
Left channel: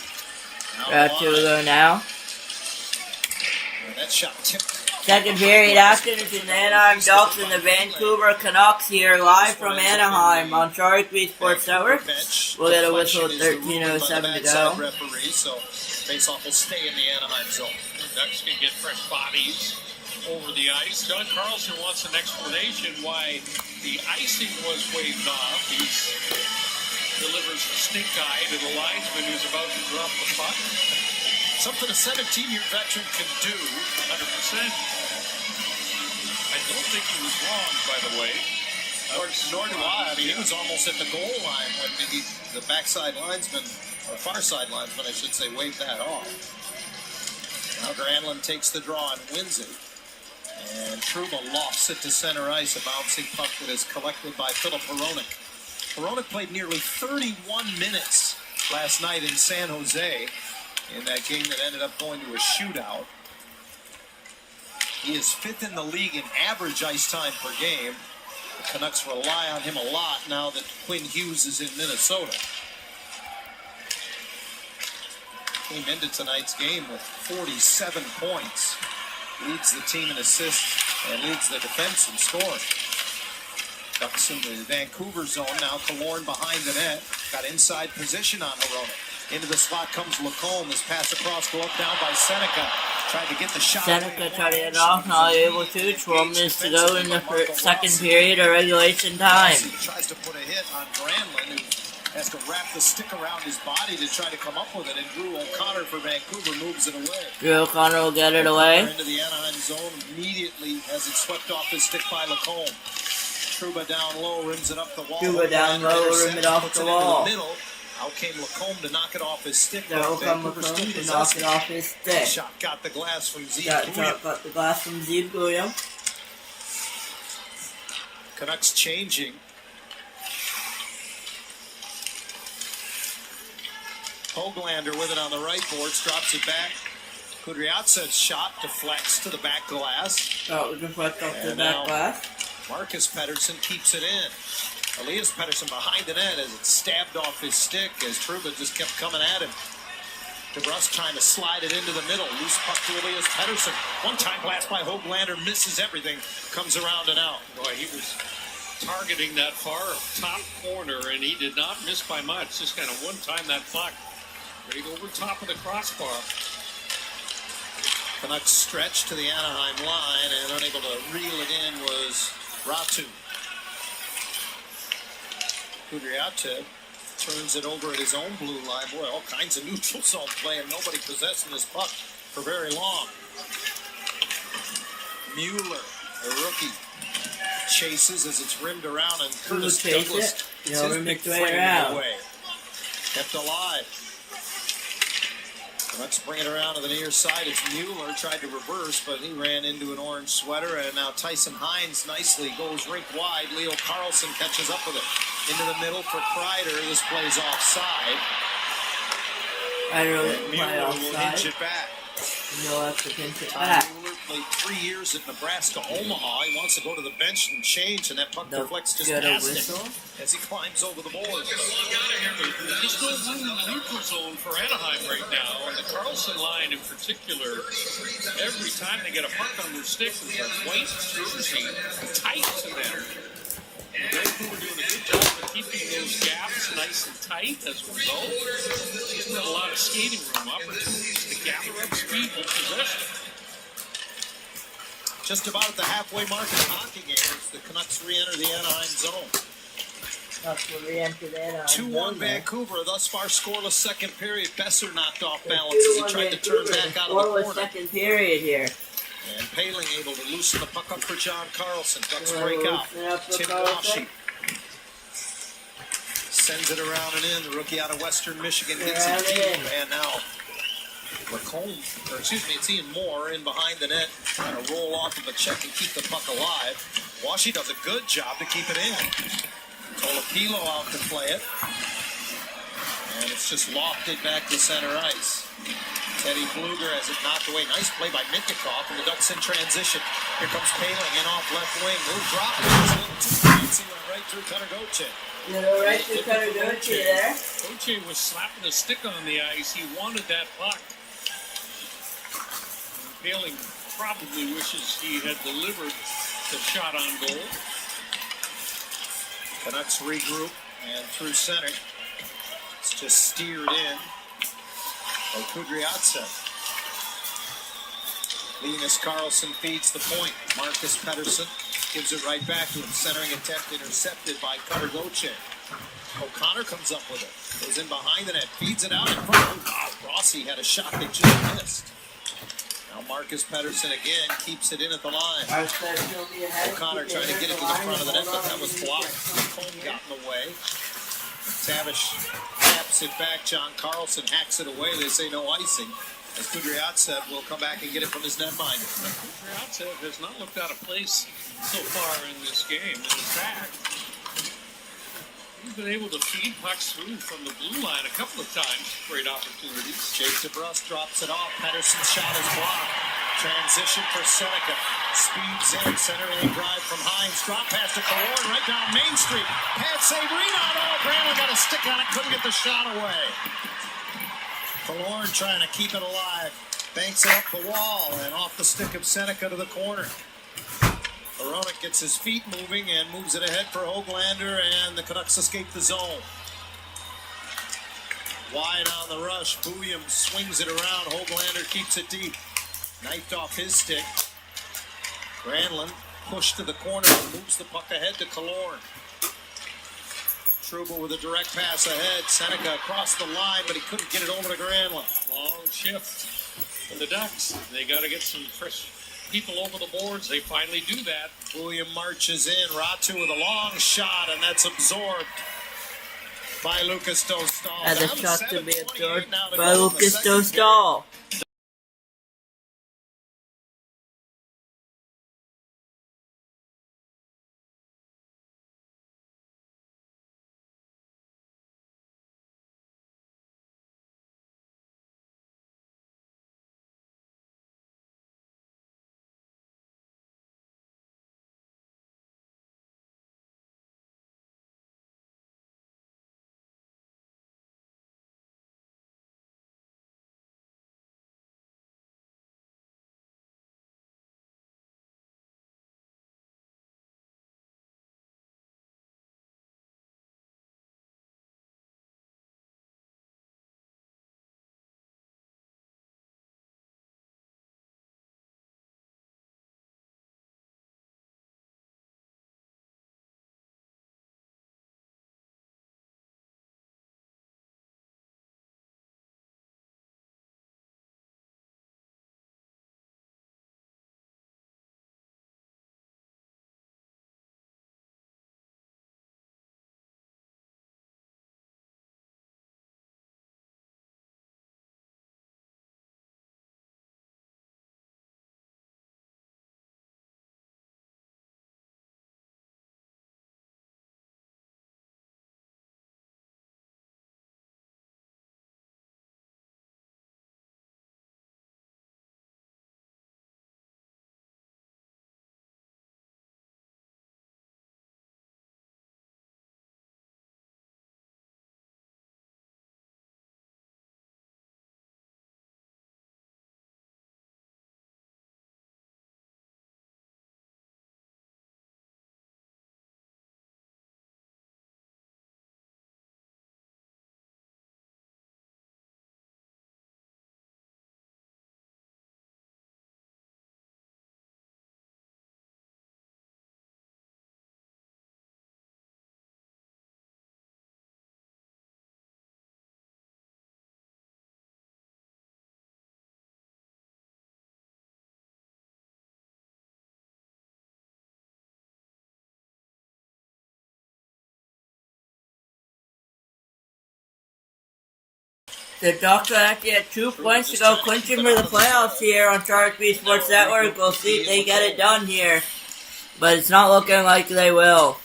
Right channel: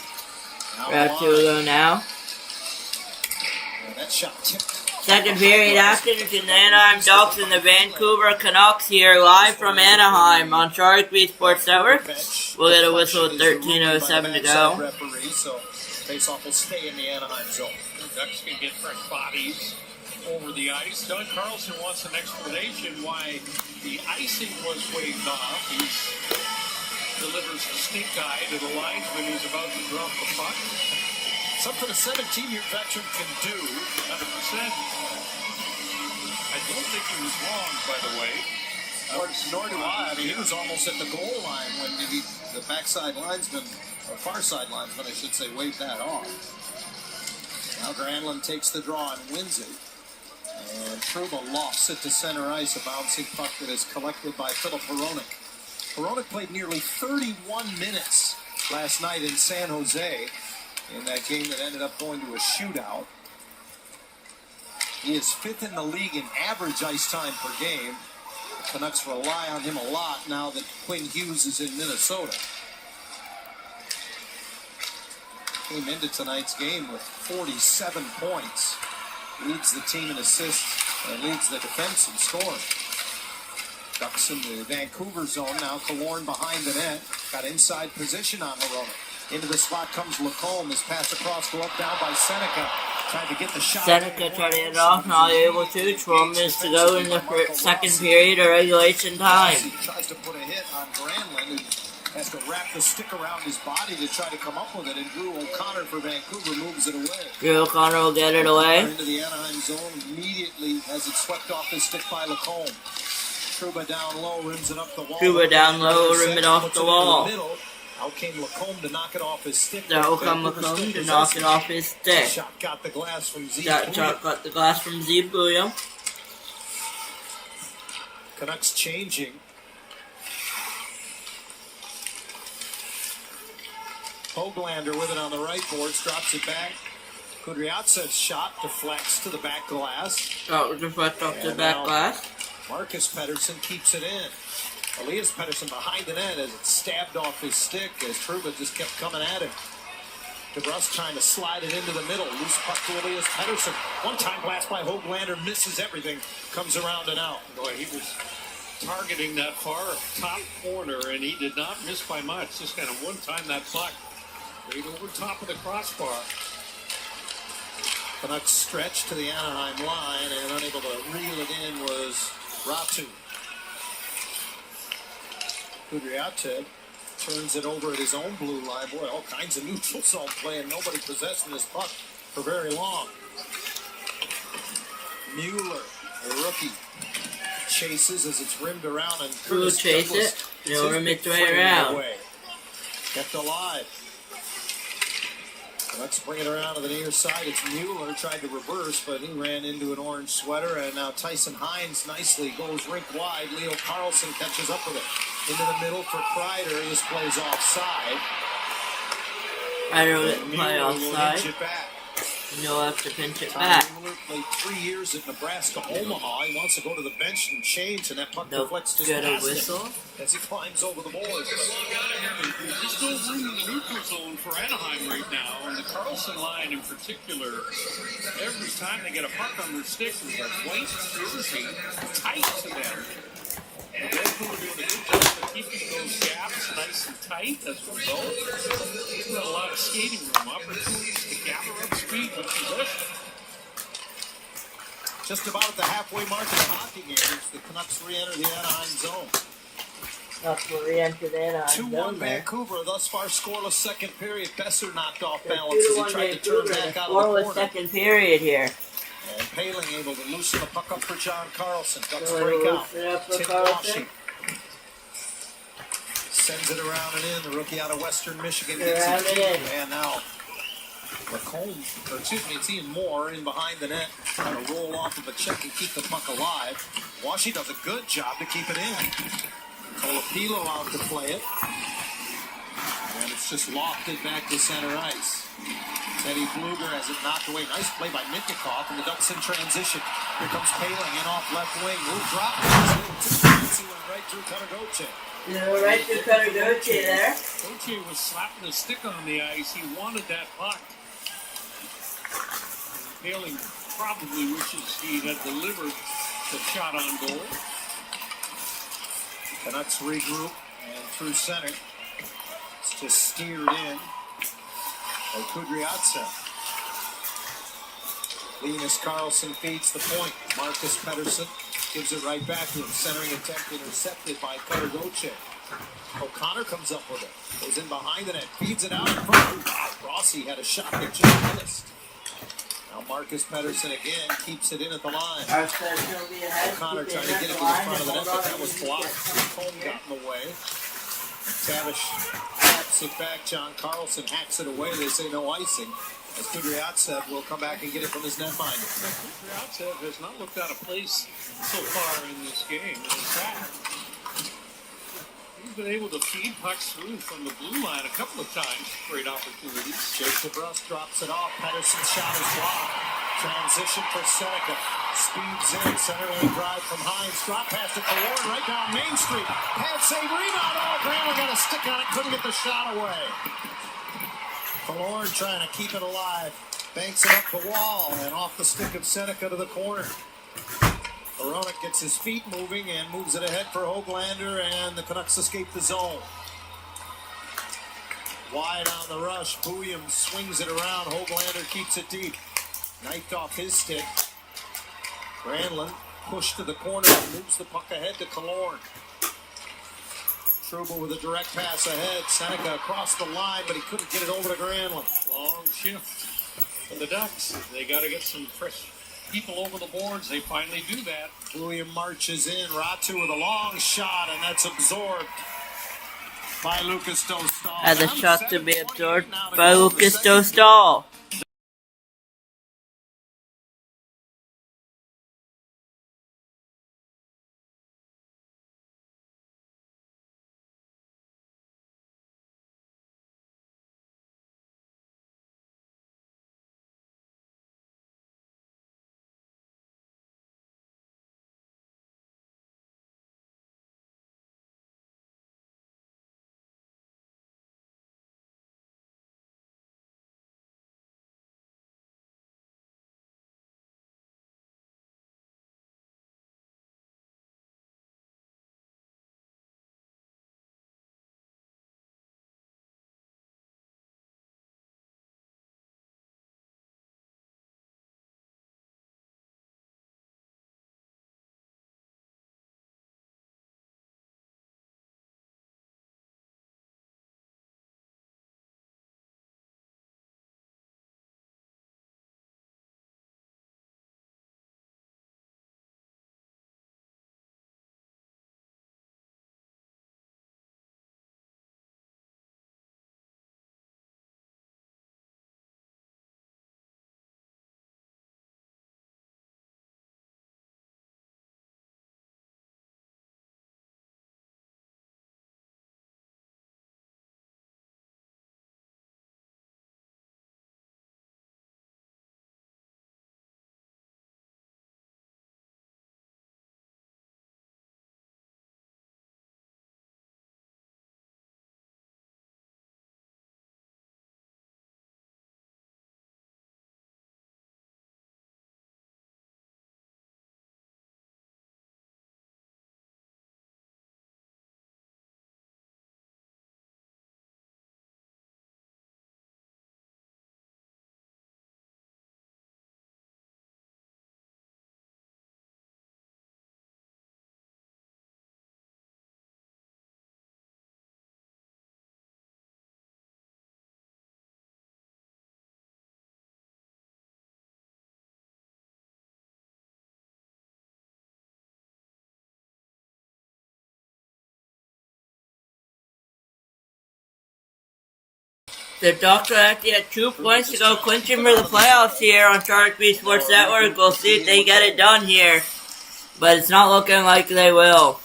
will go now. That shot tipped. Second period action between the Anaheim Ducks and the Vancouver Canucks here live from Anaheim on Sharik Sports Network. We'll get a whistle with 13:07 to go. Referee, so faceoff will stay in the Anaheim zone. The Ducks can get fresh bodies over the ice. John Carlson wants an explanation why the icing was waved off. He delivers the stink eye to the linesman who's about to drop the puck. Something a 17-year veteran can do. 100%. I don't think he was wrong, by the way. Nor do I. I mean, he was almost at the goal line when the backside linesman, or far side linesman, I should say, waved that off. Now Granlund takes the draw and wins it. And Trouba lofts it to center ice, a bouncing puck that is collected by Philip Hronek. Hronek played nearly 31 minutes last night in San Jose in that game that ended up going to a shootout. He is 5th in the league in average ice time per game. The Canucks rely on him a lot now that Quinn Hughes is in Minnesota. Came into tonight's game with 47 points. Leads the team in assists and leads the defense in scoring. Ducks in the Vancouver zone now. Killorn behind the net. Got inside position on Hronek. Into the slot comes Lacombe. His pass across, go up down by Seneca. Tried to get the shot. Seneca tried to get it off, not able to. 12 minutes to go in the second period of regulation time. He tries to put a hit on Granlund, who has to wrap the stick around his body to try to come up with it. And Drew O'Connor for Vancouver moves it away. Drew O'Connor will get it away. Into the Anaheim zone immediately as it swept off his stick by Lacombe. Trouba down low, rims it up the wall. Trouba down low, rim it off the wall. Out came Lacombe to knock it off his stick. Out come Lacombe to knock it off his stick. Shot got the glass from Zeke. Got the glass from Zeke William. Canucks changing. Hoglander with it on the right boards, drops it back. Kudryavtsev's shot deflects to the back glass. Oh, deflects off the back glass. Marcus Pettersson keeps it in. Elias Pettersson behind the net as it stabbed off his stick as Trouba just kept coming at him. DeBrusque trying to slide it into the middle. Loose puck to Elias Pettersson. One-time blast by Hoglander, misses everything, comes around and out. Boy, he was targeting that far top corner, and he did not miss by much. Just kind of one-time that puck right over top of the crossbar. Canucks stretch to the Anaheim line, and unable to reel it in was Ratu. Kudryavtsev turns it over at his own blue line. Boy, all kinds of neutral zone play, and nobody possessing this puck for very long. Mueller, a rookie, chases as it's rimmed around, and Curtis Douglas rim it right around. Away. Kept alive. Let's bring it around to the near side. It's Mueller, tried to reverse, but he ran into an orange sweater, and now Tyson Hines nicely goes rink wide. Leo Carlson catches up with it. Into the middle for Kreider. This plays offside. Kreider will play Mueller will offside. hinge it back. No have to pinch it Ty back. Mueller played 3 years at Nebraska Omaha. He wants to go to the bench and change, and that puck deflects just Get a past whistle. him as he climbs over the boards. There's just no room in the neutral zone for Anaheim right now, and the Carlson line in particular, every time they get a puck on their stick with a white jersey tight to them. The Vancouver doing a good job of keeping those gaps nice and tight as a result. There's not a lot of skating room, opportunities to gather up speed with possession. Just about at the halfway mark of the hockey game as the Canucks re-enter the Anaheim zone. That's where we entered Anaheim. 2-1 Vancouver, thus far scoreless second period. Besser knocked off balance as he tried to turn back out of the corner. Second period here. And Paling able to loosen the puck up for John Carlson. Ducks break out. Tim Washington sends it around and in. The rookie out of Western Michigan gets it deep. And now it's Ian Moore in behind the net, trying to roll off of a check and keep the puck alive. Washi does a good job to keep it in. Colapilo out to play it. And it's just lofted back to center ice. Teddy Bluger has it knocked away. Nice play by Mitkov, and the Ducks in transition. Here comes Paling in off left wing. Little drop. He went right through Cutter Gauthier. Right through Cutter Gauthier there. Gauthier was slapping a stick on the ice. He wanted that puck. Paling probably wishes he had delivered the shot on goal. Canucks regroup and through center. It's just steered in by Kudryavtsev. Linus Karlsson feeds the point. Marcus Pettersson gives it right back to him. Centering attempt intercepted by Cutter Gauthier. O'Connor comes up with it. Goes in behind the net. Feeds it out in front. Oh, wow. Rossi had a shot that just missed. Now Marcus Pettersson again keeps it in at the line. O'Connor trying to get it to the front of the net, but that was blocked. Lacombe got in the way. Tavish taps it back. John Carlson hacks it away. They say no icing. As Kudryavtsev will come back and get it from his netminder. Kudryavtsev has not looked out of place so far in this game. And in fact, he's been able to feed pucks through from the blue line a couple of times. Great opportunities. Jake DeBrus drops it off. Pettersson's shot is blocked. Transition for Seneca. Speeds in. Center lane drive from Hines. Drop pass to Killorn right down Main Street. Pad save. Rebound. Oh, Granlund got a stick on it. Couldn't get the shot away. Killorn trying to keep it alive. Banks it up the wall and off the stick of Seneca to the corner. Hronek gets his feet moving and moves it ahead for Höglander, and the Canucks escape the zone. Wide on the rush. Bouillon swings it around. Höglander keeps it deep. Knifed off his stick. Granlund pushed to the corner and moves the puck ahead to Killorn. Trouba with a direct pass ahead. Seneca across the line, but he couldn't get it over to Granlund. Long shift for the Ducks. They got to get some fresh people over the boards. They finally do that. William marches in. Ratu with a long shot, and that's absorbed by Lucas Dostal. As a shot to be absorbed by Lucas Dostal. The Ducks are actually at 2 points to go, clinching for the playoffs here on Sharik B Sports Network. We'll see if they get it done here, but it's not looking like they will.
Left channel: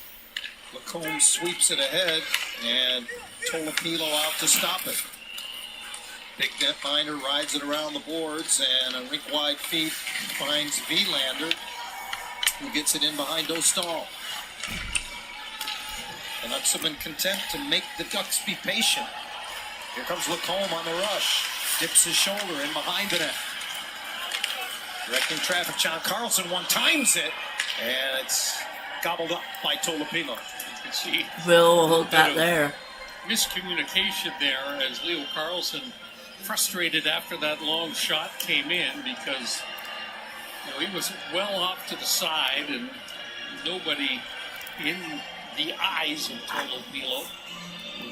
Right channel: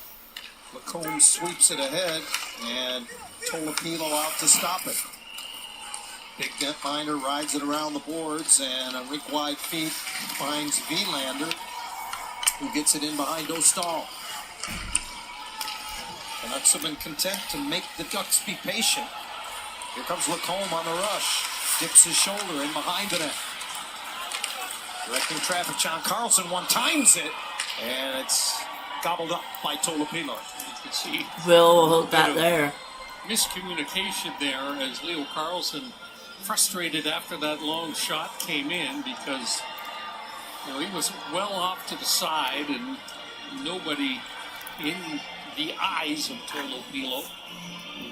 Lacombe sweeps it ahead, and Tolopilo out to stop it. Big netminder rides it around the boards, and a rink-wide feed finds Vilander, who gets it in behind Dostal. The Canucks have been content to make the Ducks be patient. Here comes Lacombe on the rush. Dips his shoulder in behind the net. Directing traffic, John Carlson one-times it, and it's gobbled up by Tolopilo. Will hold that there. Miscommunication there as Leo Carlson, frustrated after that long shot came in, because he was well off to the side and nobody in the eyes of Tolopilo.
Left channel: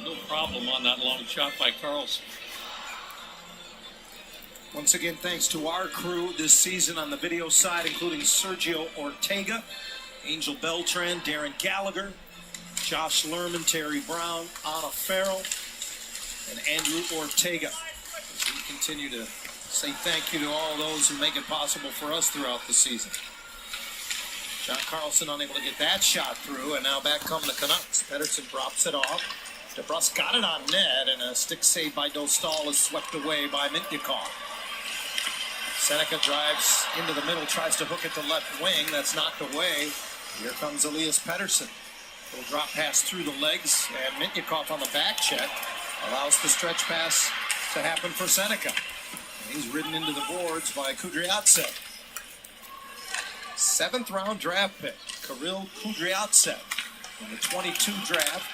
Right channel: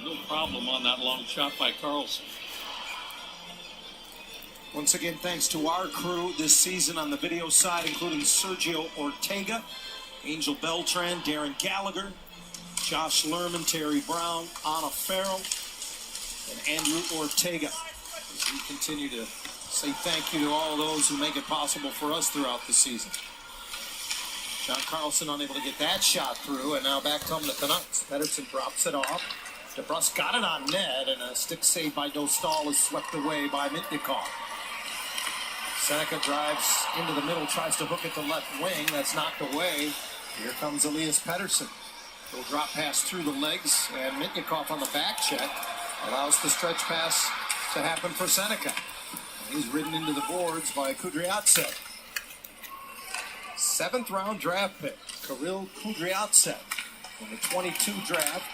No problem on that long shot by Carlson. Once again, thanks to our crew this season on the video side, including Sergio Ortega, Angel Beltran, Darren Gallagher, Josh Lerman, Terry Brown, Anna Farrell, and Andrew Ortega. As we continue to say thank you to all those who make it possible for us throughout the season. John Carlson unable to get that shot through, and now back come the Canucks. Pettersson drops it off. DeBrus got it on net, and a stick save by Dostal is swept away by Mitnikov. Seneca drives into the middle, tries to hook it to left wing. That's knocked away. Here comes Elias Pettersson. He'll drop pass through the legs, and Mitnikov on the back check allows the stretch pass to happen for Seneca. And he's ridden into the boards by Kudryavtsev. 7th round draft pick, Kirill Kudryavtsev, in the 22 draft.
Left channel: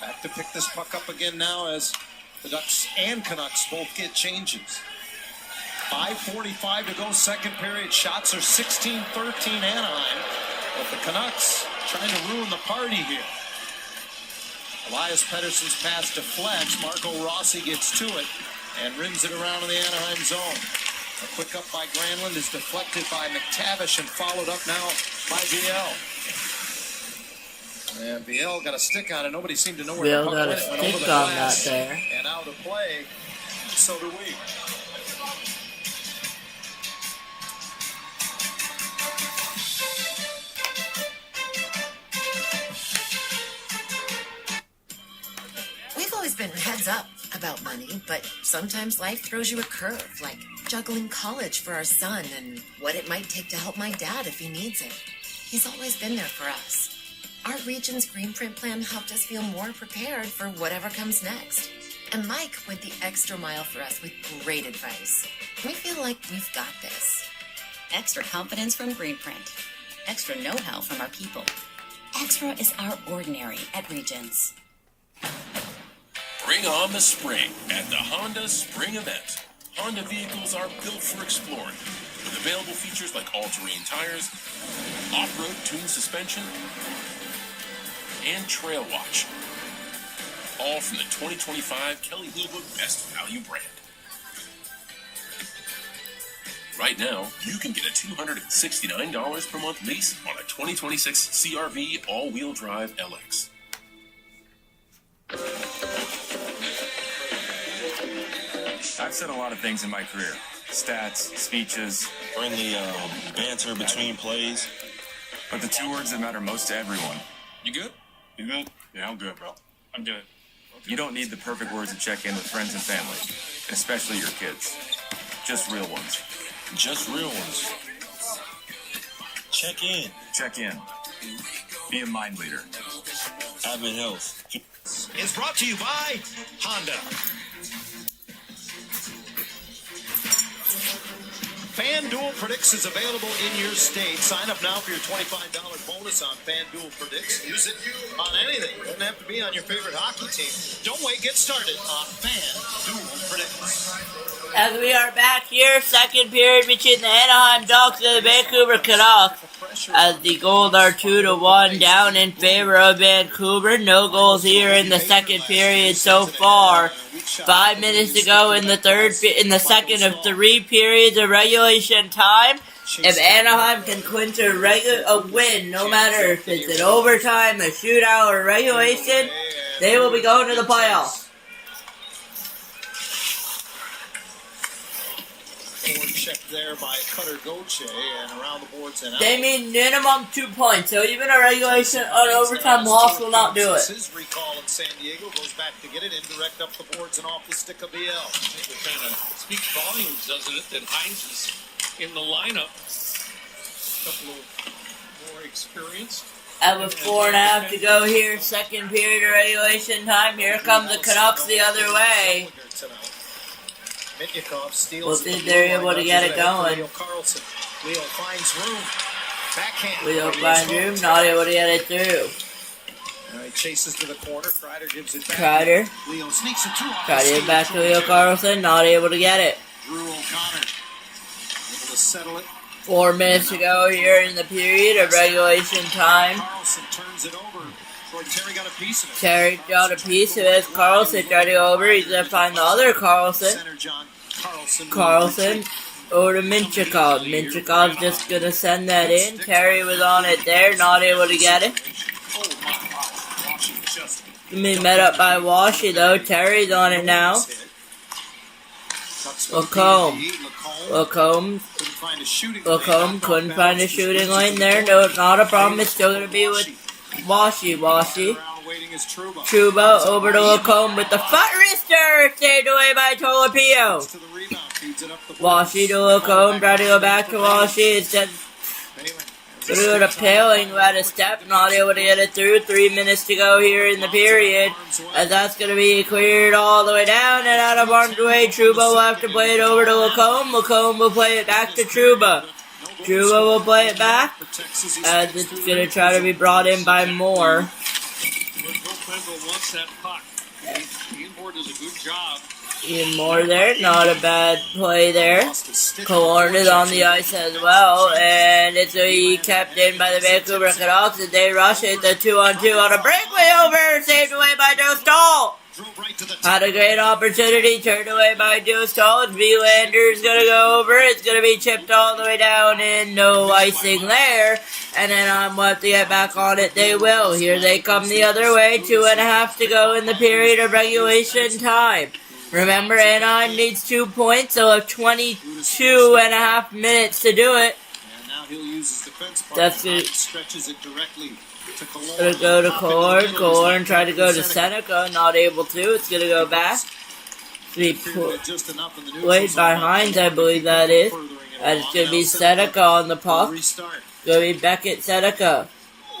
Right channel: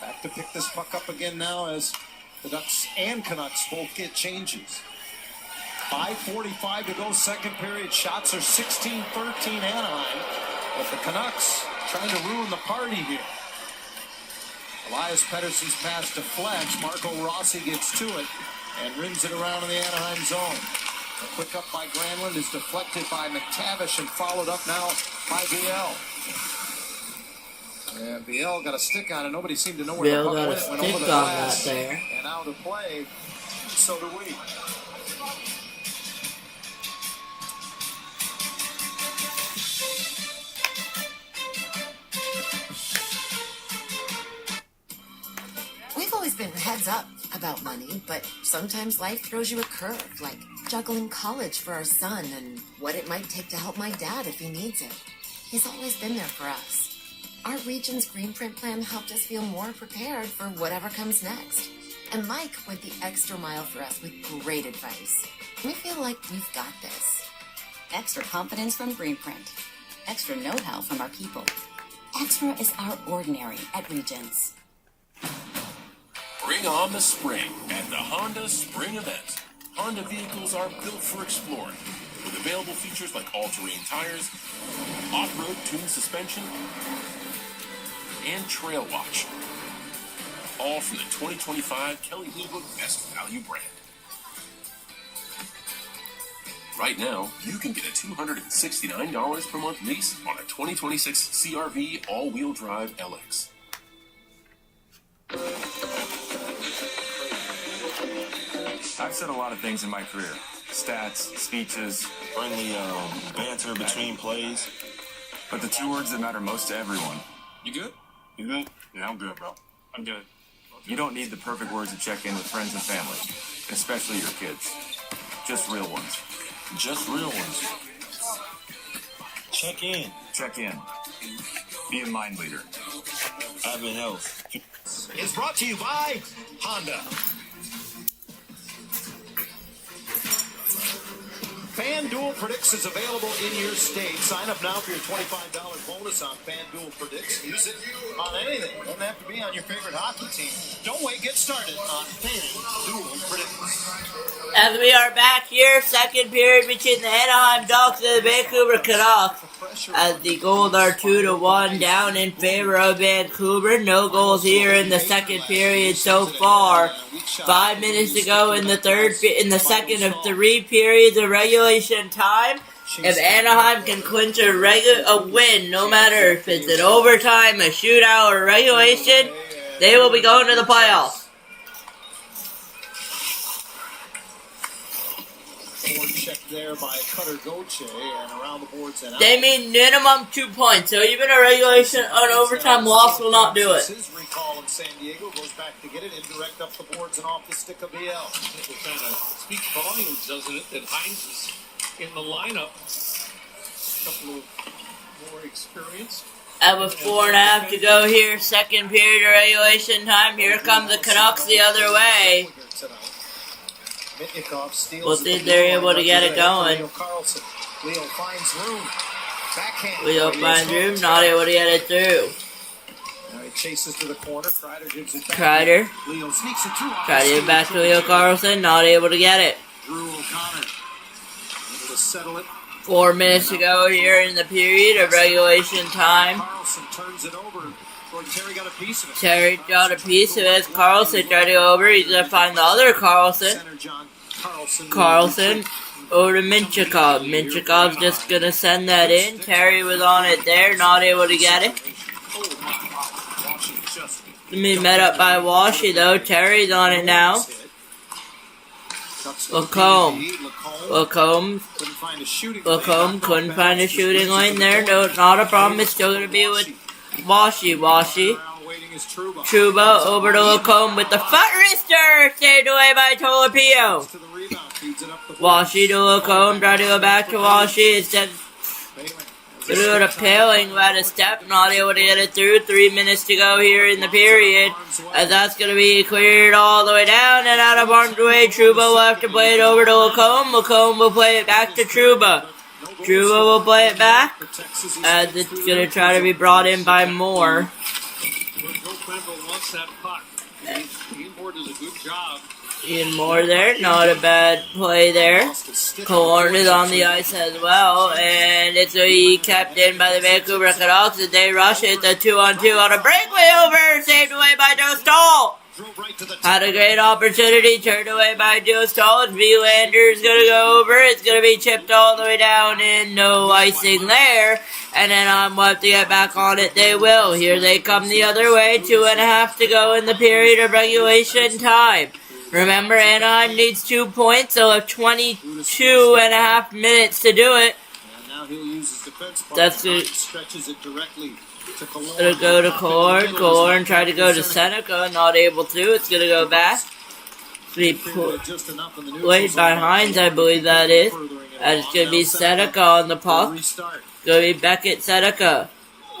Back to pick this puck up again now as the Ducks and Canucks both get changes. 5:45 to go, second period. Shots are 16-13 Anaheim, but the Canucks trying to ruin the party here. Elias Pettersson's pass deflects. Marco Rossi gets to it and rims it around in the Anaheim zone. A quick up by Granlund is deflected by McTavish and followed up now by Viel. And Viel got a stick on it. Nobody seemed to know where Viel the puck got a went. It went over stick the on glass that there. and out of play. So do we. We've always been heads up about money, but sometimes life throws you a curve, like juggling college for our son and what it might take to help my dad if he needs it. He's always been there for us. Our region's Green Print plan helped us feel more prepared for whatever comes next. And Mike went the extra mile for us with great advice. We feel like we've got this. Extra confidence from Greenprint. Extra know-how from our people. Extra is our ordinary at Regents. Bring on the spring at the Honda Spring Event. Honda vehicles are built for exploring, with available features like all-terrain tires, off-road tuned suspension, and Trail Watch. All from the 2025 Kelley Blue Book Best Value brand. Right now, you can get a $269 per month lease on a 2026 CR-V all-wheel drive LX. I've said a lot of things in my career. Stats, speeches, friendly banter between plays. But the two words that matter most to everyone. You good? You good? Yeah, I'm good, bro. I'm good. You don't need the perfect words to check in with friends and family, especially your kids. Just real ones. Just real ones. Check in. Check in. Be a mind leader. Having health. Is brought to you by Honda. FanDuel Predicts is available in your state. Sign up now for your $25 bonus on FanDuel Predicts. Use it on anything. Doesn't have to be on your favorite hockey team. Don't wait. Get started on FanDuel Predicts. As we are back here, second period between the Anaheim Ducks and the Vancouver Canucks. As the goals are 2-1 down in favor of Vancouver. No goals here in the second period so far. 5 minutes to go in the second of 3 periods of regulation time. If Anaheim can clinch a win, no matter if it's an overtime, a shootout, or regulation, they will be going to the playoffs. checked there by Cutter Goche and around the boards and out. They mean minimum 2 points, so even a regulation or overtime loss will not do it. His recall in San Diego goes back to get it indirect up the boards and off the stick of BL. I think it kind of speaks volumes, doesn't it, that Hines is in the lineup. A couple of more experienced. With 4.5 to go here, second period of regulation time. Here come the Canucks the other way. We'll see if they're able to get it going. Leo finds room. Backhand. Leo finds room, not able to get it through. Chases to the corner. Kreider gives it back. Kreider. Leo sneaks it through. Try to get back to Leo Carlson, not able to get it. Drew O'Connor able to settle it. 4 minutes to go here in the period of regulation time. Carlson turns it over. Terry got a piece of it. Terry got a piece of it. Carlson tried to go over. He's going to find the other Carlson. Carlson over to Minchikov. Minchikov's just going to send that in. Terry was on it there, not able to get it. Going to be met up by Washy though. Terry's on it now. Lacombe couldn't find a shooting lane there. No, not a problem. It's still going to be with Washy. Truba over to Lacombe with the foot wrister. Saved away by Tolopio. Washy to Lacombe. Try to go back to Washy. Instead, going to go to Paling, who had a step. Not able to get it through. 3 minutes to go here in the period. As that's going to be cleared all the way down and out of harm's way. Truba will have to play it over to Lacombe. Lacombe will play it back to Truba. Truba will play it back as it's going to try to be brought in by Moore. Ian Moore there, not a bad play there. Killorn is on the ice as well, and it's a kept in by the Vancouver Canucks as they rush it. The 2-on-2 on a breakaway over, saved away by Dostal. Had a great opportunity, turned away by Dostal. Vilander's gonna go over. It's gonna be chipped all the way down, and no icing there. And then on what to get back on it, they will. Here they come the other way. 2.5 to go in the period of regulation time. Remember, Anaheim needs 2 points, so have 22.5 minutes to do it. That's it. Gonna go to Killorn. Killorn tried to go to Seneca, not able to. It's gonna go back. Played by Hines, I believe that is. And it's gonna be Seneca on the puck. Gonna be Beckett Seneca.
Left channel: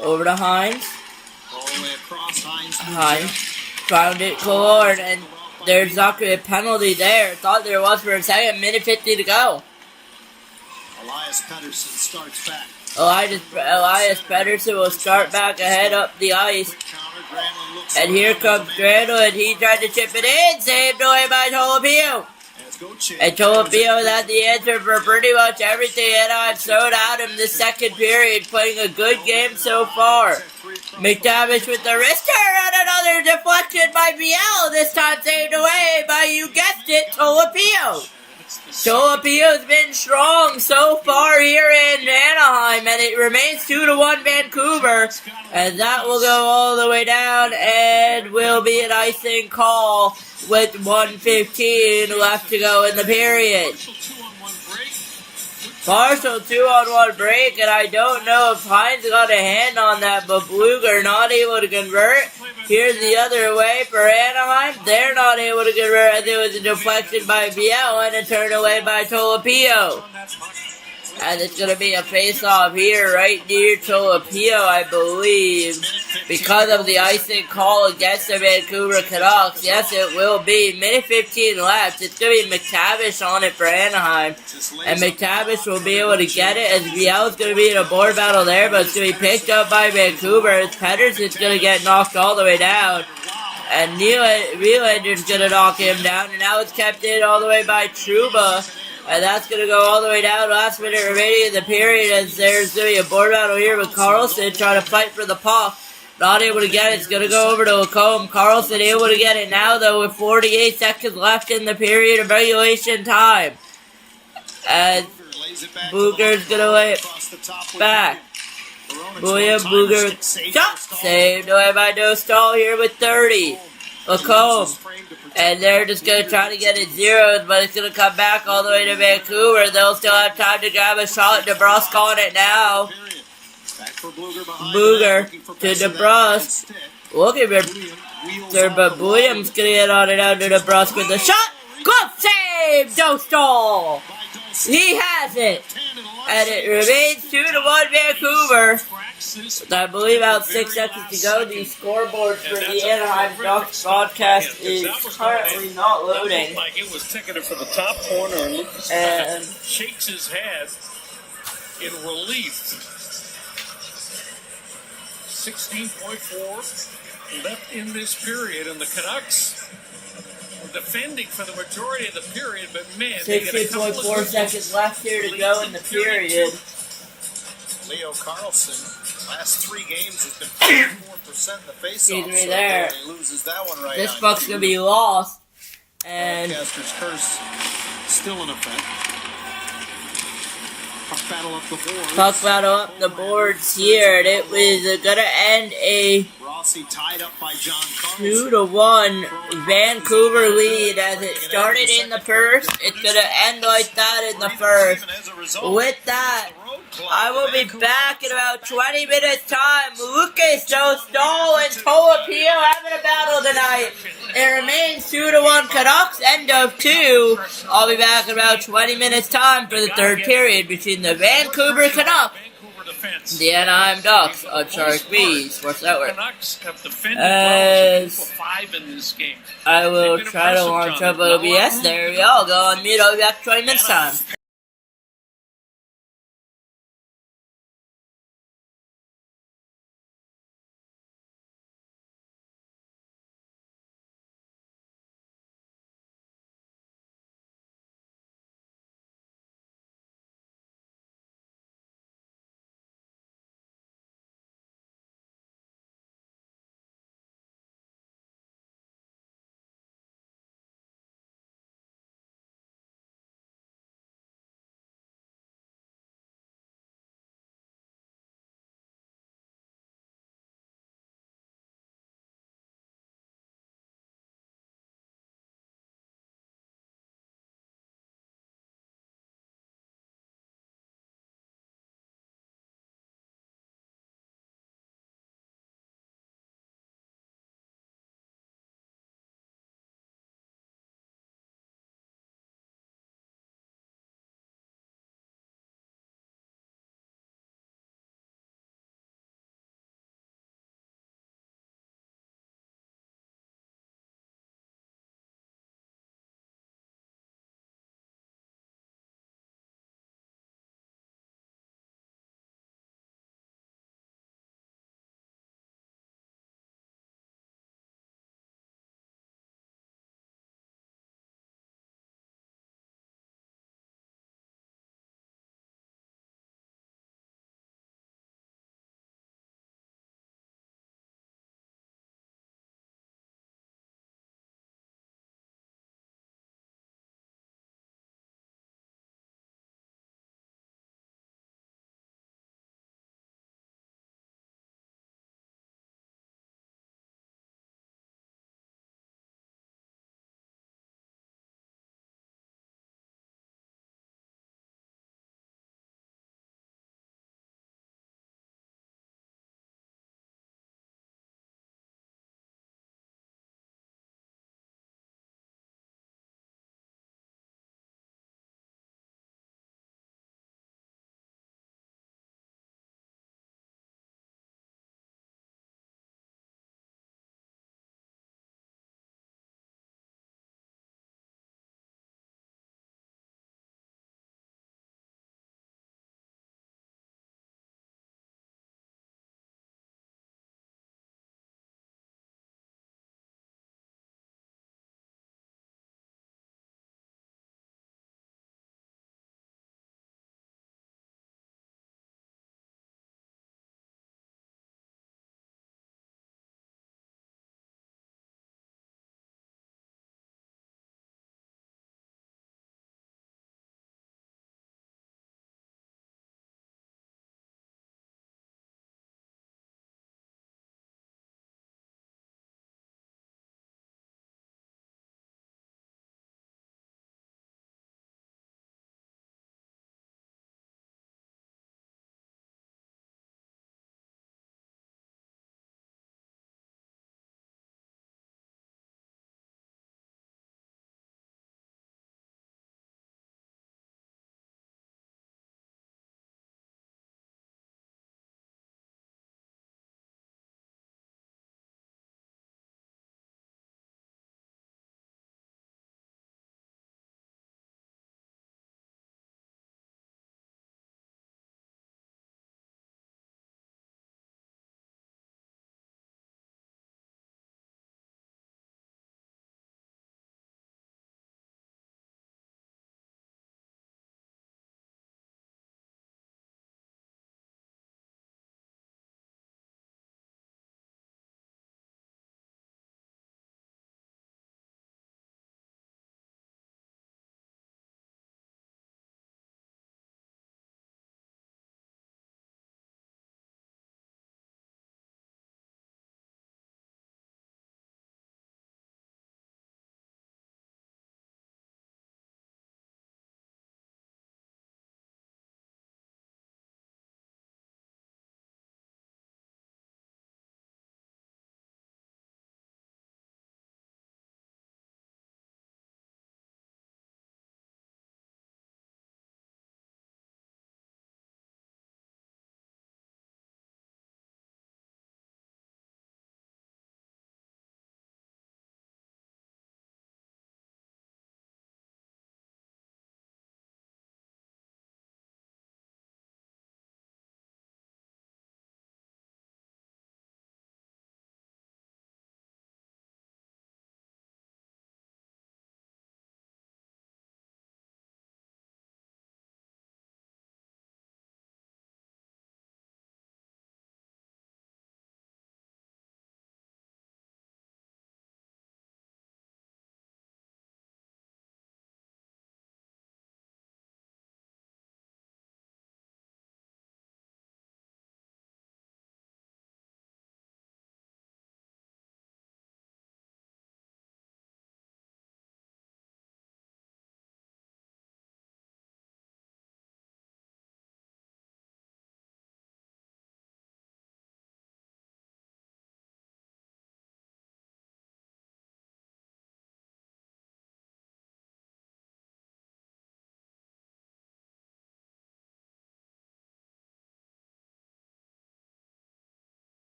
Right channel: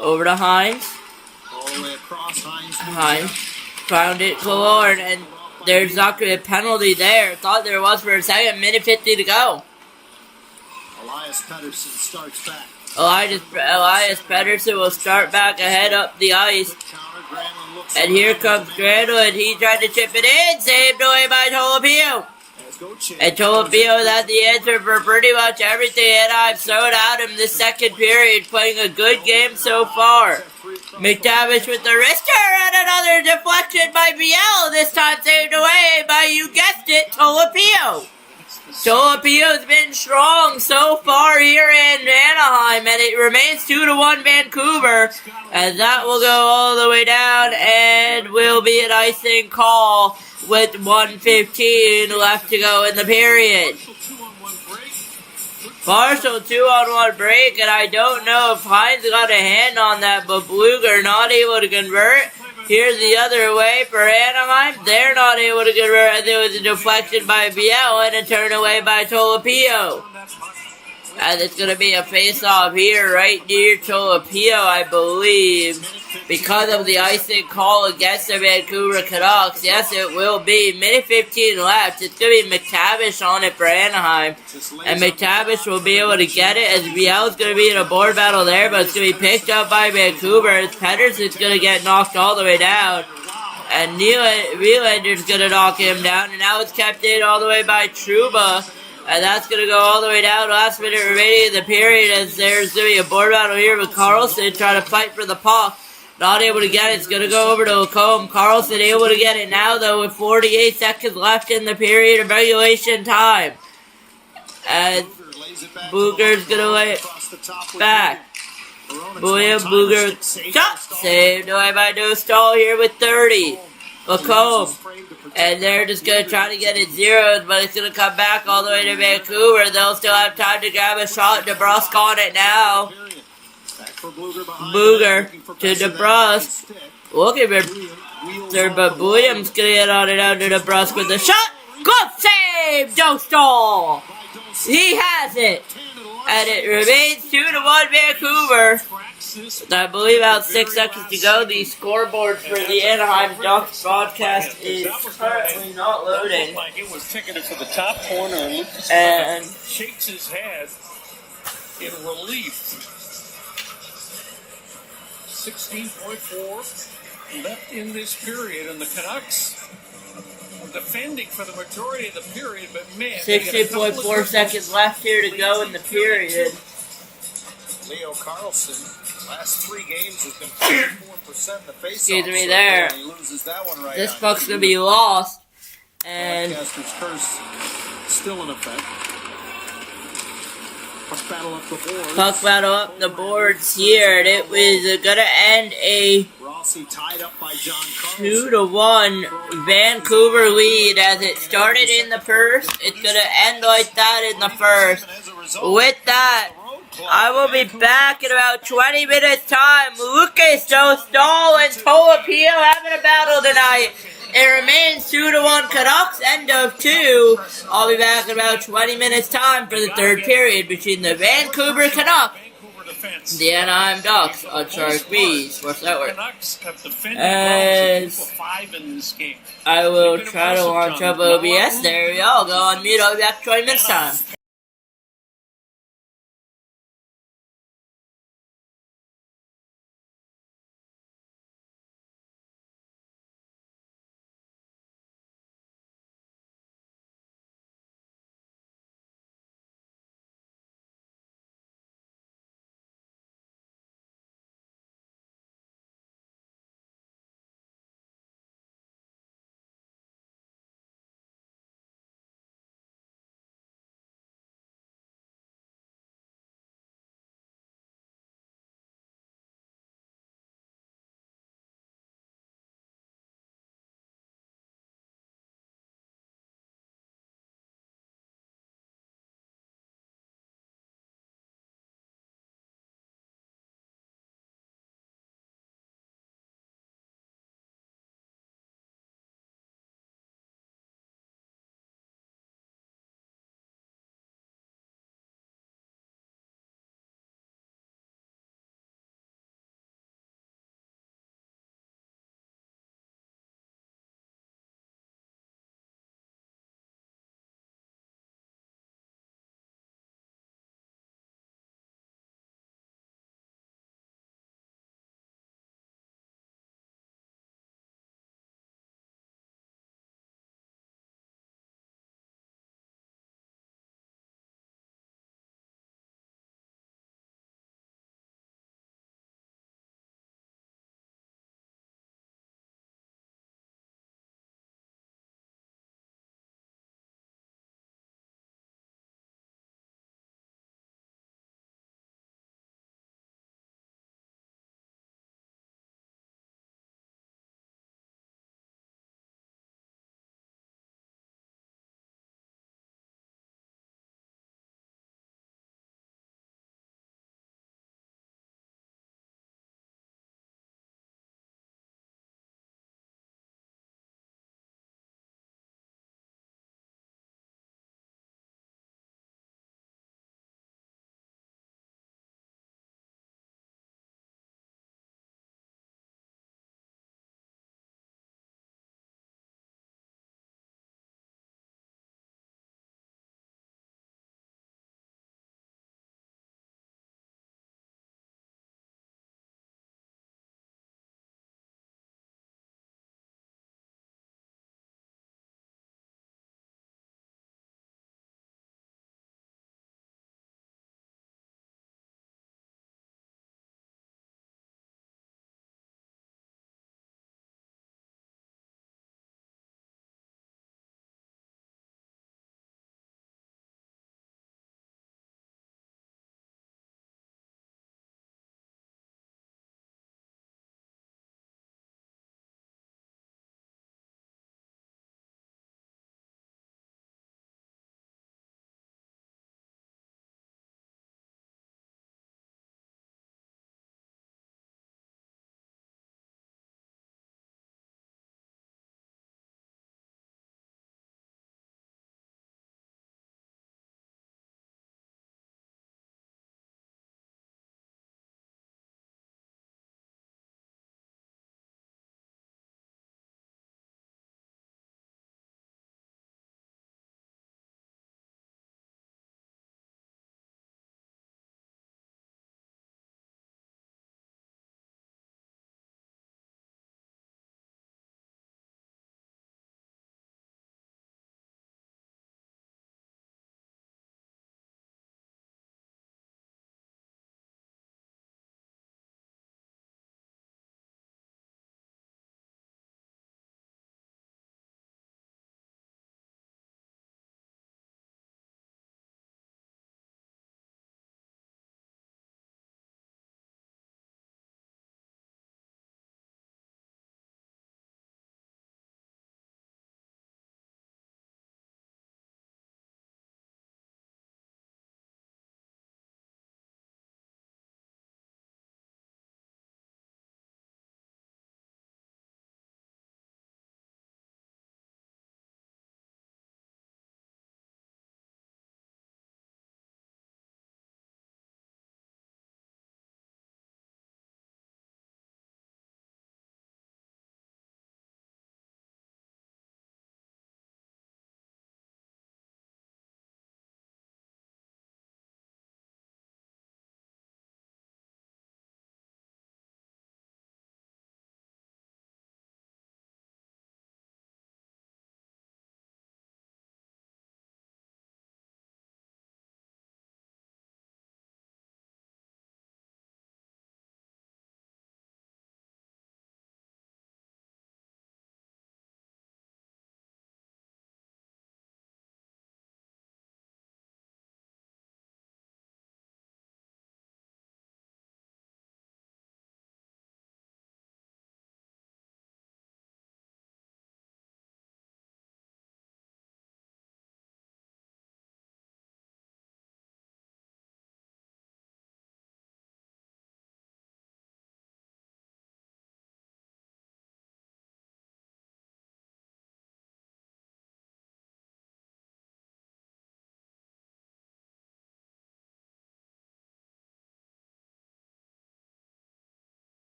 Over to Hines. Hines found it, Killorn, and there's not gonna be a penalty there. Thought there was for a second. Minute 50 to go. Elias Pettersson starts back. Elias Pettersson will start back ahead up the ice. And here comes Granlund. He tried to chip it in. Saved away by Tolopio. And Tolopio had the answer for pretty much everything. And I've thrown at him this second period. Playing a good game so far. McTavish with the wrister. And another deflection by Biel. This time saved away by, you guessed it, Tolopio. Tolopio's been strong so far here in Anaheim, and it remains 2-1 Vancouver, and that will go all the way down, and will be an icing call with 1:15 left to go in the period. Partial 2-on-1 break, and I don't know if Hines got a hand on that, but Bluger not able to convert. Here's the other way for Anaheim. They're not able to convert. I think it was a deflection by Biel and a turn away by Tolopio. And it's going to be a face-off here right near Tolopio, I believe. Because of the icing call against the Vancouver Canucks. Yes, it will be. Minute 15 left. It's going to be McTavish on it for Anaheim. And McTavish will be able to get it as Biel's going to be in a board battle there. But it's going to be picked up by Vancouver as Pettersson's going to get knocked all the way down. And Nylander's going to knock him down. And now it's kept in all the way by Trouba. And that's going to go all the way down. Last minute remaining in the period as there's going to be a board battle here with Carlson trying to fight for the puck. Not able to get it. It's going to go over to Lacombe. Carlson able to get it now, though, with 48 seconds left in the period of regulation time. And Booger's going to lay it back. William Booger shot saved away by Dostal here with 30. Lacombe. And they're just going to try to get it zeroed, but it's going to come back all the way to Vancouver. They'll still have time to grab a shot. DeBrusque on it now. Booger to DeBrusque. Looking for but Williams going to get on it out to DeBrusque with the shot. Glove save! Dostal! He has it! And it remains 2-1 Vancouver. With, I believe, about 6 seconds to go. The scoreboard for the Anaheim Ducks broadcast is currently not loading. Like it was ticketed for the top corner, and Lucas shakes his head in relief. 16.4 left in this period, and the Canucks were defending for the majority of the period, but man, 16.4 seconds left here to go in the period. Leo Carlson, last 3 games has been 44% in the face-off. Excuse me there. He loses that one right This on. puck's going to be lost. And Broadcaster's curse still in effect. Puck battle up the boards. Puck battle up the boards here. And it was going to end a Rossi tied up by John Carlson. 2-1 Vancouver lead as it started in the first. It's going to end like that in the first. With that, I will be back in about 20 minutes time. Lucas Dostal and Toapio having a battle tonight. It remains 2-1 Canucks, end of 2. I'll be back in about 20 minutes time for the third period between the Vancouver Canucks and the Anaheim Ducks on Sharik B Sports Network. As I will try to launch up OBS, there we go. Go on mute. I'll be back in 20 minutes time.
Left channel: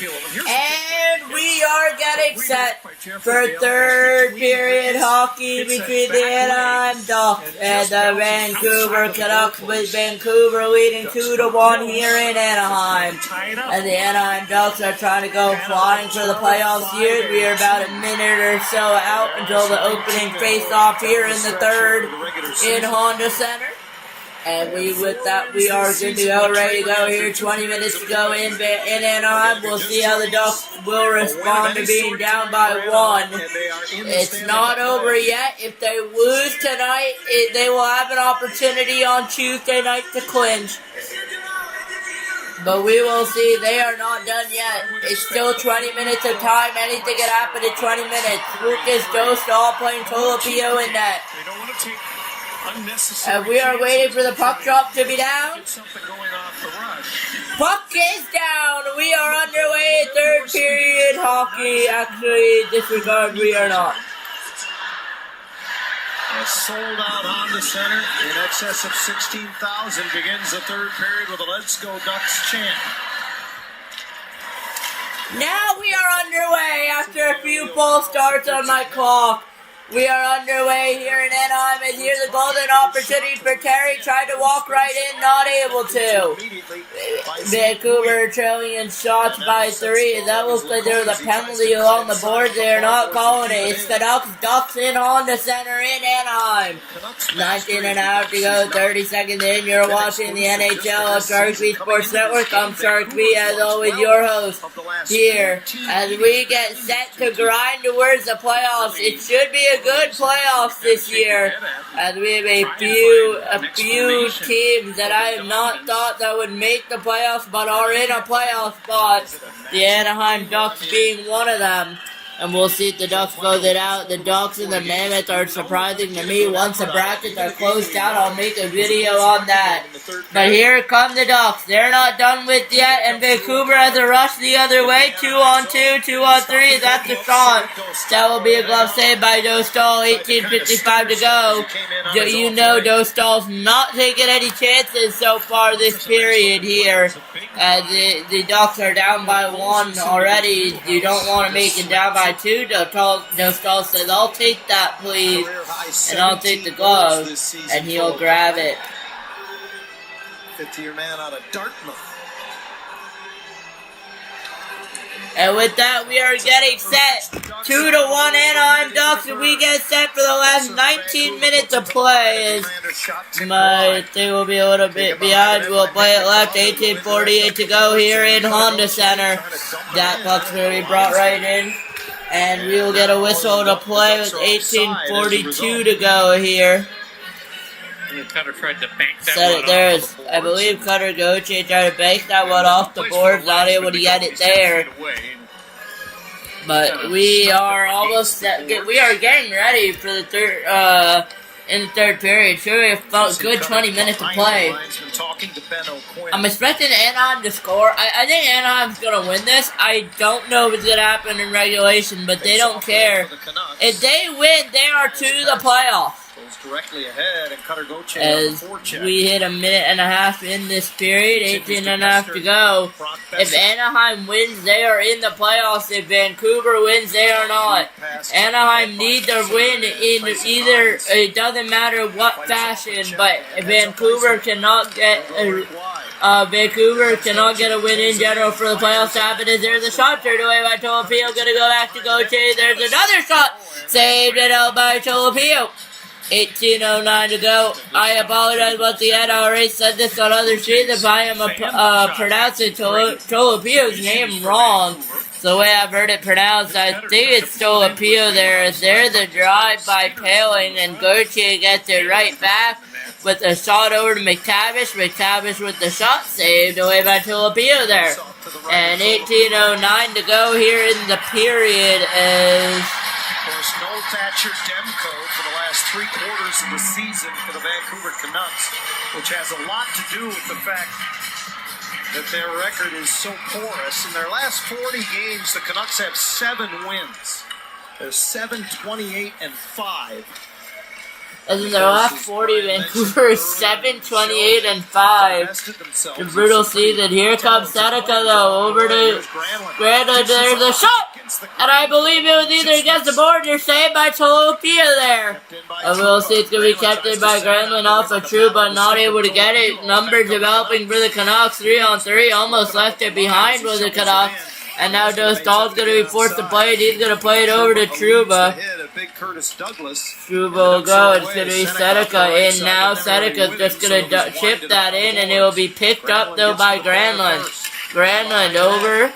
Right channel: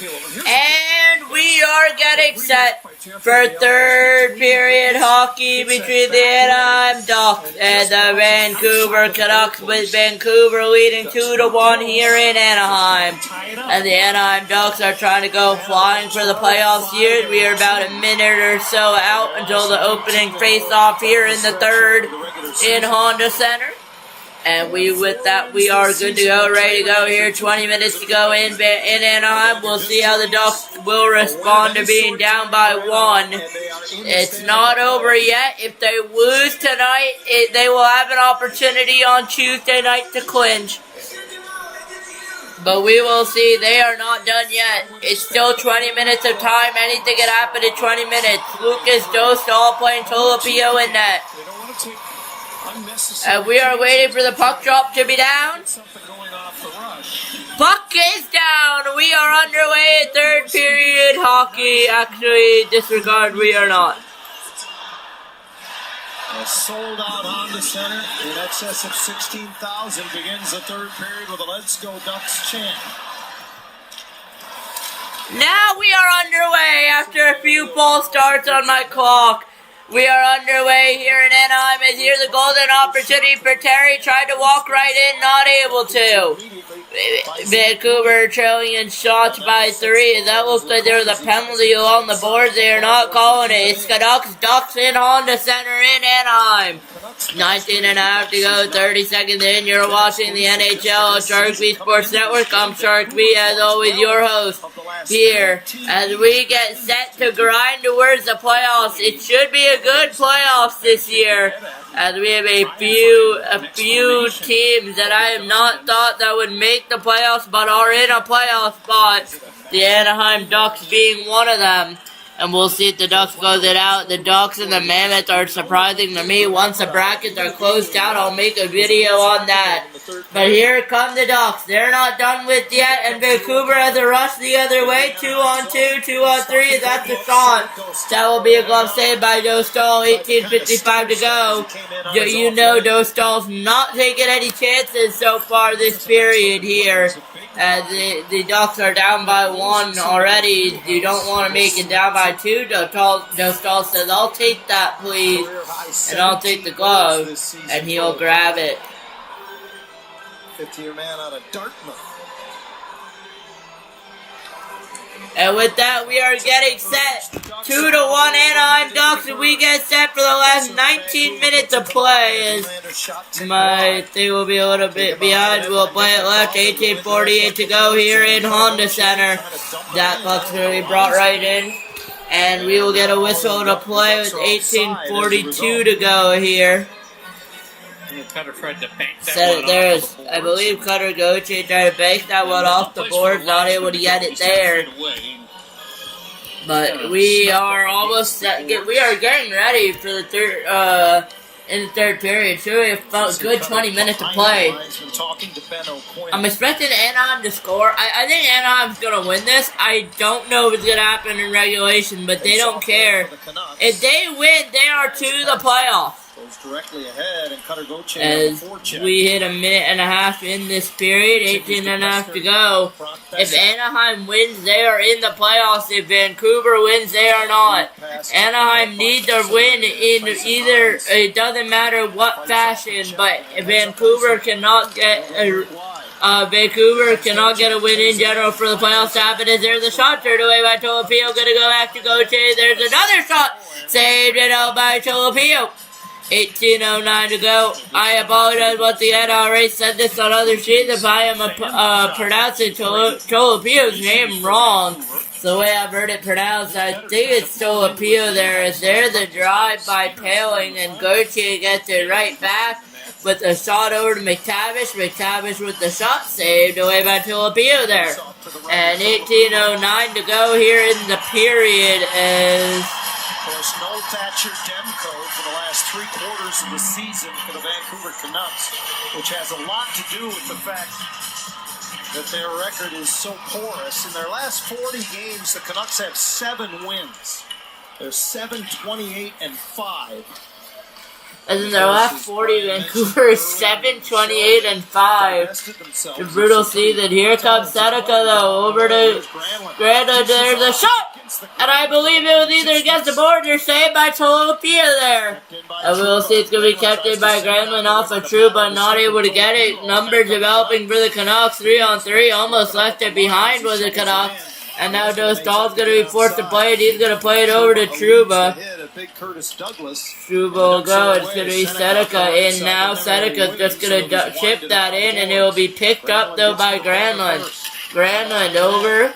And we are getting set for third period hockey between the Anaheim Ducks and the Vancouver Canucks, with Vancouver leading 2-1 here in Anaheim. And the Anaheim Ducks are trying to go flying for the playoffs here. We are about a minute or so out until the opening face-off here in the third in Honda Center. And with that, we are good to go, ready to go here. 20 minutes to go in Anaheim. We'll see how the Ducks will respond to being down by 1. It's not over yet. If they lose tonight, they will have an opportunity on Tuesday night to clinch. But we will see. They are not done yet. It's still 20 minutes of time. Anything can happen in 20 minutes. Lucas Dostal playing Tolopio in net. And we are waiting for the puck drop to be down. Puck is down. We are underway in third period hockey. Actually, disregard, we are not. A sold out Honda Center in excess of 16,000 begins the third period with a Let's Go Ducks chant. Now we are underway after a few false starts on my clock. We are underway here in Anaheim, and here's a golden opportunity for Terry. Tried to walk right in, not able to. Vancouver trailing in shots by 3. That looks like there was a penalty along the boards. They are not calling it. It's Canucks Ducks in Honda Center in Anaheim. 19 and a half to go, 30 seconds in. You're watching the NHL of Sharik Sports Network. I'm Sharik, as always, your host here. As we get set to grind towards the playoffs, it should be a good playoffs this year, as we have a few teams that I have not thought that would make the playoffs but are in a playoff spot, the Anaheim Ducks being one of them. And we'll see if the Ducks close it out. The Ducks and the Mammoths are surprising to me. Once the brackets are closed out, I'll make a video on that. But here come the Ducks. They're not done with yet, and Vancouver has a rush the other way. 2-on-2, 2-on-3. That's the shot. That will be a glove save by Dostal. 18:55 to go. You know Dostal's not taking any chances so far this period here. The Ducks are down by 1 already. You don't want to make it down by 2. Dostal says, I'll take that, please. And I'll take the glove. And he'll grab it. 50-year man out of Dartmouth. And with that, we are getting set. 2-1 Anaheim Ducks, and we get set for the last 19 minutes of play. My thing will be a little bit behind. We'll play it left. 18:48 to go here in Honda Center. That puck's going to be brought right in. And we will get a whistle to play with 18:42 to go here. Cutter tried to bank that Set one it there. off the I believe Cutter Gauthier tried to bank that one off the board, not able to get it there. But we are almost set. We are getting ready for the third, in the third period. Sure, we have a good 20 minutes to play. I'm expecting Anaheim to score. I think Anaheim's going to win this. I don't know if it's going to happen in regulation, but they don't care. If they win, they are to the playoffs. Directly ahead, and Cutter Gauthier as we hit a minute and a half in this period, 18 and a half to go. If Anaheim wins, they are in the playoffs. If Vancouver wins, they are not. Anaheim needs to win in either, it doesn't matter what fashion, but Vancouver cannot get a win in general for the playoffs to happen. As there's a shot turned away by Tolopio, gonna go back to Gauthier. There's another shot saved it out by Tolopio. 18:09 to go. I apologize once again. I already said this on other sheets if I am pronouncing Tolopio's name wrong. The way I've heard it pronounced, I think it's Tolopio there. As there's a drive by Paling, and Gauthier gets it right back with a shot over to McTavish. McTavish with the shot saved away by Tolopio there. And 18:09 to go here in the period as... Of course, no Thatcher Demko for the last 3 quarters of the season for the Vancouver Canucks, which has a lot to do with the fact that their record is so porous. In their last 40 games, the Canucks have 7 wins. They're 7-28-5. As in their last 40, Vancouver is 7-28-5. The brutal season. Here comes Seneca though, over to Granlund. There's a shot! And I believe it was either against the board or saved by Tolopia there. And we'll see it's going to be kept in by Granlund off of True, but not able to get it. Numbers developing for the Canucks, 3-on-3, almost left it behind with the Canucks. And now Dostal's going to be forced to play it. He's going to play it over to Trouba. Trouba will go. It's going to be Seneca in now. Seneca's just going to chip that in, and it will be picked up, though, by Granlund. Granlund over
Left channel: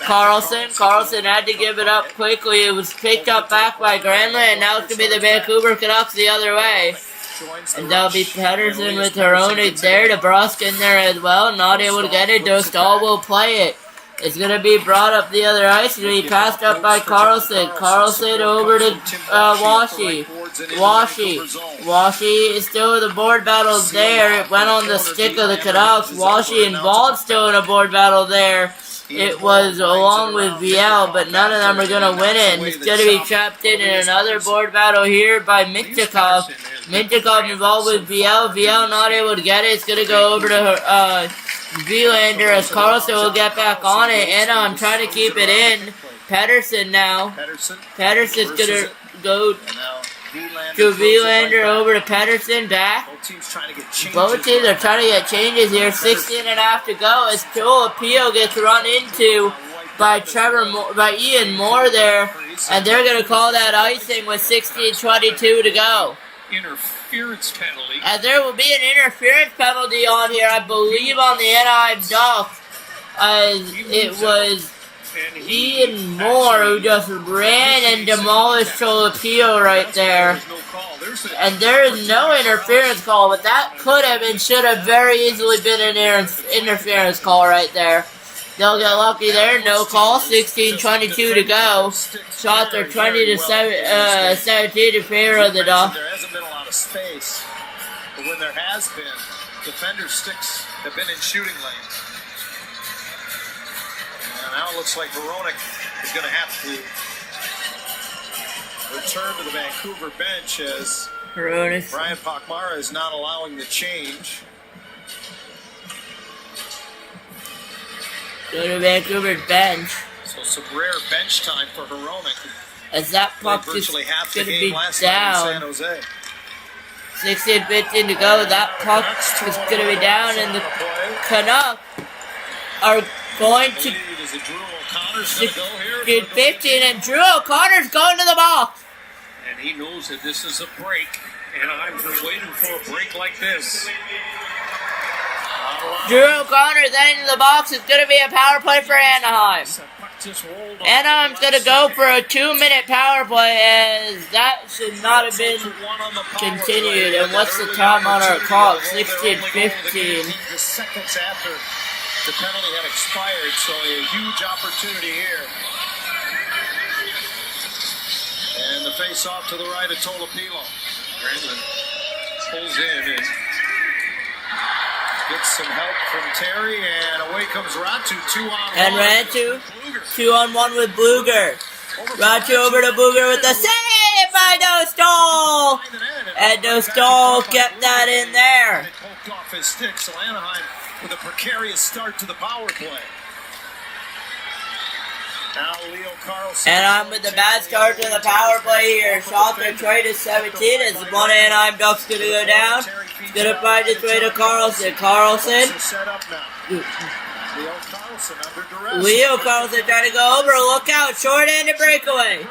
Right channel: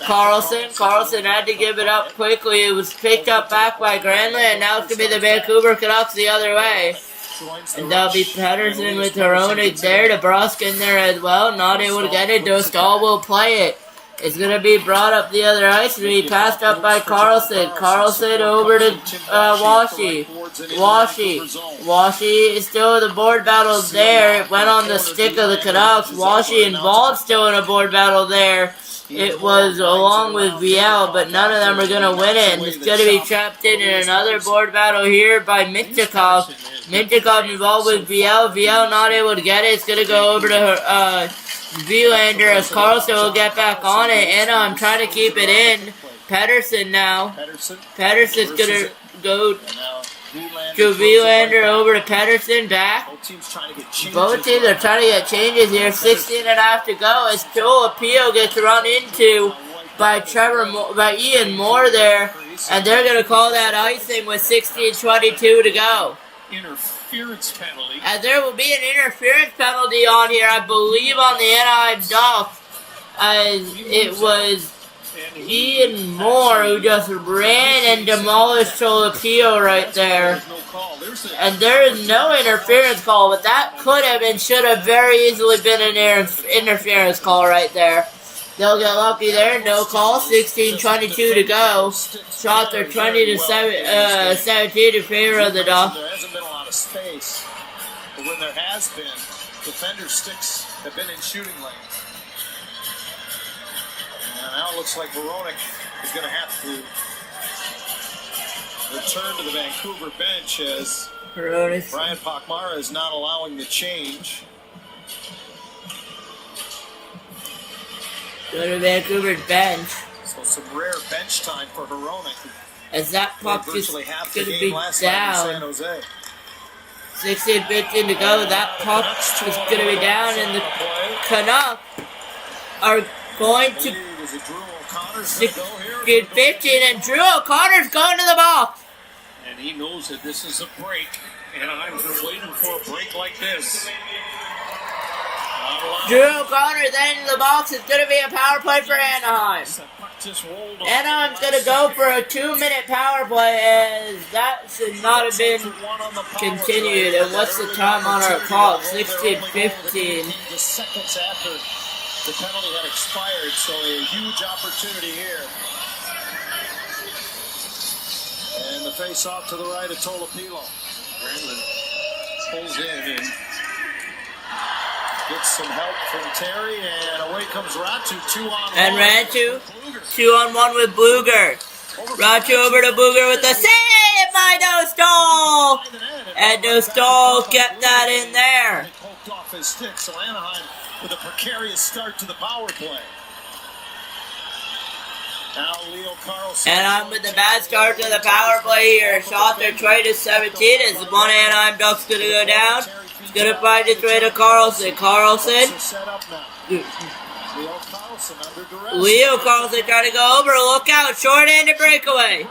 Carlson. Carlson had to give it up quickly. It was picked up back by Granlund, and now it's going to be the Vancouver Canucks the other way. And that'll be Pedersen with Hronek there. DeBrusk in there as well. Not able to get it. Dostal will play it. It's going to be brought up the other ice. It's going to be passed up by Carlson. Carlson over to Washi. Washi is still in the board battle there. It went on the stick of the Canucks. Washi involved still in a board battle there. It was along with Viel, but none of them are going to win it. And it's going to be trapped in another board battle here by Mintyukov. Mintyukov involved with Viel. Viel not able to get it. It's going to go over to Vilander as Carlson will get back on it. Anna, I'm trying to keep it in. Pedersen now. Pedersen's going to go to Vilander over to Pedersen back. Both teams are trying to get changes here. 16.5 to go as Tolopio gets run into by Ian Moore there. And they're going to call that icing with 16:22 to go. Interference penalty. And there will be an interference penalty on here, I believe, on the Anaheim Ducks. As it was Ian Moore who just ran and demolished Tolopio right there. And there is no interference call, but that could have and should have very easily been an interference call right there. They'll get lucky there. No call. 16:22 to go. Shots are 20-17 in favor of the Ducks. There hasn't been a lot of space, but when there has been, defenders' sticks have been in shooting lanes. And now it looks like Hronek is going to have to return to the Vancouver bench as Brian Pakmara is not allowing the change. Go to Vancouver bench. So some rare bench time for Hronek. As that puck is going to be down. 16:15 to go. That puck is going to be down, and the Canucks are going to get 15, and Drew O'Connor's going to the box. And he knows that this is a break, and I've been waiting for a break like this. Drew O'Connor then in the box. Is going to be a power play for Anaheim. Anaheim's going to go for a 2-minute power play, as that should not have been continued. And what's the time on our clock? 16:15. Just seconds after the penalty had expired, so a huge opportunity here. And the face-off to the right of Tolopilo. Granlund pulls in and gets some help from Terry, and away comes Ratu, 2-on-1. And Ratu, 2-on-1 with Bluger. Ratu over to Bluger with the save by Dostal! And Dostal kept that in there. It poked off his stick, so Anaheim with a precarious start to the power play. Now Leo Carlson. Anaheim with the bad start to the power play here. Shots are 20-17 as the one Anaheim Ducks going to go down. He's going to find its way to Carlson. Leo Carlson trying to go over. Look out. Short-handed breakaway.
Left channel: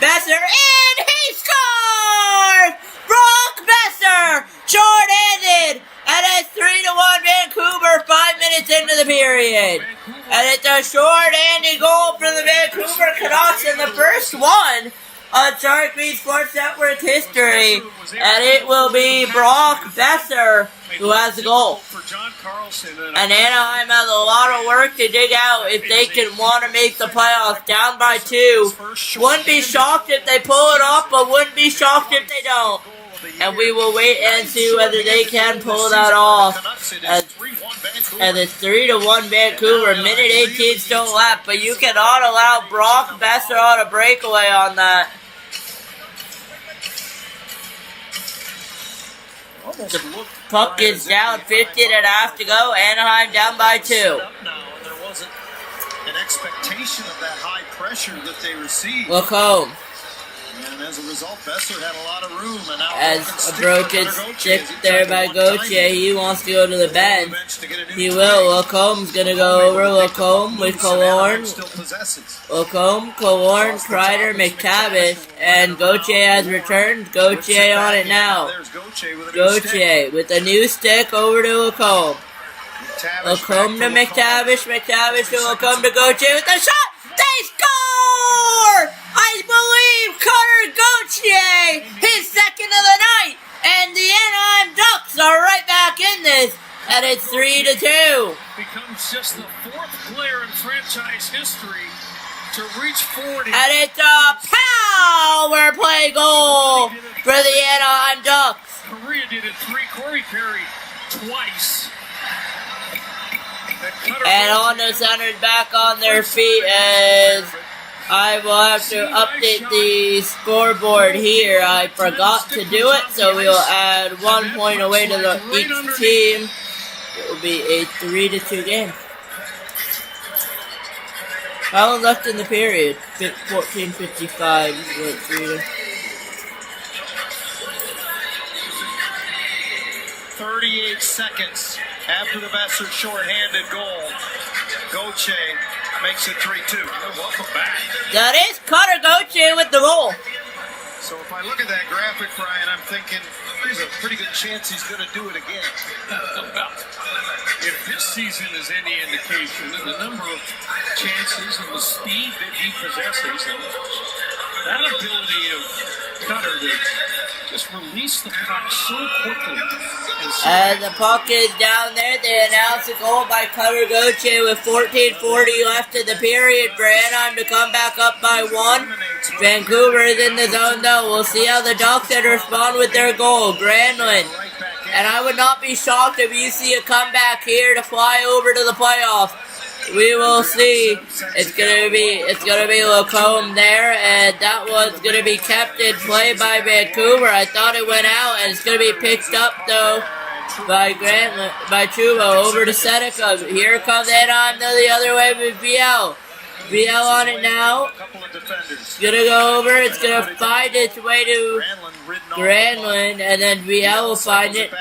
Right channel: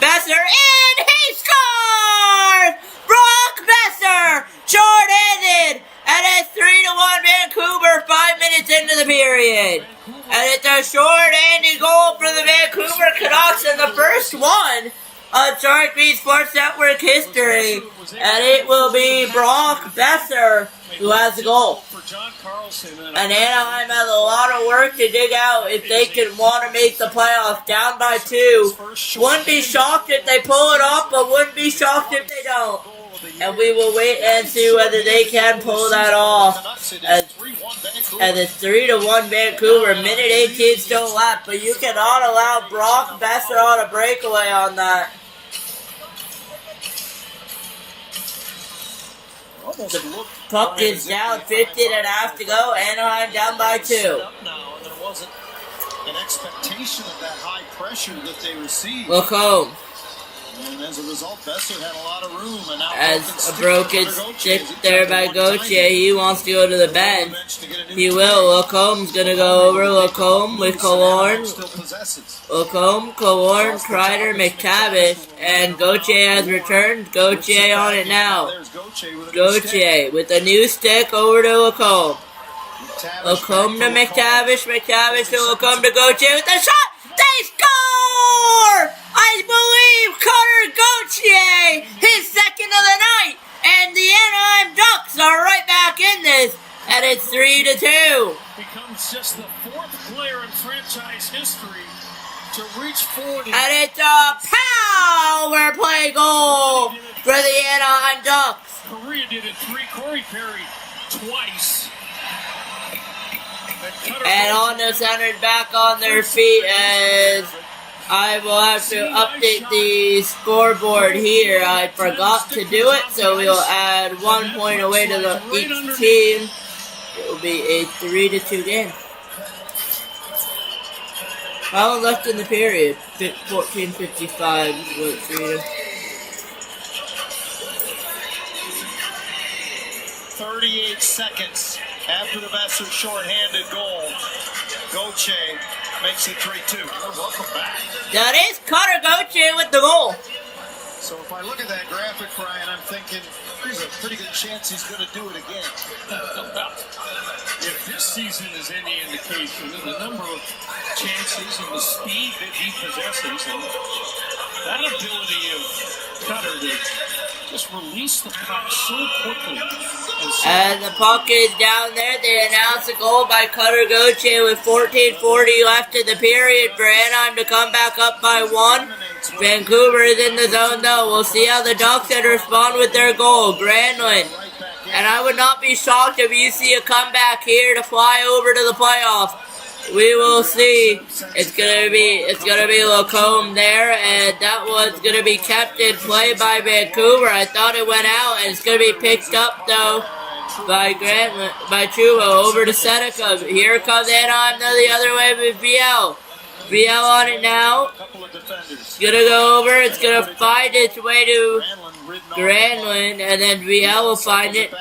Besser in. He scores! Brock Besser. Short-handed. And it's 3-1 Vancouver 5 minutes into the period. And it's a short-handed goal for the Vancouver Canucks in the first one on Sharik Sports Network history. And it will be Brock Besser who has the goal. And Anaheim has a lot of work to dig out if they can want to make the playoffs. Down by 2. Wouldn't be shocked if they pull it off, but wouldn't be shocked if they don't. And we will wait and see whether they can pull that off. As it's 3-1 Vancouver. Minute 18 still left, but you cannot allow Brock Besser on a breakaway on that. almost The looked puck right is as if down, they 15.5 to go. Anaheim down by 2. Up now, and there wasn't an expectation of that high pressure that they received. Look home. And as a result, Besser had a lot of room. And now As a broken stick there by Gauthier, he wants to go to the bench. He will. Lacombe's going to go over. Lacombe with Killorn. Lacombe, Killorn, Kreider, McTavish, and Gauthier has returned. Gauthier on it now. Gauthier with a new stick over to Lacombe. Lacombe to McTavish, McTavish to Lacombe to Gauthier with a shot! They score! I believe Cutter Gauthier, his second of the night, and the Anaheim Ducks are right back in this, and it's 3-2. Becomes just the fourth player in franchise history to reach 40. And it's a power play goal for the Anaheim Ducks. Korea did it 3, Corey Perry twice. And on the centers back on their feet as I will have to update the scoreboard here. I forgot to do it, so we will add 1 point away to each team. It will be a 3-2 game. How long left in the period? 14:55. 38 seconds after the Besser shorthanded goal. Gauthier makes it 3-2. Welcome back. That is Cutter Gauthier with the goal. So if I look at that graphic, Ryan, I'm thinking there's a pretty good chance he's going to do it again. If this season is any indication, and the number of chances and the speed that he possesses, and that ability of Cutter to just release the puck so quickly. And the puck is down there. They announce a goal by Cutter Gauthier with 14:40 left in the period for Anaheim to come back up by 1. Vancouver is in the zone though. We'll see how the Ducks would respond with their goal. Granlund. And I would not be shocked if you see a comeback here to fly over to the playoffs. We will see. It's gonna be Lacombe there, and that one's gonna be kept in play by Vancouver. I thought it went out, and it's gonna be picked up though by Chuba over to Seneca. Here comes Anaheim the other way with VL. VL on it now. It's gonna go over. It's gonna find its way to Granlund, and then VL will find it.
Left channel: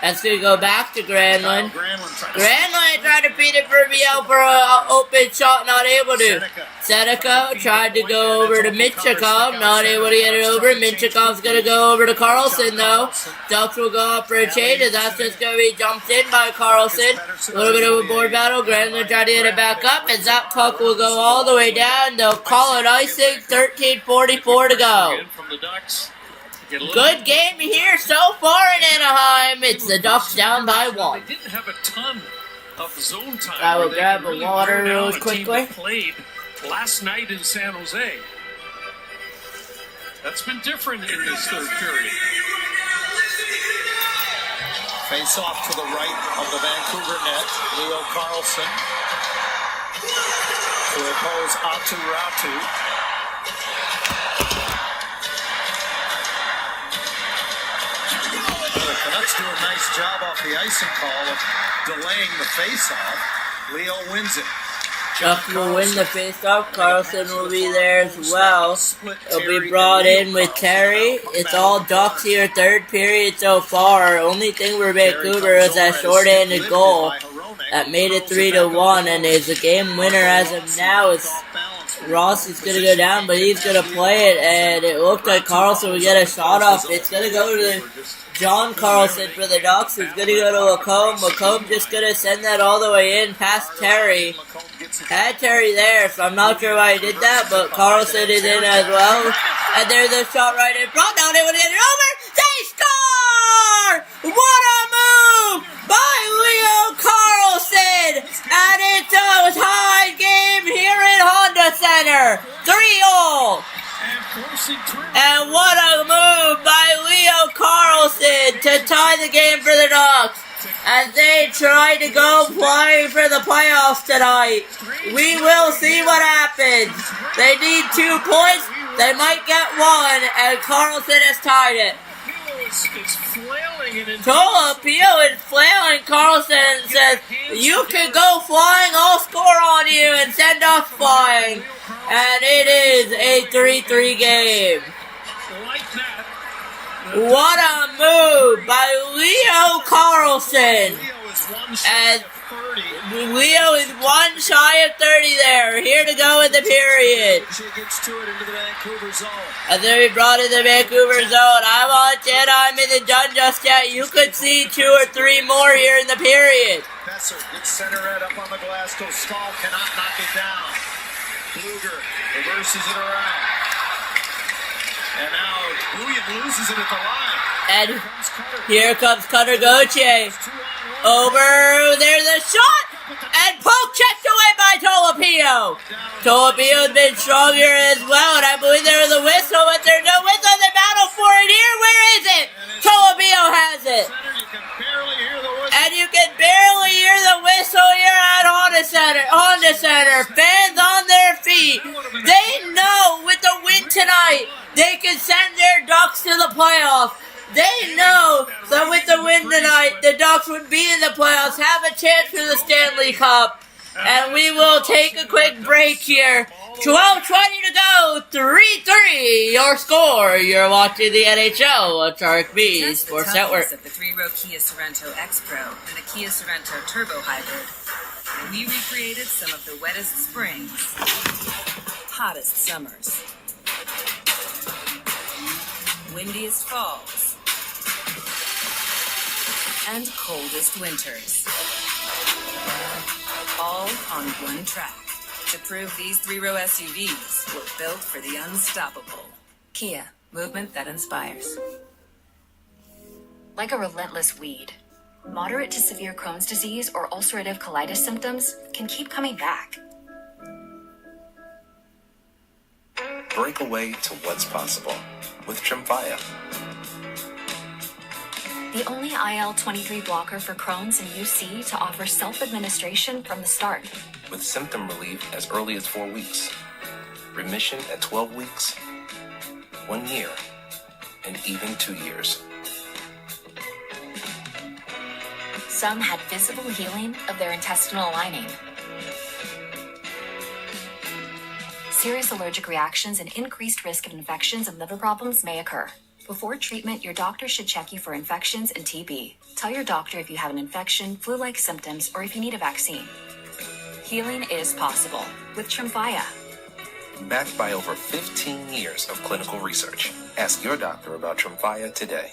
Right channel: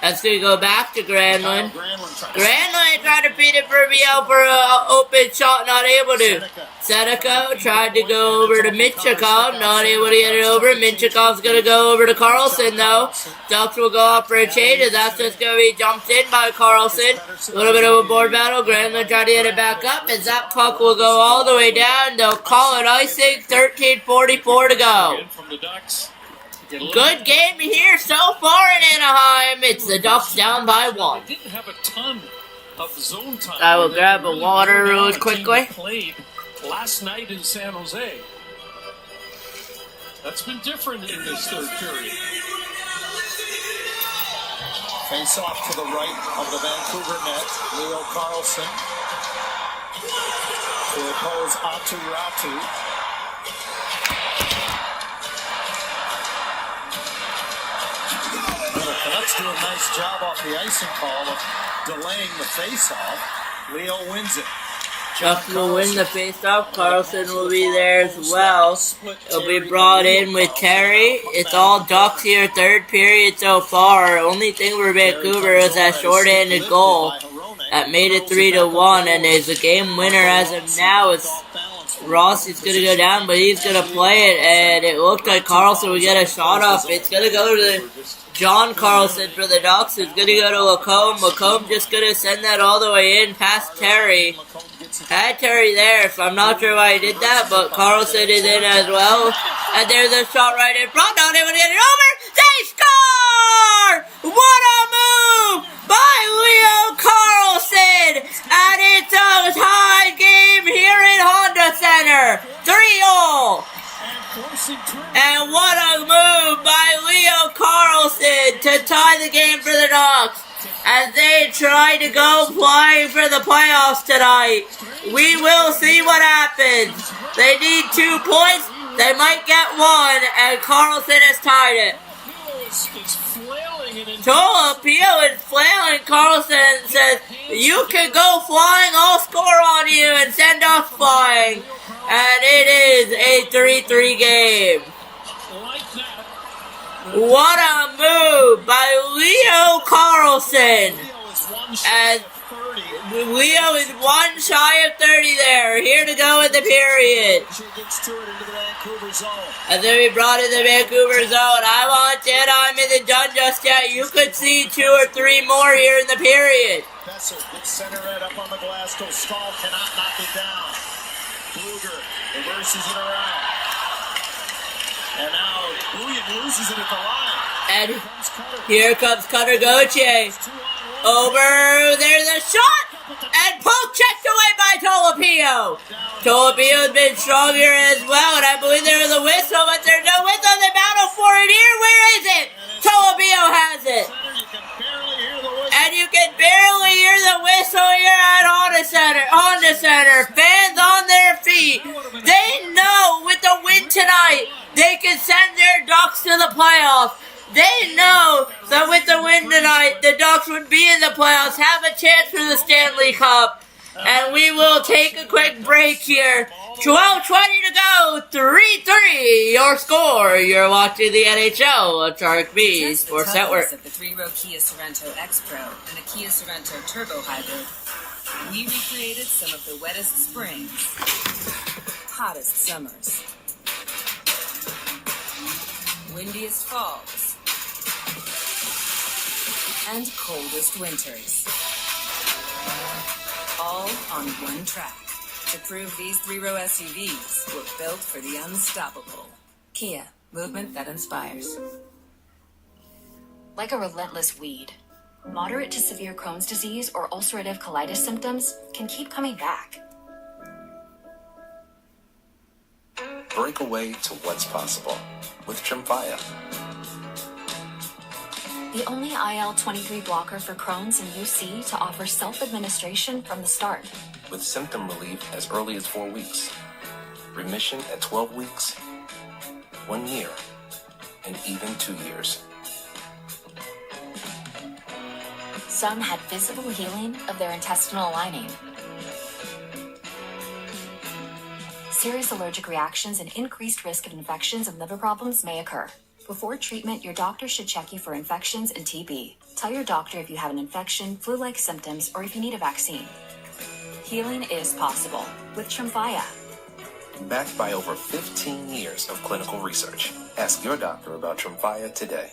That's going to go back to Granlund. Granlund tried to feed it for VL for an open shot, not able to. Seneca tried to go over to Minchikov, not able to get it over. Minchikov's going to go over to Carlson, though. Ducks will go up for a change, as that's just going to be jumped in by Carlson. A little bit of a board battle. Granlund tried to get it back up, and that puck will go all the way down. They'll call it icing, 13:44 to go. Good game here so far in Anaheim. It's the Ducks down by 1. They didn't have a ton of zone time. I will grab a water really quickly. Played last night in San Jose. That's been different in this third period. Face off to the right of the Vancouver net. Leo Carlson to oppose Atu Ratu. The Canucks do a nice job off the icing call of delaying the face-off. Leo wins it. Ducks will win the face-off. Carlson will be there as well. It'll be brought in with Terry. It's all Ducks here, third period so far. Only thing for Vancouver is that short-handed goal that made it 3-1, and is a game winner as of now. It's Rossi's going to go down, but he's going to play it, and it looked like Carlson would get a shot off. It's going to go to John Carlson for the Ducks, who's going to go to Lacombe. Lacombe just going to send that all the way in past Terry. Had Terry there, so I'm not sure why he did that, but Carlson is in as well. And there's a shot right in front. Not able to get it over. They score! What a move by Leo Carlson! And it's a tie game here in Honda Center. 3-all. And what a move by Leo Carlson to tie the game for the Ducks as they try to go playing for the playoffs tonight. We will see what happens. They need 2 points. They might get 1, and Carlson has tied it. It's flailing and Tolopio is flailing. Carlson says, you can go flying, I'll score on you and send us flying. And it is a 3-3 game. What a move by Leo Carlson. As Leo is one shy of 30 there. Here to go in the period. And then we brought in the Vancouver zone. I'm in the done just yet. You could see 2 or 3 more here in the period. Besser gets center red up on the glass. Goes Stahl, cannot knock it down. Bluger reverses it around. And now Bouillon loses it at the line. And here comes Cutter Gauthier. Over, there's a shot! And poke checked away by Tolopio. Tolopio has been strong here as well, and I believe there was a whistle, but there's no whistle. They battle for it here. Where is it? Tolopio has it. And you can barely hear the whistle here at Honda Center. Fans on their feet. They know with the win tonight, they can send their Ducks to the playoffs. They know that with the win tonight, the Ducks would be in the playoffs, have a chance for the Stanley Cup. And we will take a quick break here. 12:20 to go, 3-3 your score. You're watching the NHL on Sharik B Sports Network. Of the 3-row Kia Sorento X-Pro and the Kia Sorento Turbo Hybrid, we recreated some of the wettest springs, hottest summers, windiest falls, and coldest winters. All on one track to prove these 3-row SUVs were built for the unstoppable. Kia, movement that inspires. Like a relentless weed, moderate to severe Crohn's disease or ulcerative colitis symptoms can keep coming back. Break away to what's possible with Tremfya. The only IL-23 blocker for Crohn's and UC to offer self-administration from the start. With symptom relief as early as 4 weeks, remission at 12 weeks, 1 year, and even 2 years. Some had visible healing of their intestinal lining. Serious allergic reactions and increased risk of infections and liver problems may occur. Before treatment, your doctor should check you for infections and TB. Tell your doctor if you have an infection, flu-like symptoms, or if you need a vaccine. Healing is possible with Tremfya. Backed by over 15 years of clinical research. Ask your doctor about Tremfya today.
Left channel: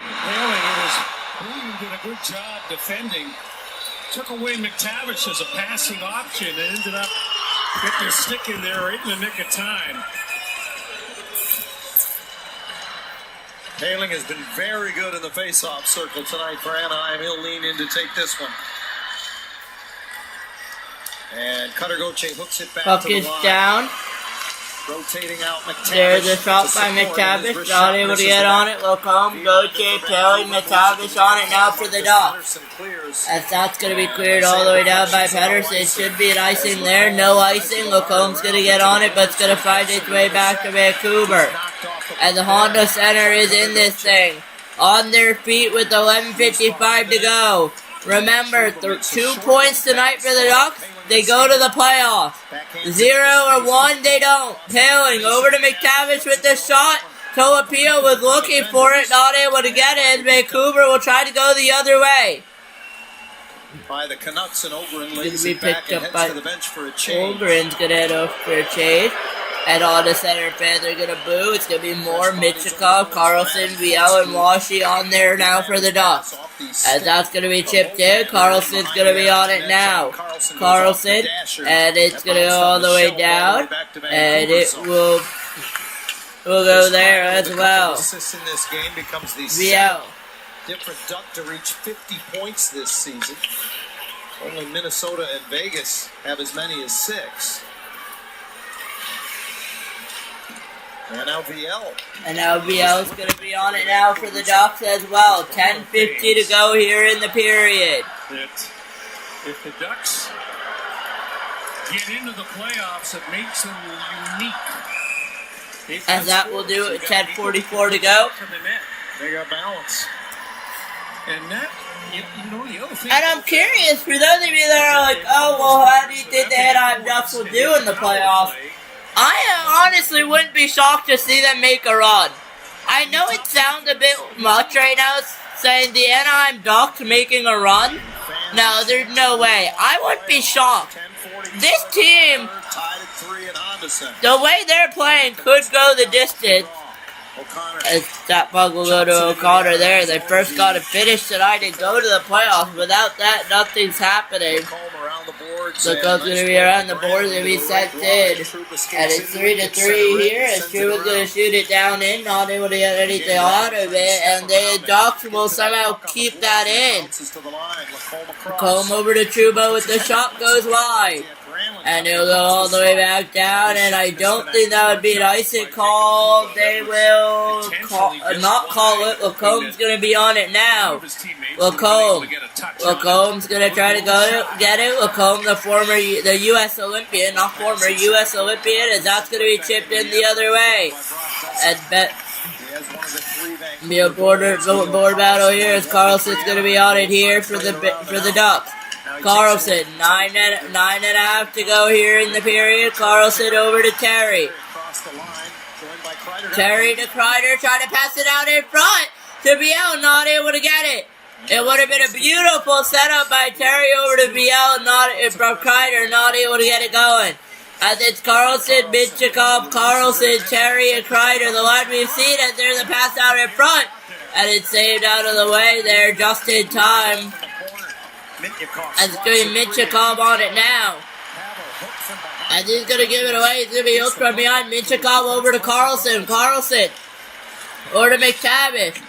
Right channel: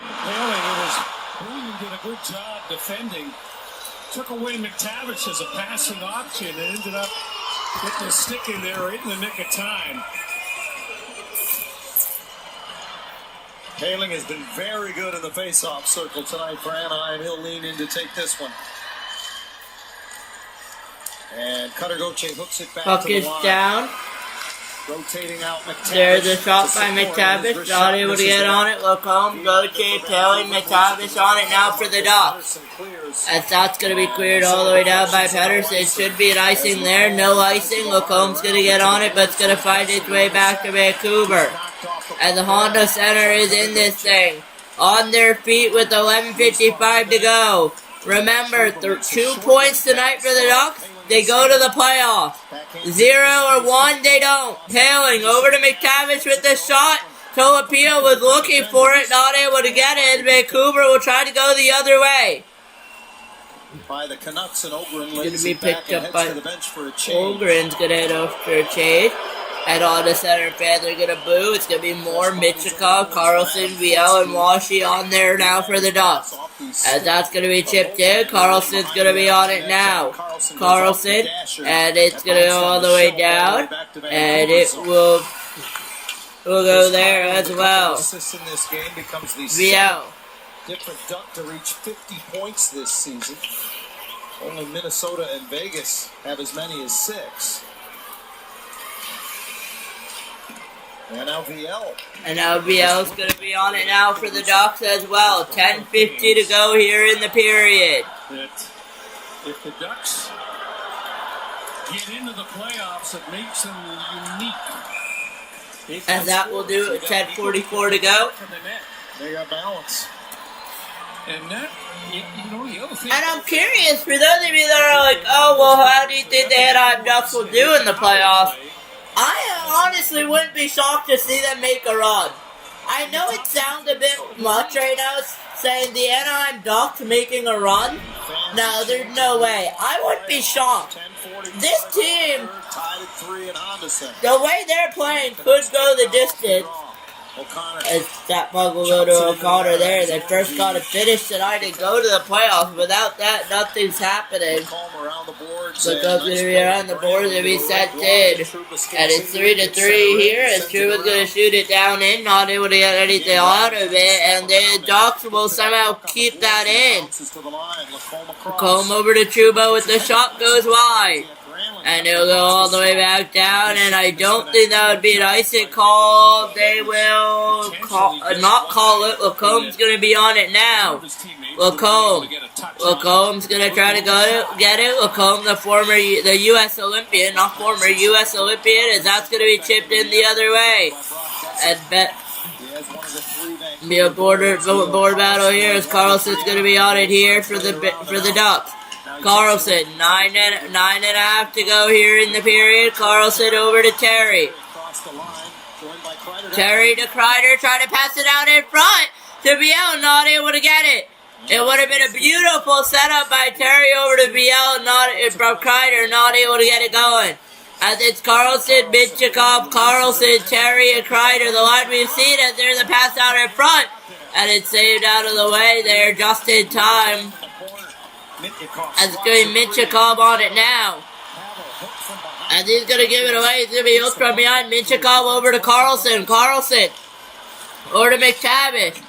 Bouillon did a good job defending. Took away McTavish as a passing option and ended up getting a stick in there right in the nick of time. Paling has been very good in the face-off circle tonight for Anaheim. He'll lean in to take this one. And Cutter Gauthier hooks it back Puck to the is line. down. Rotating out McTavish. There's a shot by McTavish. Not able to get on it. Look home. Gauthier, Paling, McTavish on it now for the Ducks. As that's going to be cleared all the way down by Pedersen. It should be an icing there. No icing. Lacombe's going to get on it, but it's going to find its way back to Vancouver. And the Honda Center is in this thing. On their feet with 11:55 to go. Remember, 2 points tonight for the Ducks. They go to the playoffs. 0 or 1, they don't. Paling over to McTavish with the shot. Tolopio was looking for it, not able to get it. Vancouver will try to go the other way. By the Canucks, and Ogren Going lays to be it back picked and up heads by to the bench for a change. Ogren's going to head over for a change. And all the center fans are going to boo. It's going to be more Michikov, Carlson, Viel, and Washy on there now for the Ducks. As that's going to be chipped in. Carlson's going to be on it now. Carlson. And it's going to go all the way down. And it will go there as well. Assists in this game becomes the Viel. different Duck to reach 50 points this season. Only Minnesota and Vegas have as many as 6. And now VL. And now VL's going to be on it now for the Ducks as well. 10:50 to go here in the period. That if the Ducks get into the playoffs, it makes them unique And that will do it. 10:44 to go. They got balance. And that, you know, the other thing. And I'm curious, for those of you that are like, oh, well, how do you think the Anaheim Ducks will do in the playoffs? I honestly wouldn't be shocked to see them make a run. I know it sounds a bit much right now, saying the Anaheim Ducks making a run. No, there's no way. I wouldn't be shocked. This team, the way they're playing, could go the distance. As that puck will go to O'Connor there. They first got to finish tonight and go to the playoffs. Without that, nothing's happening. So Cole's going to be around the boards and be sent in. And it's 3-3 here as Truba's going to shoot it down in, not able to get anything out of it. And the Ducks will somehow keep that in. Combe over to Truba with the shot goes wide. And it'll go all the way back down, and I don't think that would be an icing call. They will not call it. Lacomb's going to be on it now. Lacomb's going to try to get it. Lacombe, the U.S. Olympian, not former U.S. Olympian, as that's going to be chipped in the other way. And be a board battle here as Carlson's going to be on it here for the Ducks. Carlson, 9.5 to go here in the period. Carlson over to Terry. Terry to Kreider, trying to pass it out in front to Biel, not able to get it. It would have been a beautiful setup by Terry over to Biel, from Kreider, not able to get it going. As it's Carlson, Minchikov, Carlson, Terry, and Kreider, the line we've seen as there's a pass out in front. And it's saved out of the way there just in time. And it's going to be Minchikov on it now. And he's going to give it away. He's going to be hooked from behind. Minchikov over to Carlson. Carlson over to McTavish.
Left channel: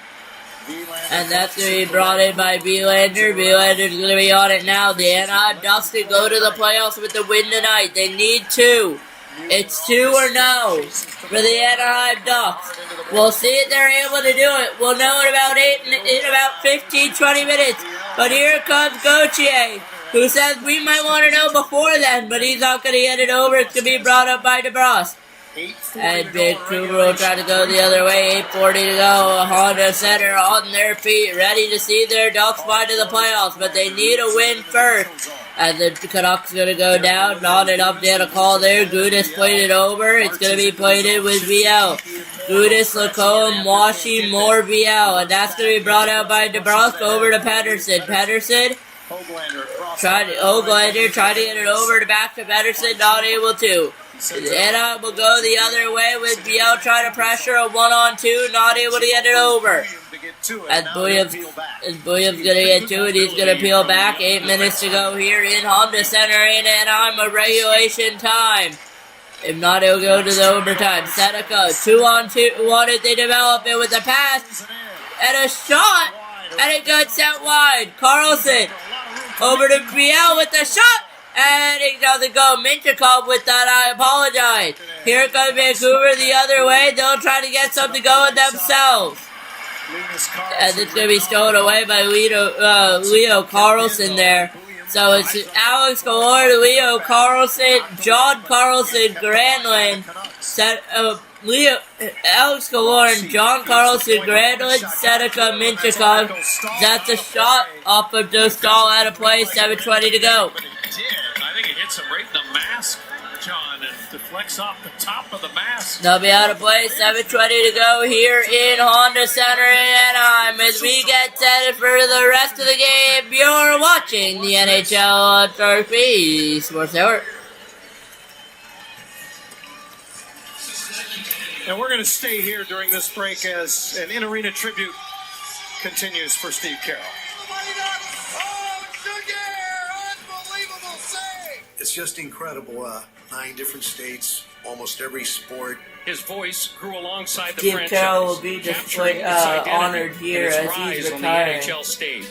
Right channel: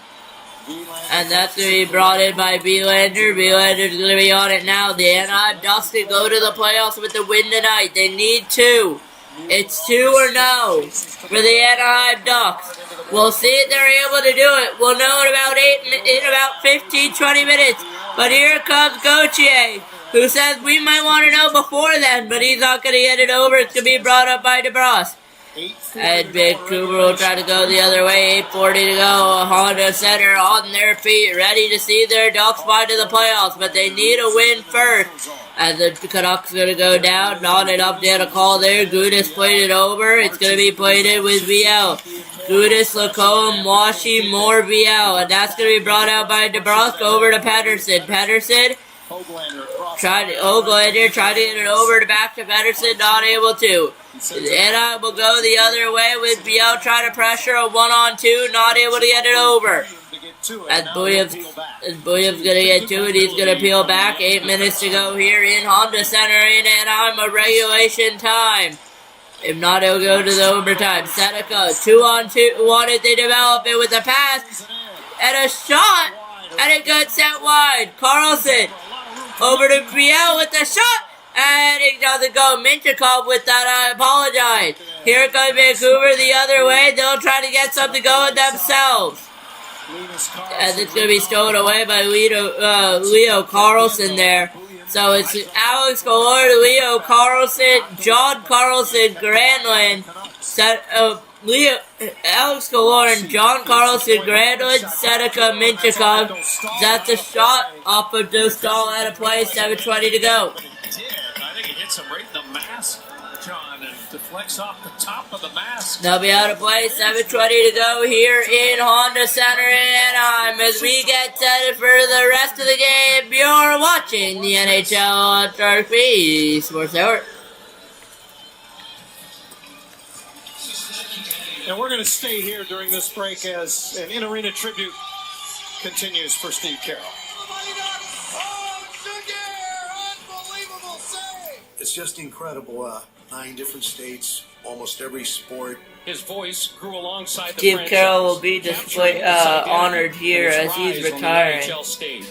And that's going to be brought in by Belander. Belander's going to be on it now. The Anaheim Ducks can go to the playoffs with the win tonight. They need 2. It's 2 or no for the Anaheim Ducks. We'll see if they're able to do it. We'll know in about 15, 20 minutes. But here comes Gauthier, who says we might want to know before then, but he's not going to get it over. It's going to be brought up by DeBrus. And Vancouver will try to go the other way. 8:40 to go. Honda Center on their feet, ready to see their Ducks fly to the playoffs, but they need a win first. And the Canucks going to go down. Not enough to get a call there. Gudis played it over. It's going to be played in with Viel. Gudis, Lacombe, Washi, more Viel. And that's going to be brought out by DeBrusque over to Pettersson. Pettersson tried to get it over back to Pettersson. Not able to. Anna will go the other way with Viel trying to pressure a 1-on-2. Not able to get it over. And Buyev's going to get to it. He's going to peel back. 8 minutes to go here in Honda Center in Anaheim of regulation time. If not, it'll go to the overtime. Seneca, 2-on-2. Wanted to develop it with a pass and a shot. And it got sent wide. Carlson over to Biel with the shot. And it doesn't go. Minchikov with that, I apologize. Here comes Vancouver the other way. They'll try to get something going themselves. And it's going to be stolen away by Leo Carlson there. So it's Alex Galore, Leo Carlson, John Carlson, Granlund, Alex Galore and John Carlson, Granlund, Seneca, Minchikov. That's a shot off of Dostal out of play, 7:20 to go. I think it hits him right in the mask, John, and deflects off the top of the mask. They'll be out of play, 7:20 to go here in Honda Center in Anaheim as we get set for the rest of the game. You're watching the NHL on Shark B Sports Network. And we're going to stay here during this break as an in-arena tribute continues for Steve Carroll. It's just incredible. 9 different states, almost every sport. His voice grew alongside the Steve franchise. Carroll will be honored here as he's retiring. NHL stage.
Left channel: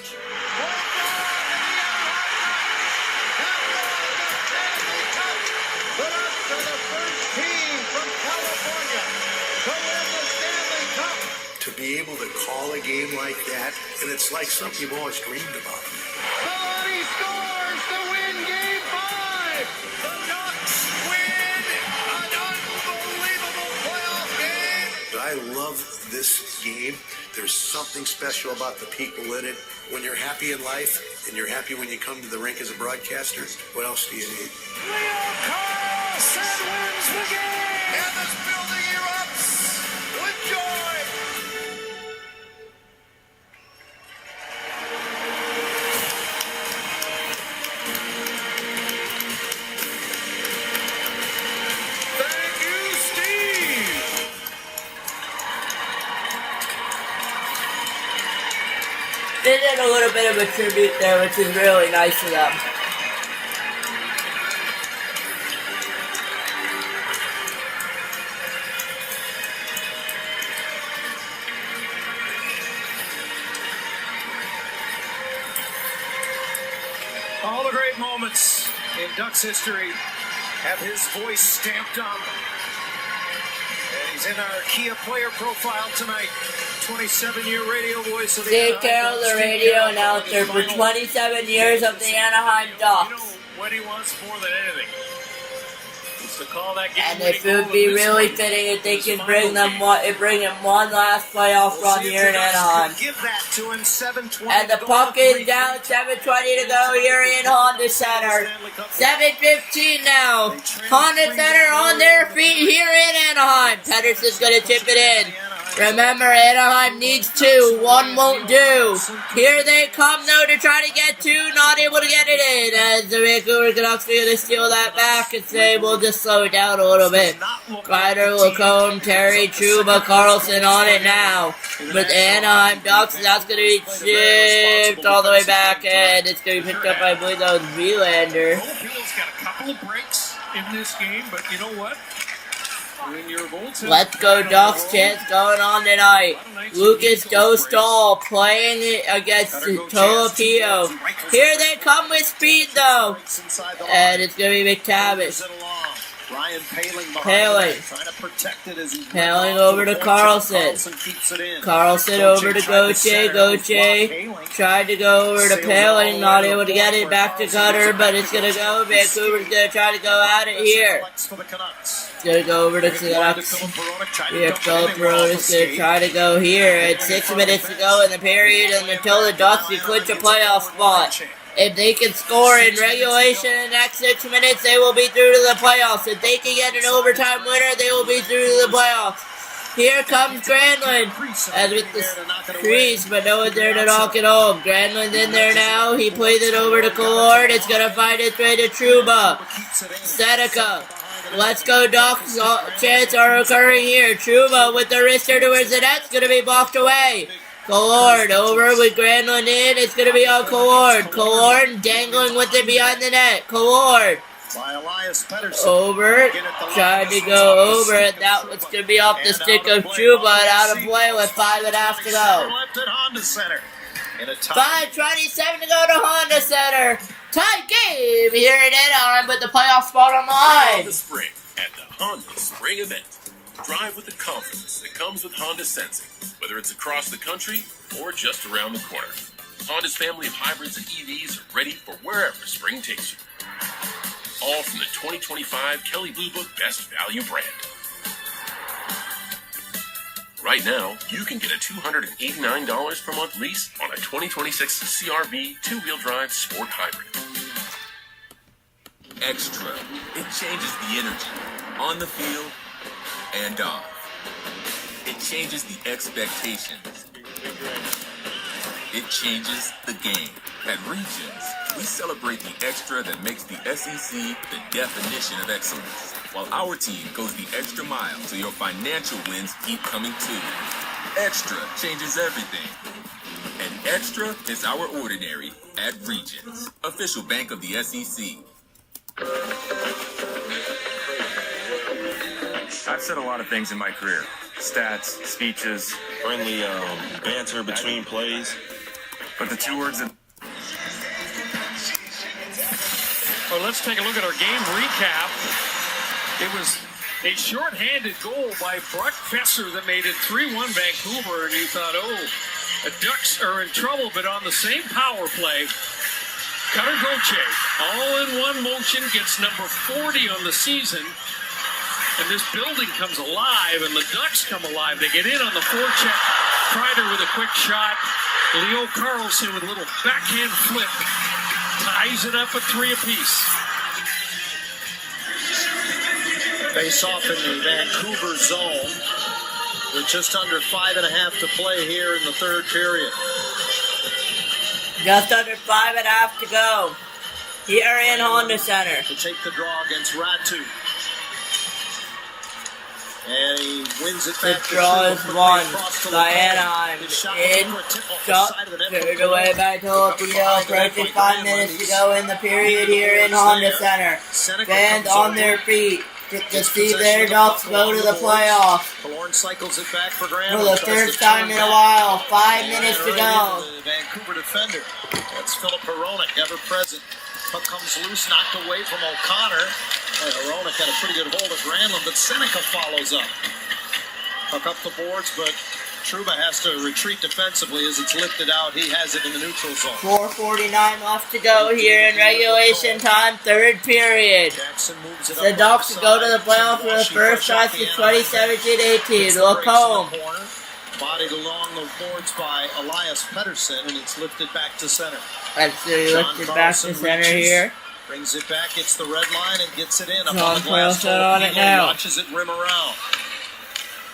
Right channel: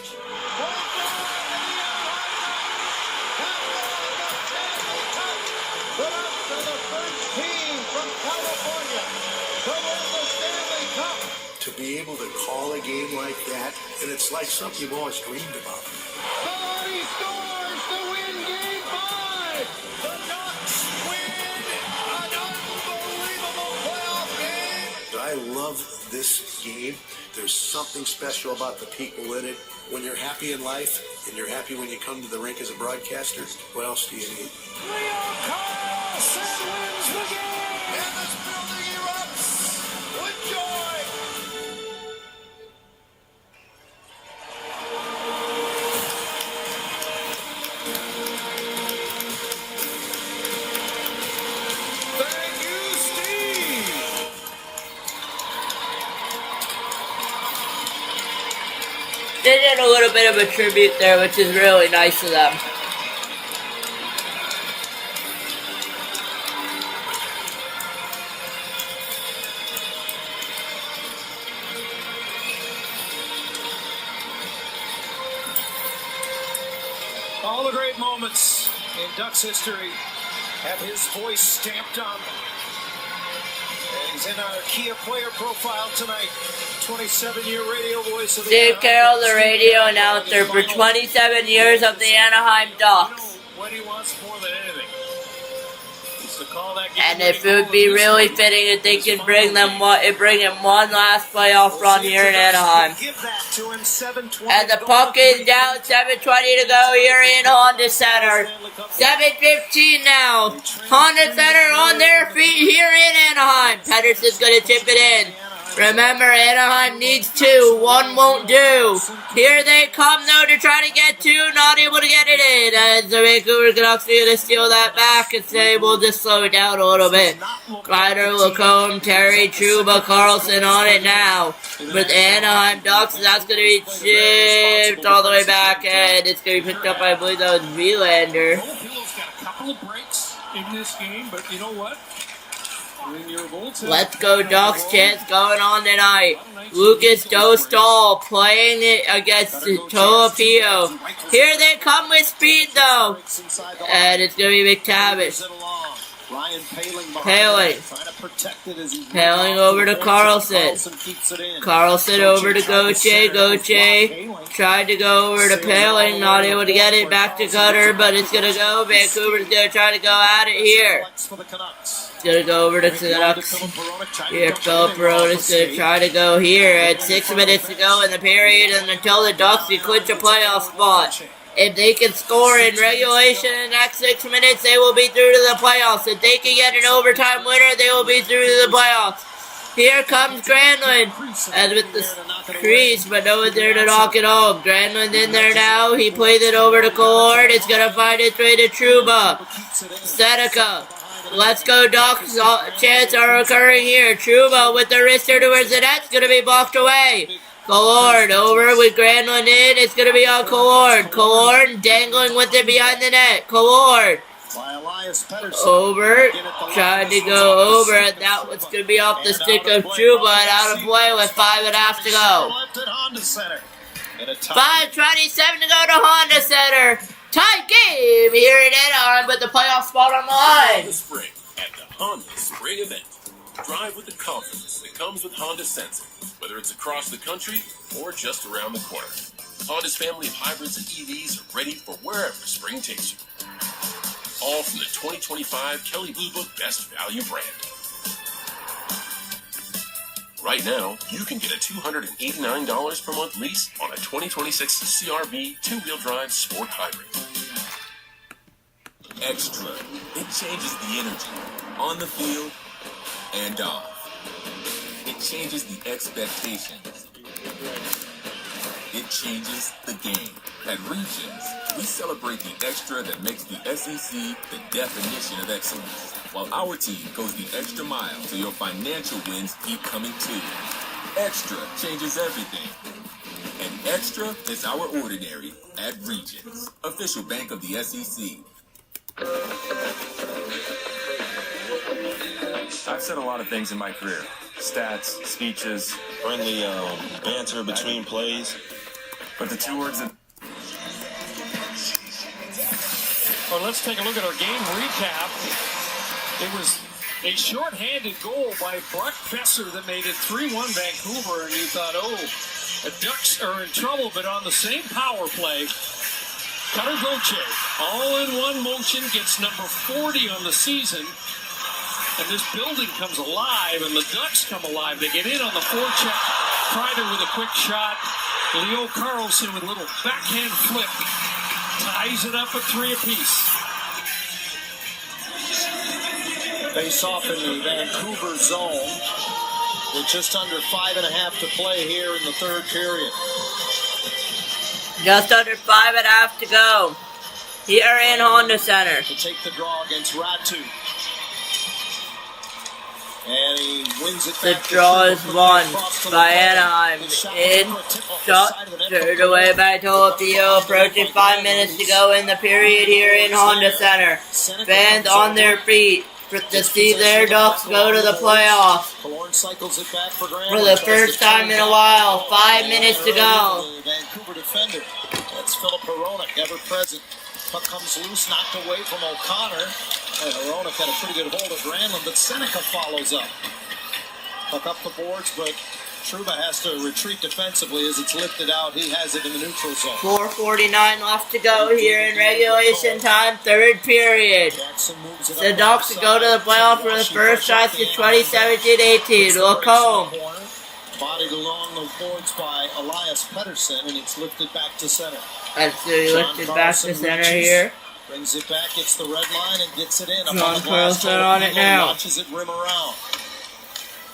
To be able to call a game like that, and it's like something you've always dreamed about. Somebody scores to win Game 5. The Ducks win an unbelievable playoff game. I love this game. There's something special about the people in it. When you're happy in life and you're happy when you come to the rink as a broadcaster, what else do you need? Leo Carlson wins the game! And it's building you up with joy! Thank you, Steve! They did a little bit of a tribute there, which is really nice of them. All the great moments in Ducks history have his voice stamped on them. And he's in our Kia player profile tonight. 27-year radio voice of the Steve Anaheim Carroll, Ducks. the Steve radio Carroll, announcer for final 27 years of the Anaheim Ducks. what he wants more than anything is to call that game. And it would be really fitting if they could bring him one last playoff run here in Anaheim. Give that to him. 7:20 And the puck is down, 7:20 to go here in Honda Center. 7:15 now. Honda Center on their feet here in Anaheim. Pedersen's going to chip it in. Remember, Anaheim needs two. One won't do. Here they come, though, to try to get two. Not able to get it in. As the Vancouver Canucks are going to steal that back and say, we'll just slow it down a little bit. Ryder, Lacombe, Terry, Trouba, Carlson on it now. But the Anaheim Ducks, that's going to be chipped all the way back. And it's going to be picked up by, I believe that was Wielander. Hill's got a couple of breaks in this game, but you know what? Let's go Ducks chance going on tonight. Lucas Dostal playing it against Tolopio. Here they come with speed though. And it's going to be McTavish. Paling over to Carlson. Carlson over to Gauthier. Gauthier tried to go over to Paling. Not able to get it back to Cutter, but it's going to go. Vancouver's going to try to go at it here. It's going to go over to Canucks. Here, Philip Peronis going to try to go here at 6 minutes to go in the period and until the Ducks can clinch a playoff spot. If they can score in regulation in the next 6 minutes, they will be through to the playoffs. If they can get an overtime winner, they will be through to the playoffs. Here comes Granlund, as with the crease, but no one's there to knock it home. Granlund's in there now. He plays it over to Collard. It's going to find its way to Trouba. Seneca. Let's go, Ducks. Chance are occurring here. Trouba with the wrister towards the net. It's going to be blocked away. Collard over with Granlund in. It's going to be on Collard. Collard dangling with it behind the net. Collard. Over. Tried to go over it. That was going to be off the stick of Trouba and out of play with 5.5 to go. 5:27 to go to Honda Center. Tie game here in Anaheim, but the playoff spot on the line. Honda Spring at the Honda Spring event. Drive with the confidence that comes with Honda Sensing, whether it's across the country or just around the corner. Honda's family of hybrids and EVs are ready for wherever spring takes you. All from the 2025 Kelley Blue Book Best Value brand. Right now, you can get a $289 per month lease on a 2026 CR-V two-wheel drive sport hybrid. Extra. It changes the energy on the field and off. It changes the expectations. It changes the game. At Regions, we celebrate the extra that makes the SEC the definition of excellence, while our team goes the extra mile so your financial wins keep coming too. Extra changes everything. And extra is our ordinary at Regions, official bank of the SEC. I've said a lot of things in my career. Stats, speeches, Friendly banter between plays. but the two words that Well, let's take a look at our game recap. It was a shorthanded goal by Brock Besser that made it 3-1 Vancouver, and you thought, oh, the Ducks are in trouble, but on the same power play, Cutter Gauthier, all in one motion, gets number 40 on the season, And this building comes alive, and the Ducks come alive. They get in on the forecheck. Kreider with a quick shot. Leo Carlson with a little backhand flip. Ties it up at 3 apiece. Face off in the Vancouver zone with just under 5.5 to play here in the third period. Just under 5.5 to go here in Honda Center. To take the draw against Ratu. And he wins it back. The draw is won by Anaheim. In shot, turned away by Tolopio. Approaching 5 minutes to go in the period here in Honda Center. Fans on their feet to see their Ducks go to the playoffs. Cycles it back for the first time in a while. 5 minutes to go. The Vancouver defender. That's Philip Hronek, ever present. Puck comes loose, knocked away from O'Connor. And Hronek had a pretty good hold of Granlund, but Seneca follows up. Puck up the boards, but Trouba has to retreat defensively as it's lifted out. He has it in the neutral zone. 4:49 left to go here in regulation time, third period. The Ducks go to the playoffs for the first time since 2017-18. Lacombe. Bodied along the boards by Elias Pettersson, and it's lifted back to center. That's lifted back to center here. Brings it back, gets the red line, and gets it in. John Carlson on it now. Watches it rim around.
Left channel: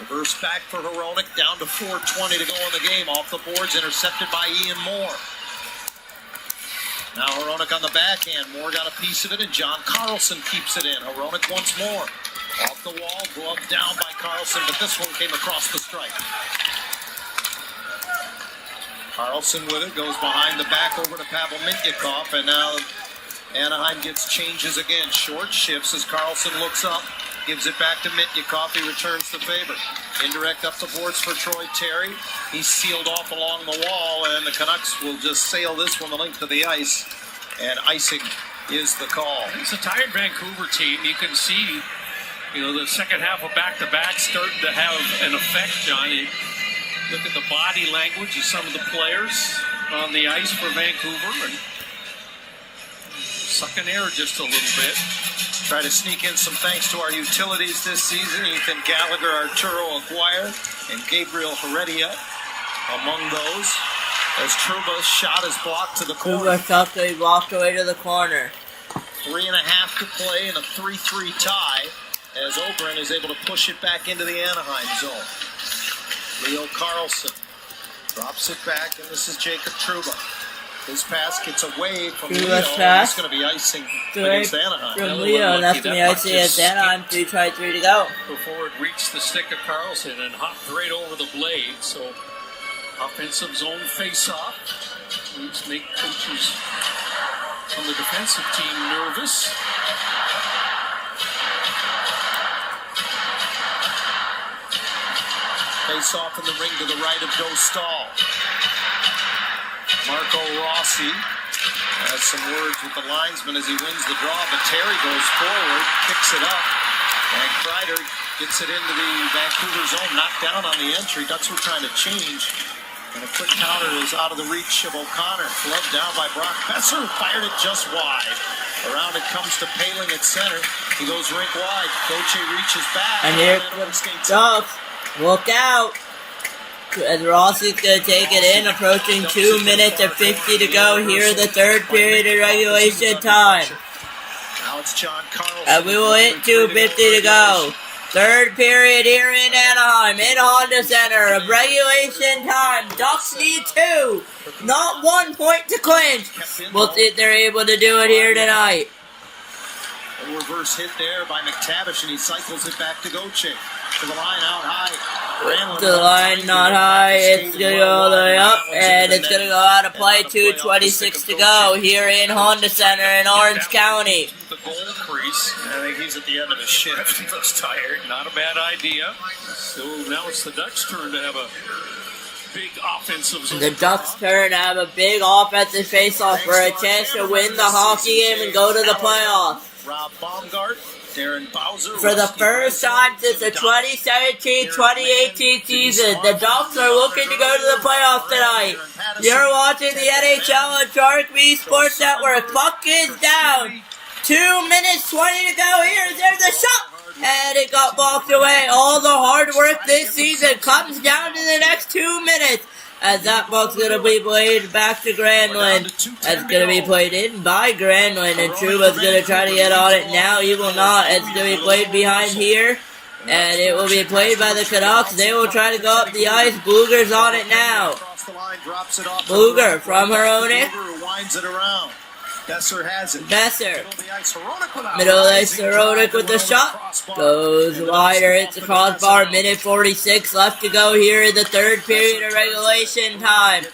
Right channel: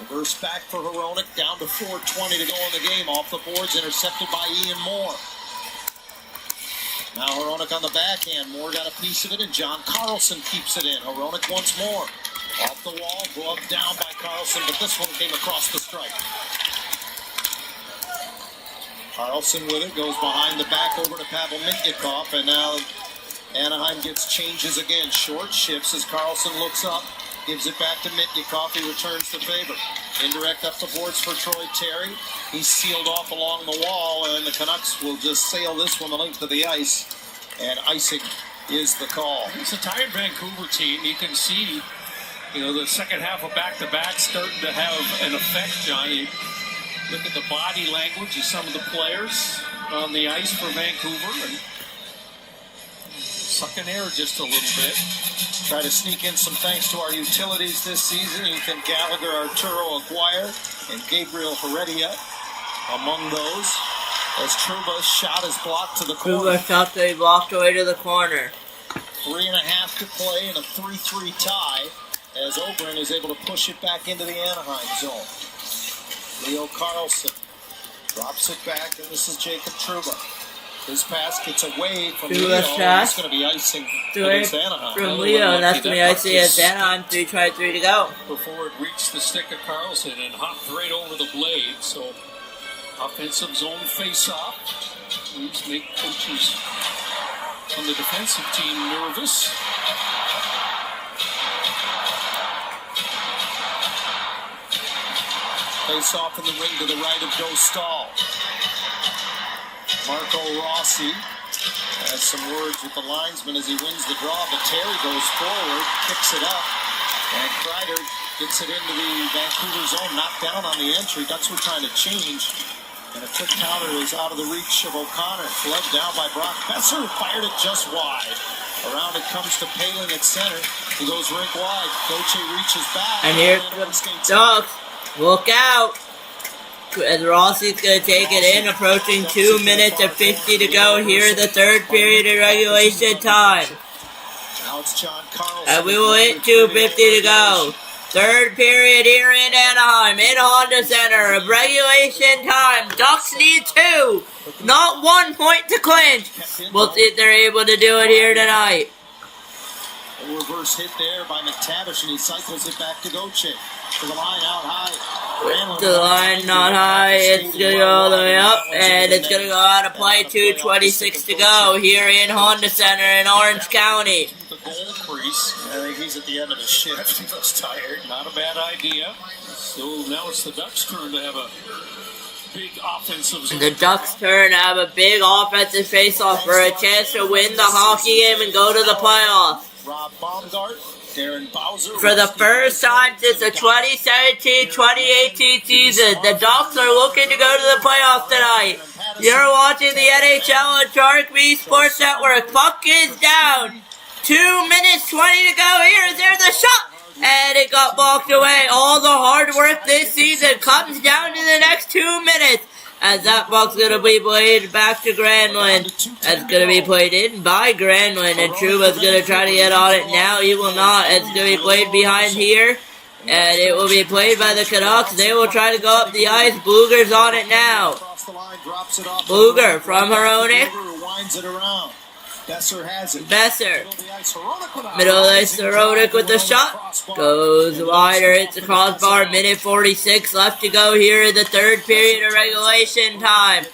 Reverse back for Hronek, down to 4:20 to go in the game. Off the boards, intercepted by Ian Moore. Now Hronek on the backhand. Moore got a piece of it, and John Carlson keeps it in. Hronek once more. Off the wall, glove down by Carlson, but this one came across the strike. Carlson with it, goes behind the back over to Pavel Mintyukov, and now Anaheim gets changes again. Short shifts as Carlson looks up, gives it back to Mintyukov. He returns the favor. Indirect up the boards for Troy Terry. He's sealed off along the wall, and the Canucks will just sail this one the length of the ice, and icing is the call. It's a tired Vancouver team. You can see, the second half of back-to-back starting to have an effect, Johnny. Look at the body language of some of the players on the ice for Vancouver and sucking air just a little bit. Try to sneak in some thanks to our utilities this season. Ethan Gallagher, Arturo Aguirre, and Gabriel Heredia among those. As Trouba's shot is blocked to the corner. Trouba's shot to be blocked away to the corner. 3.5 to play in a 3-3 tie as Oberon is able to push it back into the Anaheim zone. Leo Carlson drops it back, and this is Jacob Trouba. His pass gets away from Leo, and it's going to be icing against Anaheim. From Leo, and that's going to be icing against Anaheim. 3:23 to go. Before it reached the stick of Carlson and hopped right over the blade, so offensive zone face-off. Let's make coaches on the defensive team nervous. Face off in the ring to the right of Dostal. Marco Rossi has some words with the linesman as he wins the draw, but Terry goes forward, kicks it up, and Kreider gets it into the Vancouver zone, knocked down on the entry. Ducks were trying to change, and a quick counter is out of the reach of O'Connor. Gloved down by Brock Besser, fired it just wide. Around it comes to Paling at center. He goes rink wide. Gauthier reaches back. And here comes Ducks. Look out! As Rossi's going to take it in, approaching 2 minutes and 50 to go here in the third period of regulation time. Now it's John Carlson. And we will hit 2:50 to go. Third period here in Anaheim, in Honda Center, of regulation time. Ducks need 2, not 1 point to clinch. We'll see if they're able to do it here tonight. A reverse hit there by McTavish, and he cycles it back to Gauthier. To the line out high. To the line not high. It's going to go all the way up, and it's going to go out of play. 2:26 to go here in Honda Center in Orange County. The goal crease. I think he's at the end of his shift. He looks tired. Not a bad idea. So now it's the Ducks' turn to have a big offensive zone. The Ducks' turn to have a big offensive face-off for a chance to win the hockey game and go to the playoffs. Rob Baumgart. Darren Bowser. For the first time since the 2017-2018 season, the Ducks are looking to go to the playoffs tonight. You're watching the NHL on Sharik Sports Network. Puck is down. 2 minutes 20 to go here. There's a shot. and it got blocked away. All the hard work this season comes down to the next 2 minutes. As that puck's going to be played back to Granlund. That's going to be played in by Granlund. And Trouba's going to try to get on it now. He will not. It's going to be played behind here. And it will be played by the Canucks. They will try to go up the ice. Bluger's on it now. Bluger from Hronek. Winds it around. Besser has it. Besser. Middle of the ice, Hronek with the shot. Goes wider, hits the crossbar. Minute 46 left to go here in the third period of regulation time.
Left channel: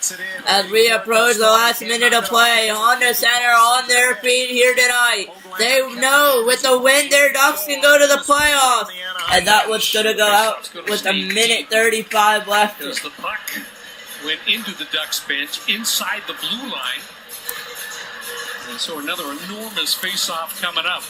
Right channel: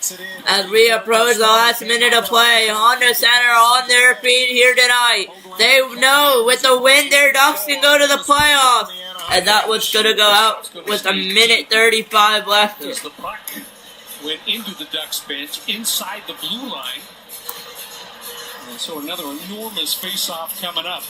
As we approach the last minute of play, Honda Center on their feet here tonight. They know with the win, their Ducks can go to the playoffs. And that one's going to go out with a minute 35 left. As the puck went into the Ducks bench inside the blue line. And so another enormous face-off coming up.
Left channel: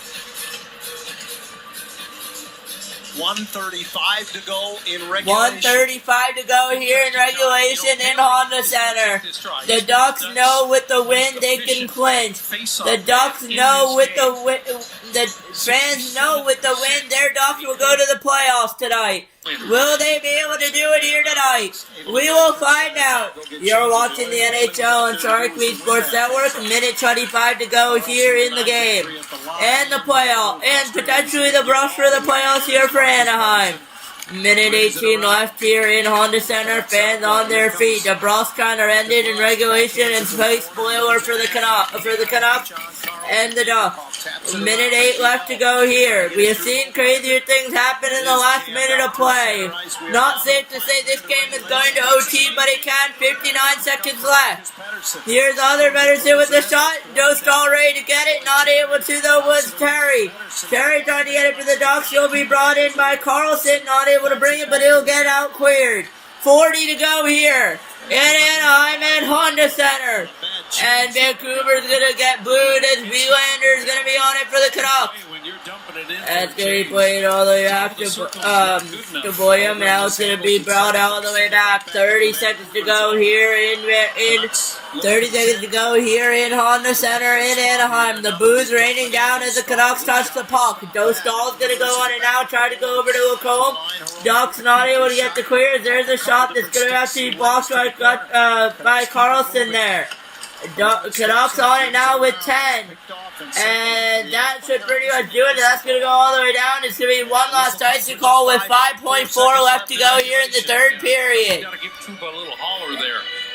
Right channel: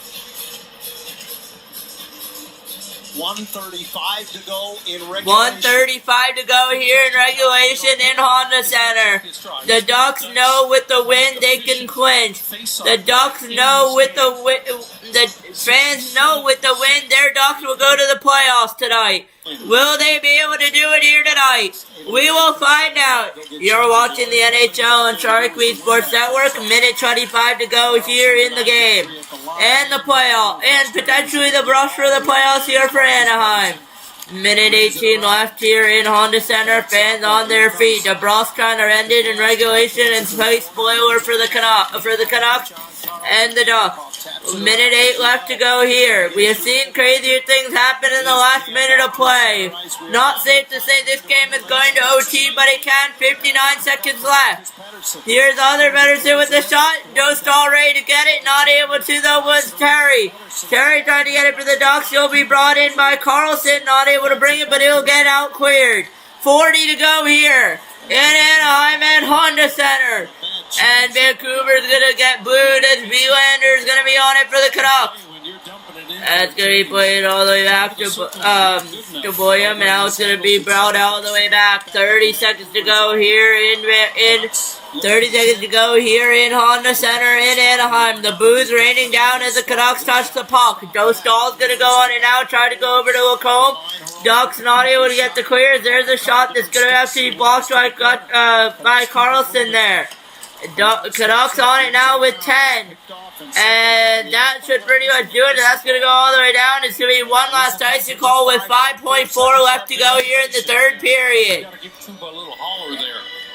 1:35 to go in regulation. 1:35 to go here in regulation in Honda Center. The Ducks know with the win they can clinch. The Ducks know with the win, the fans know with the win their Ducks will go to the playoffs tonight. Will they be able to do it here tonight? We will find out. You're watching the NHL on Sharik Sports Network. Minute 25 to go here in the game. And the playoff. And potentially the brush for the playoffs here for Anaheim. Minute 18 left here in Honda Center. Fans on their feet. DeBrus trying to end it in regulation and play spoiler for the Canucks and the Ducks. Minute 8 left to go here. We have seen crazier things happen in the last minute of play. Not safe to say this game is going to OT, but it can. 59 seconds left. Here's the other Pedersen with the shot. Dostal ready to get it. Not able to though was Terry. Terry trying to get it for the Ducks. He'll be brought in by Carlson. Not able to bring it, but he'll get out cleared. 40 to go here in Anaheim and Honda Center. And Vancouver's going to get booed as Verlander's going to be on it for the Canucks. And it's going to be played all the way back to Boyum. Now it's going to be brought all the way back. 30 seconds to go here in 30 seconds to go here in Honda Center in Anaheim. The booze raining down as the Canucks touch the puck. Dostal's going to go on it now. Try to go over to Lacombe. Ducks not able to get the clears. There's a shot that's going to have to be blocked by Carlson there. Canucks on it now with 10. And that should pretty much do it. That's going to go all the way down. It's going to be one last icing call with 5.4 left to go here in the third period.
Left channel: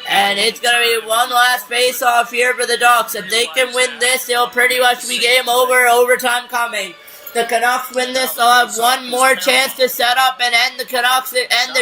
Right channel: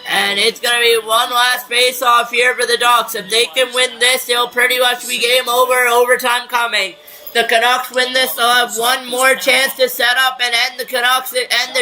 And it's going to be one last face-off here for the Ducks. If they can win this, it'll pretty much be game over, overtime coming. The Canucks win this, they'll have one more chance to set up and end the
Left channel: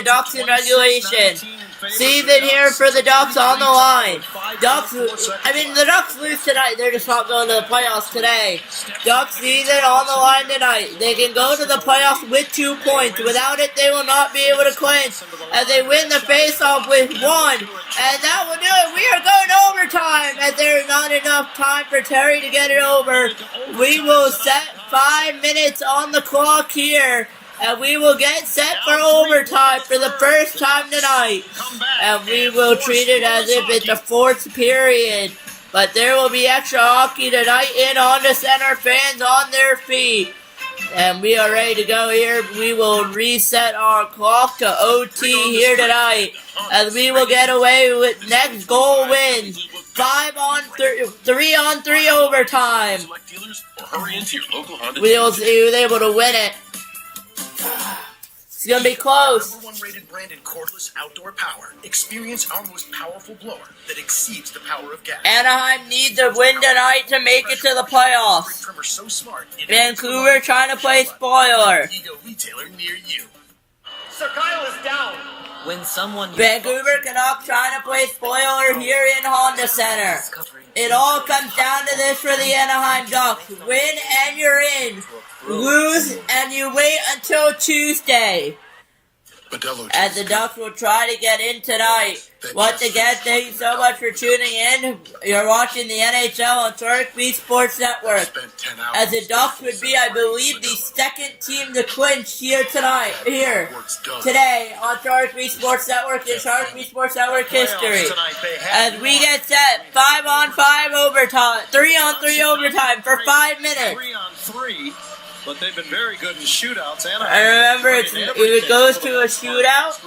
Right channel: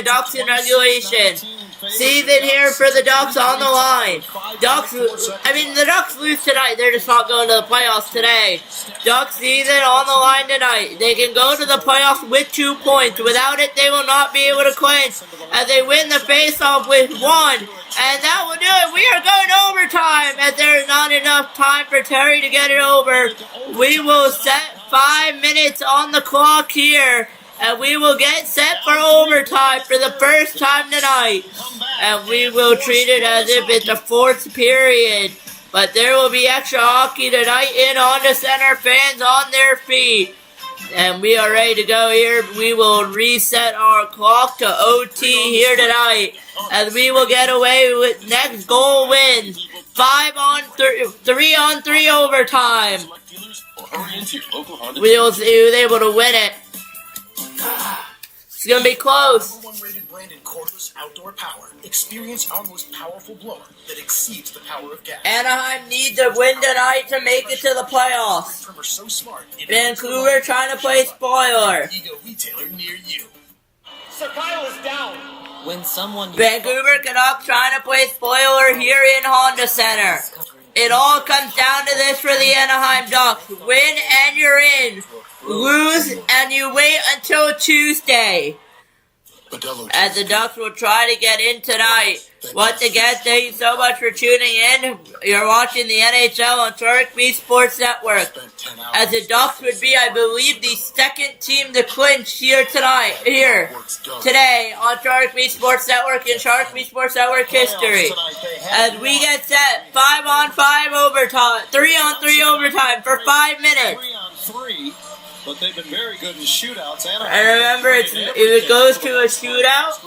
Ducks in regulation. Season here for the Ducks on the line. The Ducks lose tonight. They're just not going to the playoffs today. Ducks season on the line tonight. They can go to the playoffs with 2 points. Without it, they will not be able to clinch as they win the face-off with 1. And that will do it. We are going to overtime as there's not enough time for Terry to get it over. We will set 5 minutes on the clock here. And we will get set for overtime for the first time tonight. And we will treat it as if it's the fourth period. But there will be extra hockey tonight in Honda Center. Fans on their feet. And we are ready to go here. We will reset our clock to OT here tonight. As we will get away with next goal wins. 3-on-3 overtime. We will see who's able to win it. It's gonna be close. #1 rated branded cordless outdoor power. Experience our most powerful blower that exceeds the power of gas. Anaheim needs a win tonight to make it to the playoffs. So smart, Vancouver trying to play spoiler. Retailer near you. Sir Kyle is down. When someone Vancouver Canucks trying to play spoiler here in Honda Center. It all comes down to this for the Anaheim Ducks. Win and you're in. Lose and you wait until Tuesday. As the Ducks will try to get in tonight. Once again, thank you so much for tuning in. You're watching the NHL on Sharik Sports Network. As the Ducks would be, I believe, the second team to clinch here today on Sharik Sports Network in Sharik Sports Network history. As we get set, 5-on-5 overtime, 3-on-3 overtime for 5 minutes. 3-on-3. but they've been very good in shootouts. And remember, if it goes to a shootout,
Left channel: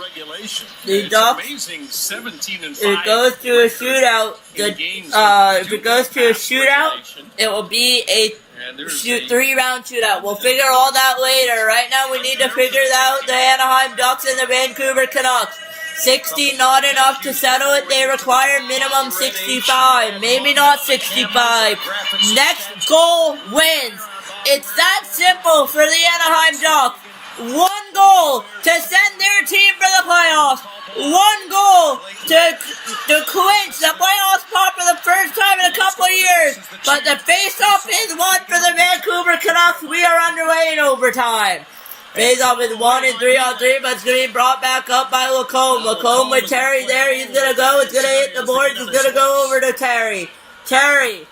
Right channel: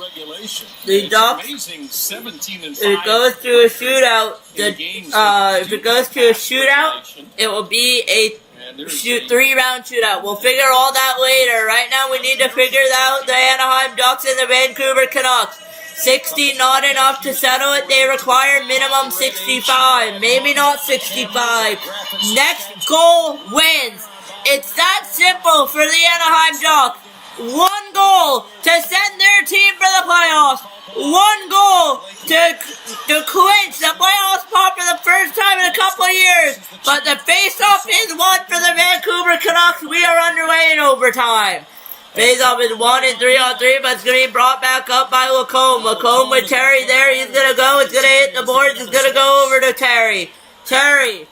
the Ducks. Amazing 17-5. If it goes to a shootout, if it goes to a shootout, it will be a 3-round shootout. We'll figure all that later. Right now, we need to figure out the Anaheim Ducks and the Vancouver Canucks. 60 not enough to settle it. They require minimum 65. Maybe not 65. Next goal wins. It's that simple for the Anaheim Ducks. One goal to send their team for the playoffs. One goal to clinch the playoff spot for the first time in a couple of years. But the face-off is won for the Vancouver Canucks. We are underway in overtime. Face-off is 1 and 3-on-3, but it's going to be brought back up by Lacombe. Lacombe with Terry there. He's going to go. It's going to hit the boards. It's going to go over to Terry. Terry,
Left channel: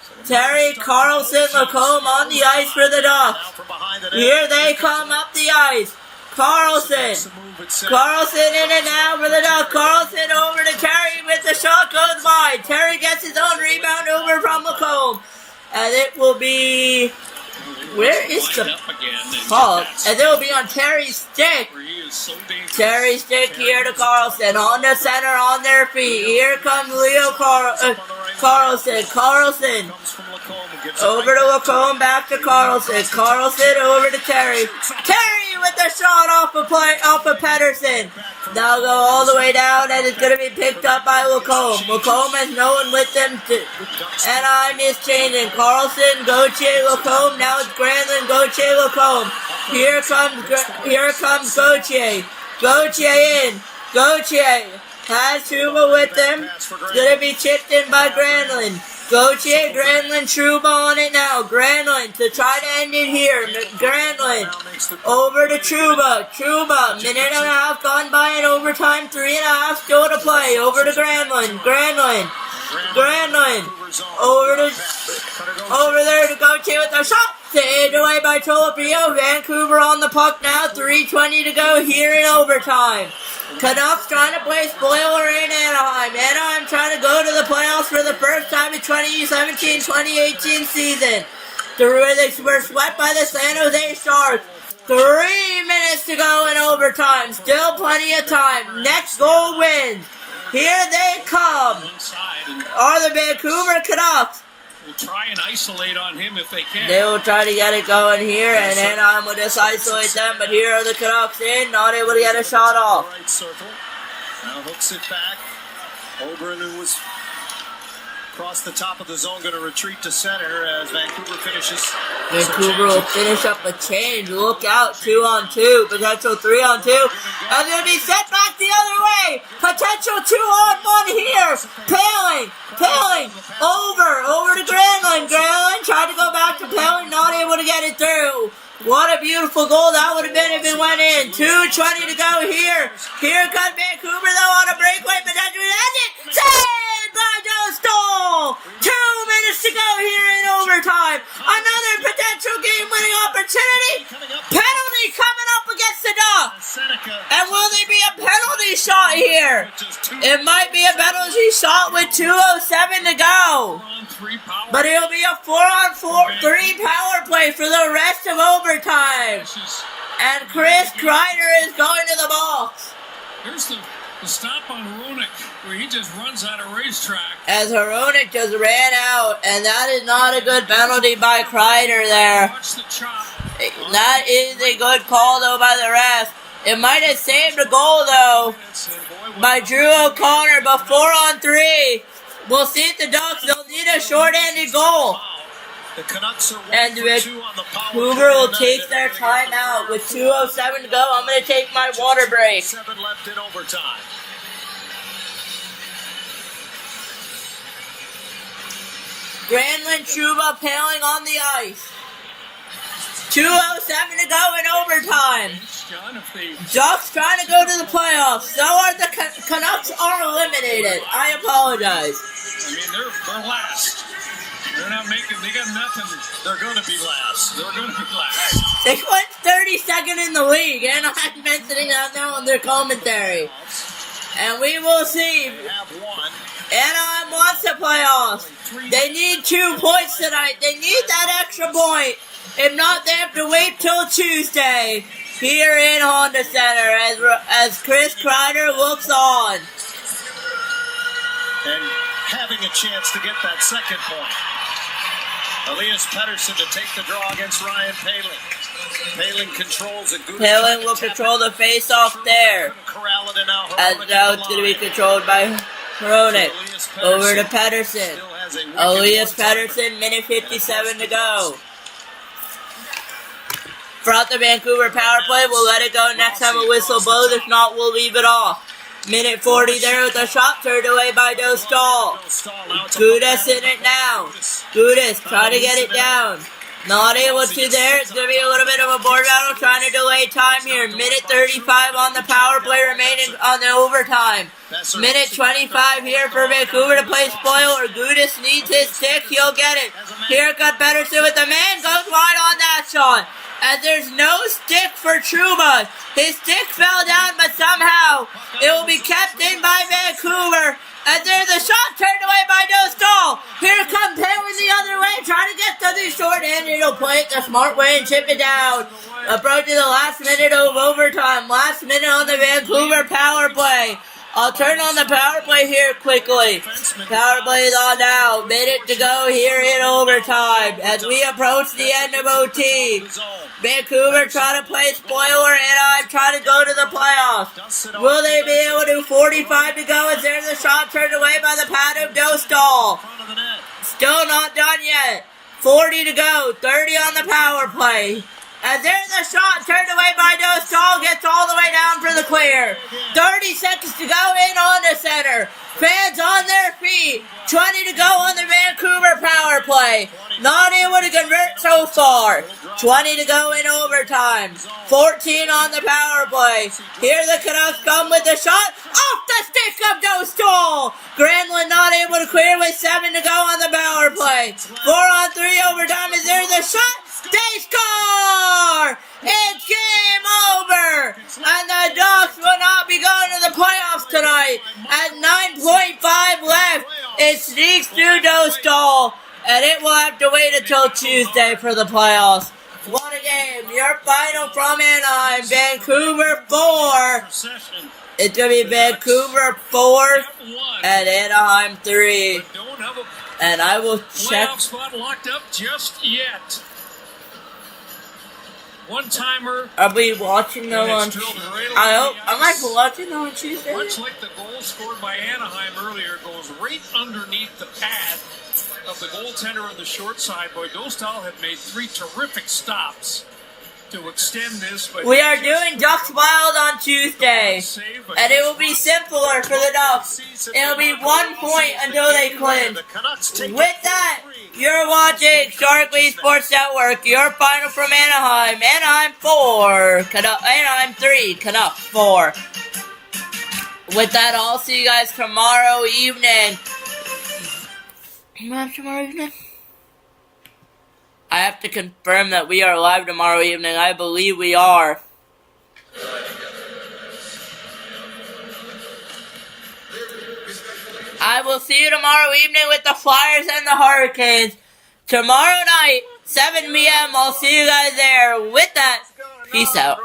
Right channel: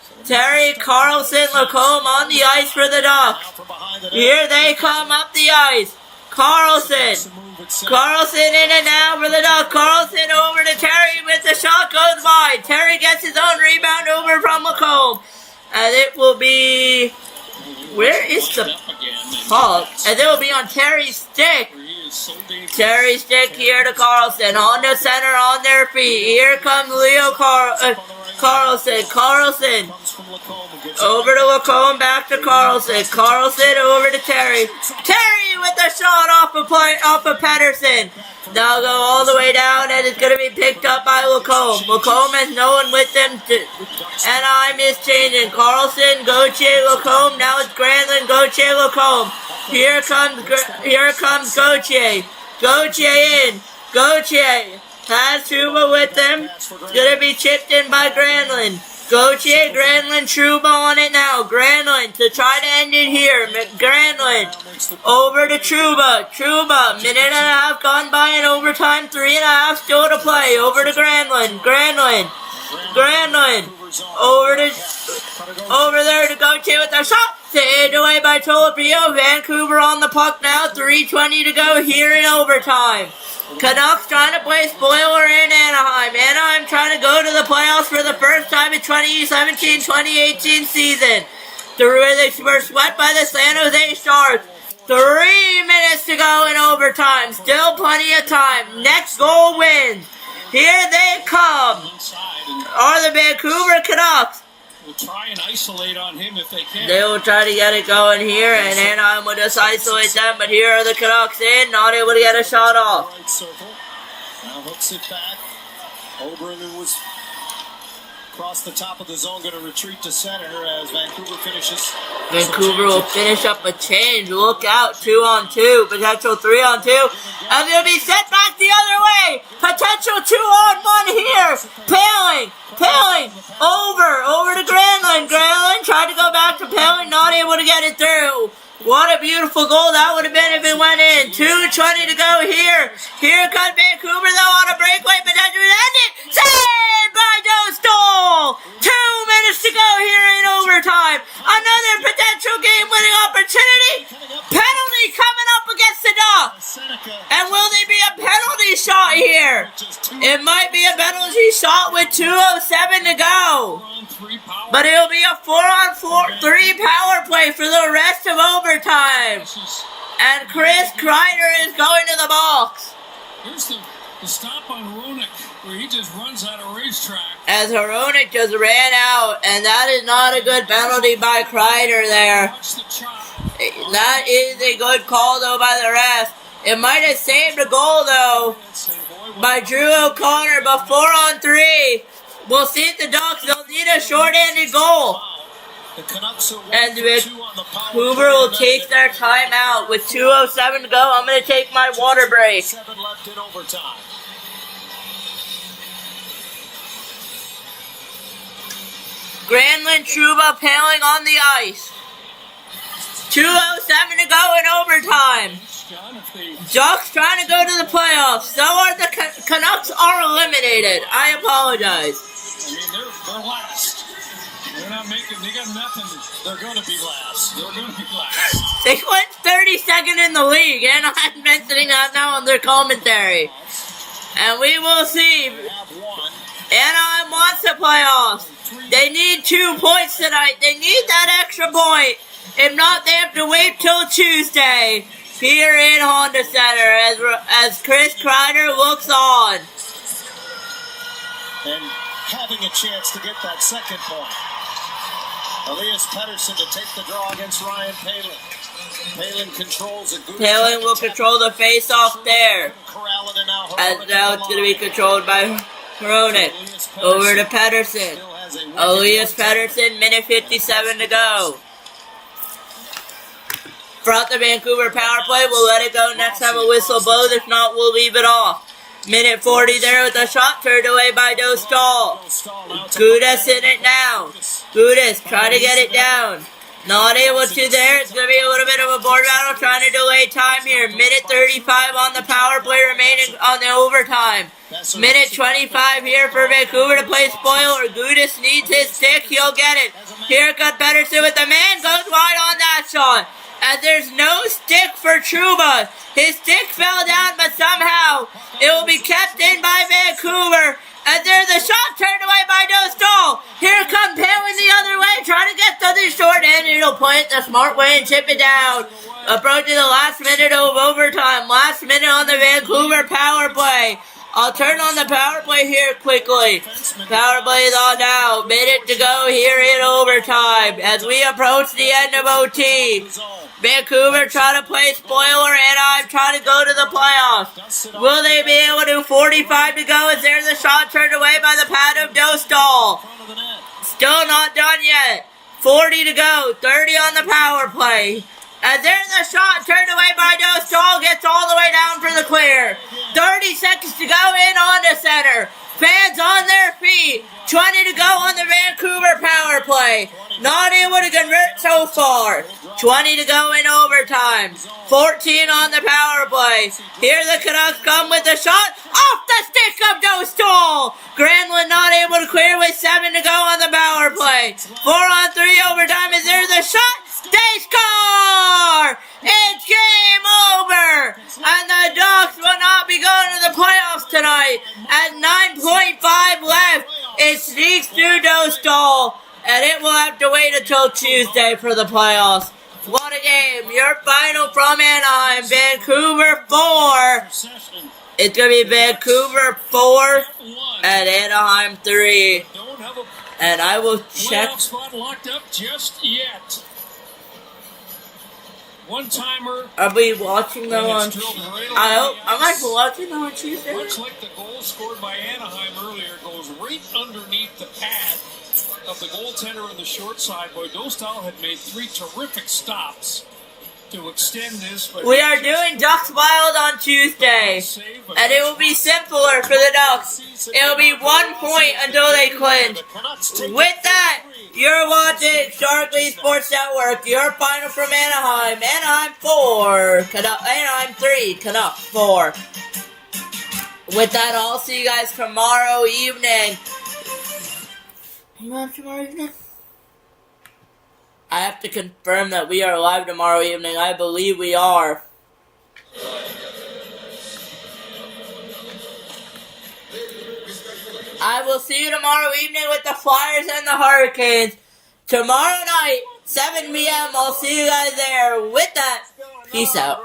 Carlson, Lacombe on the ice for the Ducks. Here they come up the ice. Carlson in and out for the Ducks. Carlson over to Terry with the shot goes wide. Terry gets his own rebound over from Lacombe. And it will be... Where is the puck? And it will be on Terry's stick. Terry's stick here to Carlson. On the center, on their feet. Here comes Leo Carlson. Carlson. Over to Lacombe, back to Carlson. Carlson over to Terry. Terry with the shot off of Pedersen. Now go all the way down, and it's going to be picked up by Lacombe. Lacombe has no one with them. Anaheim is changing. Carlson, Gauthier, Lacombe. Now it's Granlund, Gauthier, Lacombe. Here comes Gauthier. Gauthier in. Gauthier has Trouba with them. It's going to be chipped in by Granlund. Gauthier, Granlund, Trouba on it now. Granlund to try to end it here. Granlund over to Trouba. Trouba, minute and a half gone by in overtime. 3.5 still to play. Over to Granlund. Granlund over there to Gauthier with the shot. Saved away by Tolopio. Vancouver on the puck now. 3:20 to go here in overtime. Canucks trying to play spoiler in Anaheim. Anaheim trying to go to the playoffs for the first time in 2017-2018 season. They were swept by the San Jose Sharks. 3 minutes to go in overtime. Still plenty of time. Next goal wins. Here they come. Are the Vancouver Canucks. Will try and isolate on him if they can. They will try to get it going here, and Anaheim will just isolate them, but here are the Canucks in, not able to get a shot off. Right circle. Now hooks it back. Oberon, who was across the top of the zone, going to retreat to center as Vancouver finishes. Vancouver will finish up a change. Look out, 2-on-2, potential 3-on-2. And they'll be set back the other way. Potential 2-on-1 here. Paling, over to Granlund. Granlund tried to go back to Paling, not able to get it through. What a beautiful goal that would have been if it went in. 2:20 to go here. Here comes Vancouver though on a breakaway, but that's it. Saved by Joe Stoll. 2 minutes to go here in overtime. Another potential game-winning opportunity. Penalty coming up against the Ducks. And will there be a penalty shot here? It might be a penalty shot with 2:07 to go. But it'll be a 4-on-4-3 power play for the rest of overtime. And Chris Kreider is going to the box. Here's the stop on Hronek, where he just runs out of racetrack. As Hronek just ran out, and that is not a good penalty by Kreider there. That is a good call, though, by the ref. It might have saved a goal, though, by Drew O'Connor, but 4-on-3. We'll see if the Ducks, they'll need a short-handed goal. And Vancouver will take their timeout with 2:07 to go. I'm going to take my water break. 7 left in overtime. Granlund, Trouba, Paling on the ice. 2:07 to go in overtime. Ducks trying to go to the playoffs. So are the Canucks are eliminated. I apologize. I mean, they're last. They're not making. They got nothing. They're going to be last. They're going to be last. They went 32nd in the league, and I'm mentioning that now on their commentary. And we will see. Anaheim wants the playoffs. They need 2 points tonight. They need that extra point. If not, they have to wait till Tuesday here in Honda Center as Chris Kreider looks on. And having a chance to get that second point. Elias Pettersson to take the draw against Ryan Poehling. Poehling controls a good. Poehling will control the face-off there. As now it's going to be controlled by Hronek. Over to Pettersson. Elias Pettersson, minute 57 to go. Brought the Vancouver power play. We'll let it go next time a whistle blows. If not, we'll leave it off. Minute 40 there with a shot turned away by Dostal. Gudas in it now. Gudas trying to get it down. Not able to there. It's going to be a little bit of a board battle trying to delay time here. Minute 35 on the power play remaining on the overtime. Minute 25 here for Vancouver to play spoiler. Gudas needs his stick. He'll get it. Here comes Pettersson with the man. Goes wide on that shot. And there's no stick for Trouba. His stick fell down, but somehow it will be kept in by Vancouver. And there's a shot turned away by Dostal. Here comes Poehling the other way, trying to get to the short end. He'll play it the smart way and chip it down. Approaching the last minute of overtime. Last minute on the Vancouver power play. I'll turn on the power play here quickly. Power play is on now. Minute to go here in overtime as we approach the end of OT. Vancouver trying to play spoiler, and I'm trying to go to the playoffs. Will they be able to? 45 to go as there's a shot turned away by the pad of Dostal. Still not done yet. 40 to go. 30 on the power play. As there's a shot turned away by Dostal, gets all the way down for the clear. 30 seconds to go in on the center. Fans on their feet. 20 to go on the Vancouver power play. Not able to convert so far. 20 to go in overtime. 14 on the power play. Here the Canucks come with a shot. Off the stick of Dostal. Granlund not able to clear with 7 to go on the power play. 4-on-3 overtime as there's a shot. They score! It's game over! And the Ducks will not be going to the playoffs tonight. At 9.5 left, it sneaks through Dostal. And it will have to wait until Tuesday for the playoffs. What a game. Your final from Anaheim. Vancouver 4. It's going to be Vancouver 4 and Anaheim 3. And I will check. Playoff spot locked up just yet. One-timer. Are we watching them on? I might be watching them on Tuesday. Much like the goal scored by Anaheim earlier, goes right underneath the pad of the goaltender on the short side. Boy, Dostal had made 3 terrific stops to extend this. But we are doing Ducks Wild on Tuesday, and it will be simpler for the Ducks. It will be 1 point until they clinch. With that, you're watching Sharik Sports Network. Your final from Anaheim. Anaheim 4. Anaheim 3. Canucks 4. With that, I'll see you guys tomorrow evening. Tomorrow evening? I have to confirm that we are live tomorrow evening. I believe we are. I will see you tomorrow evening with the Flyers and the Hurricanes. Tomorrow night, 7 p.m. I'll see you guys there. With that, peace out.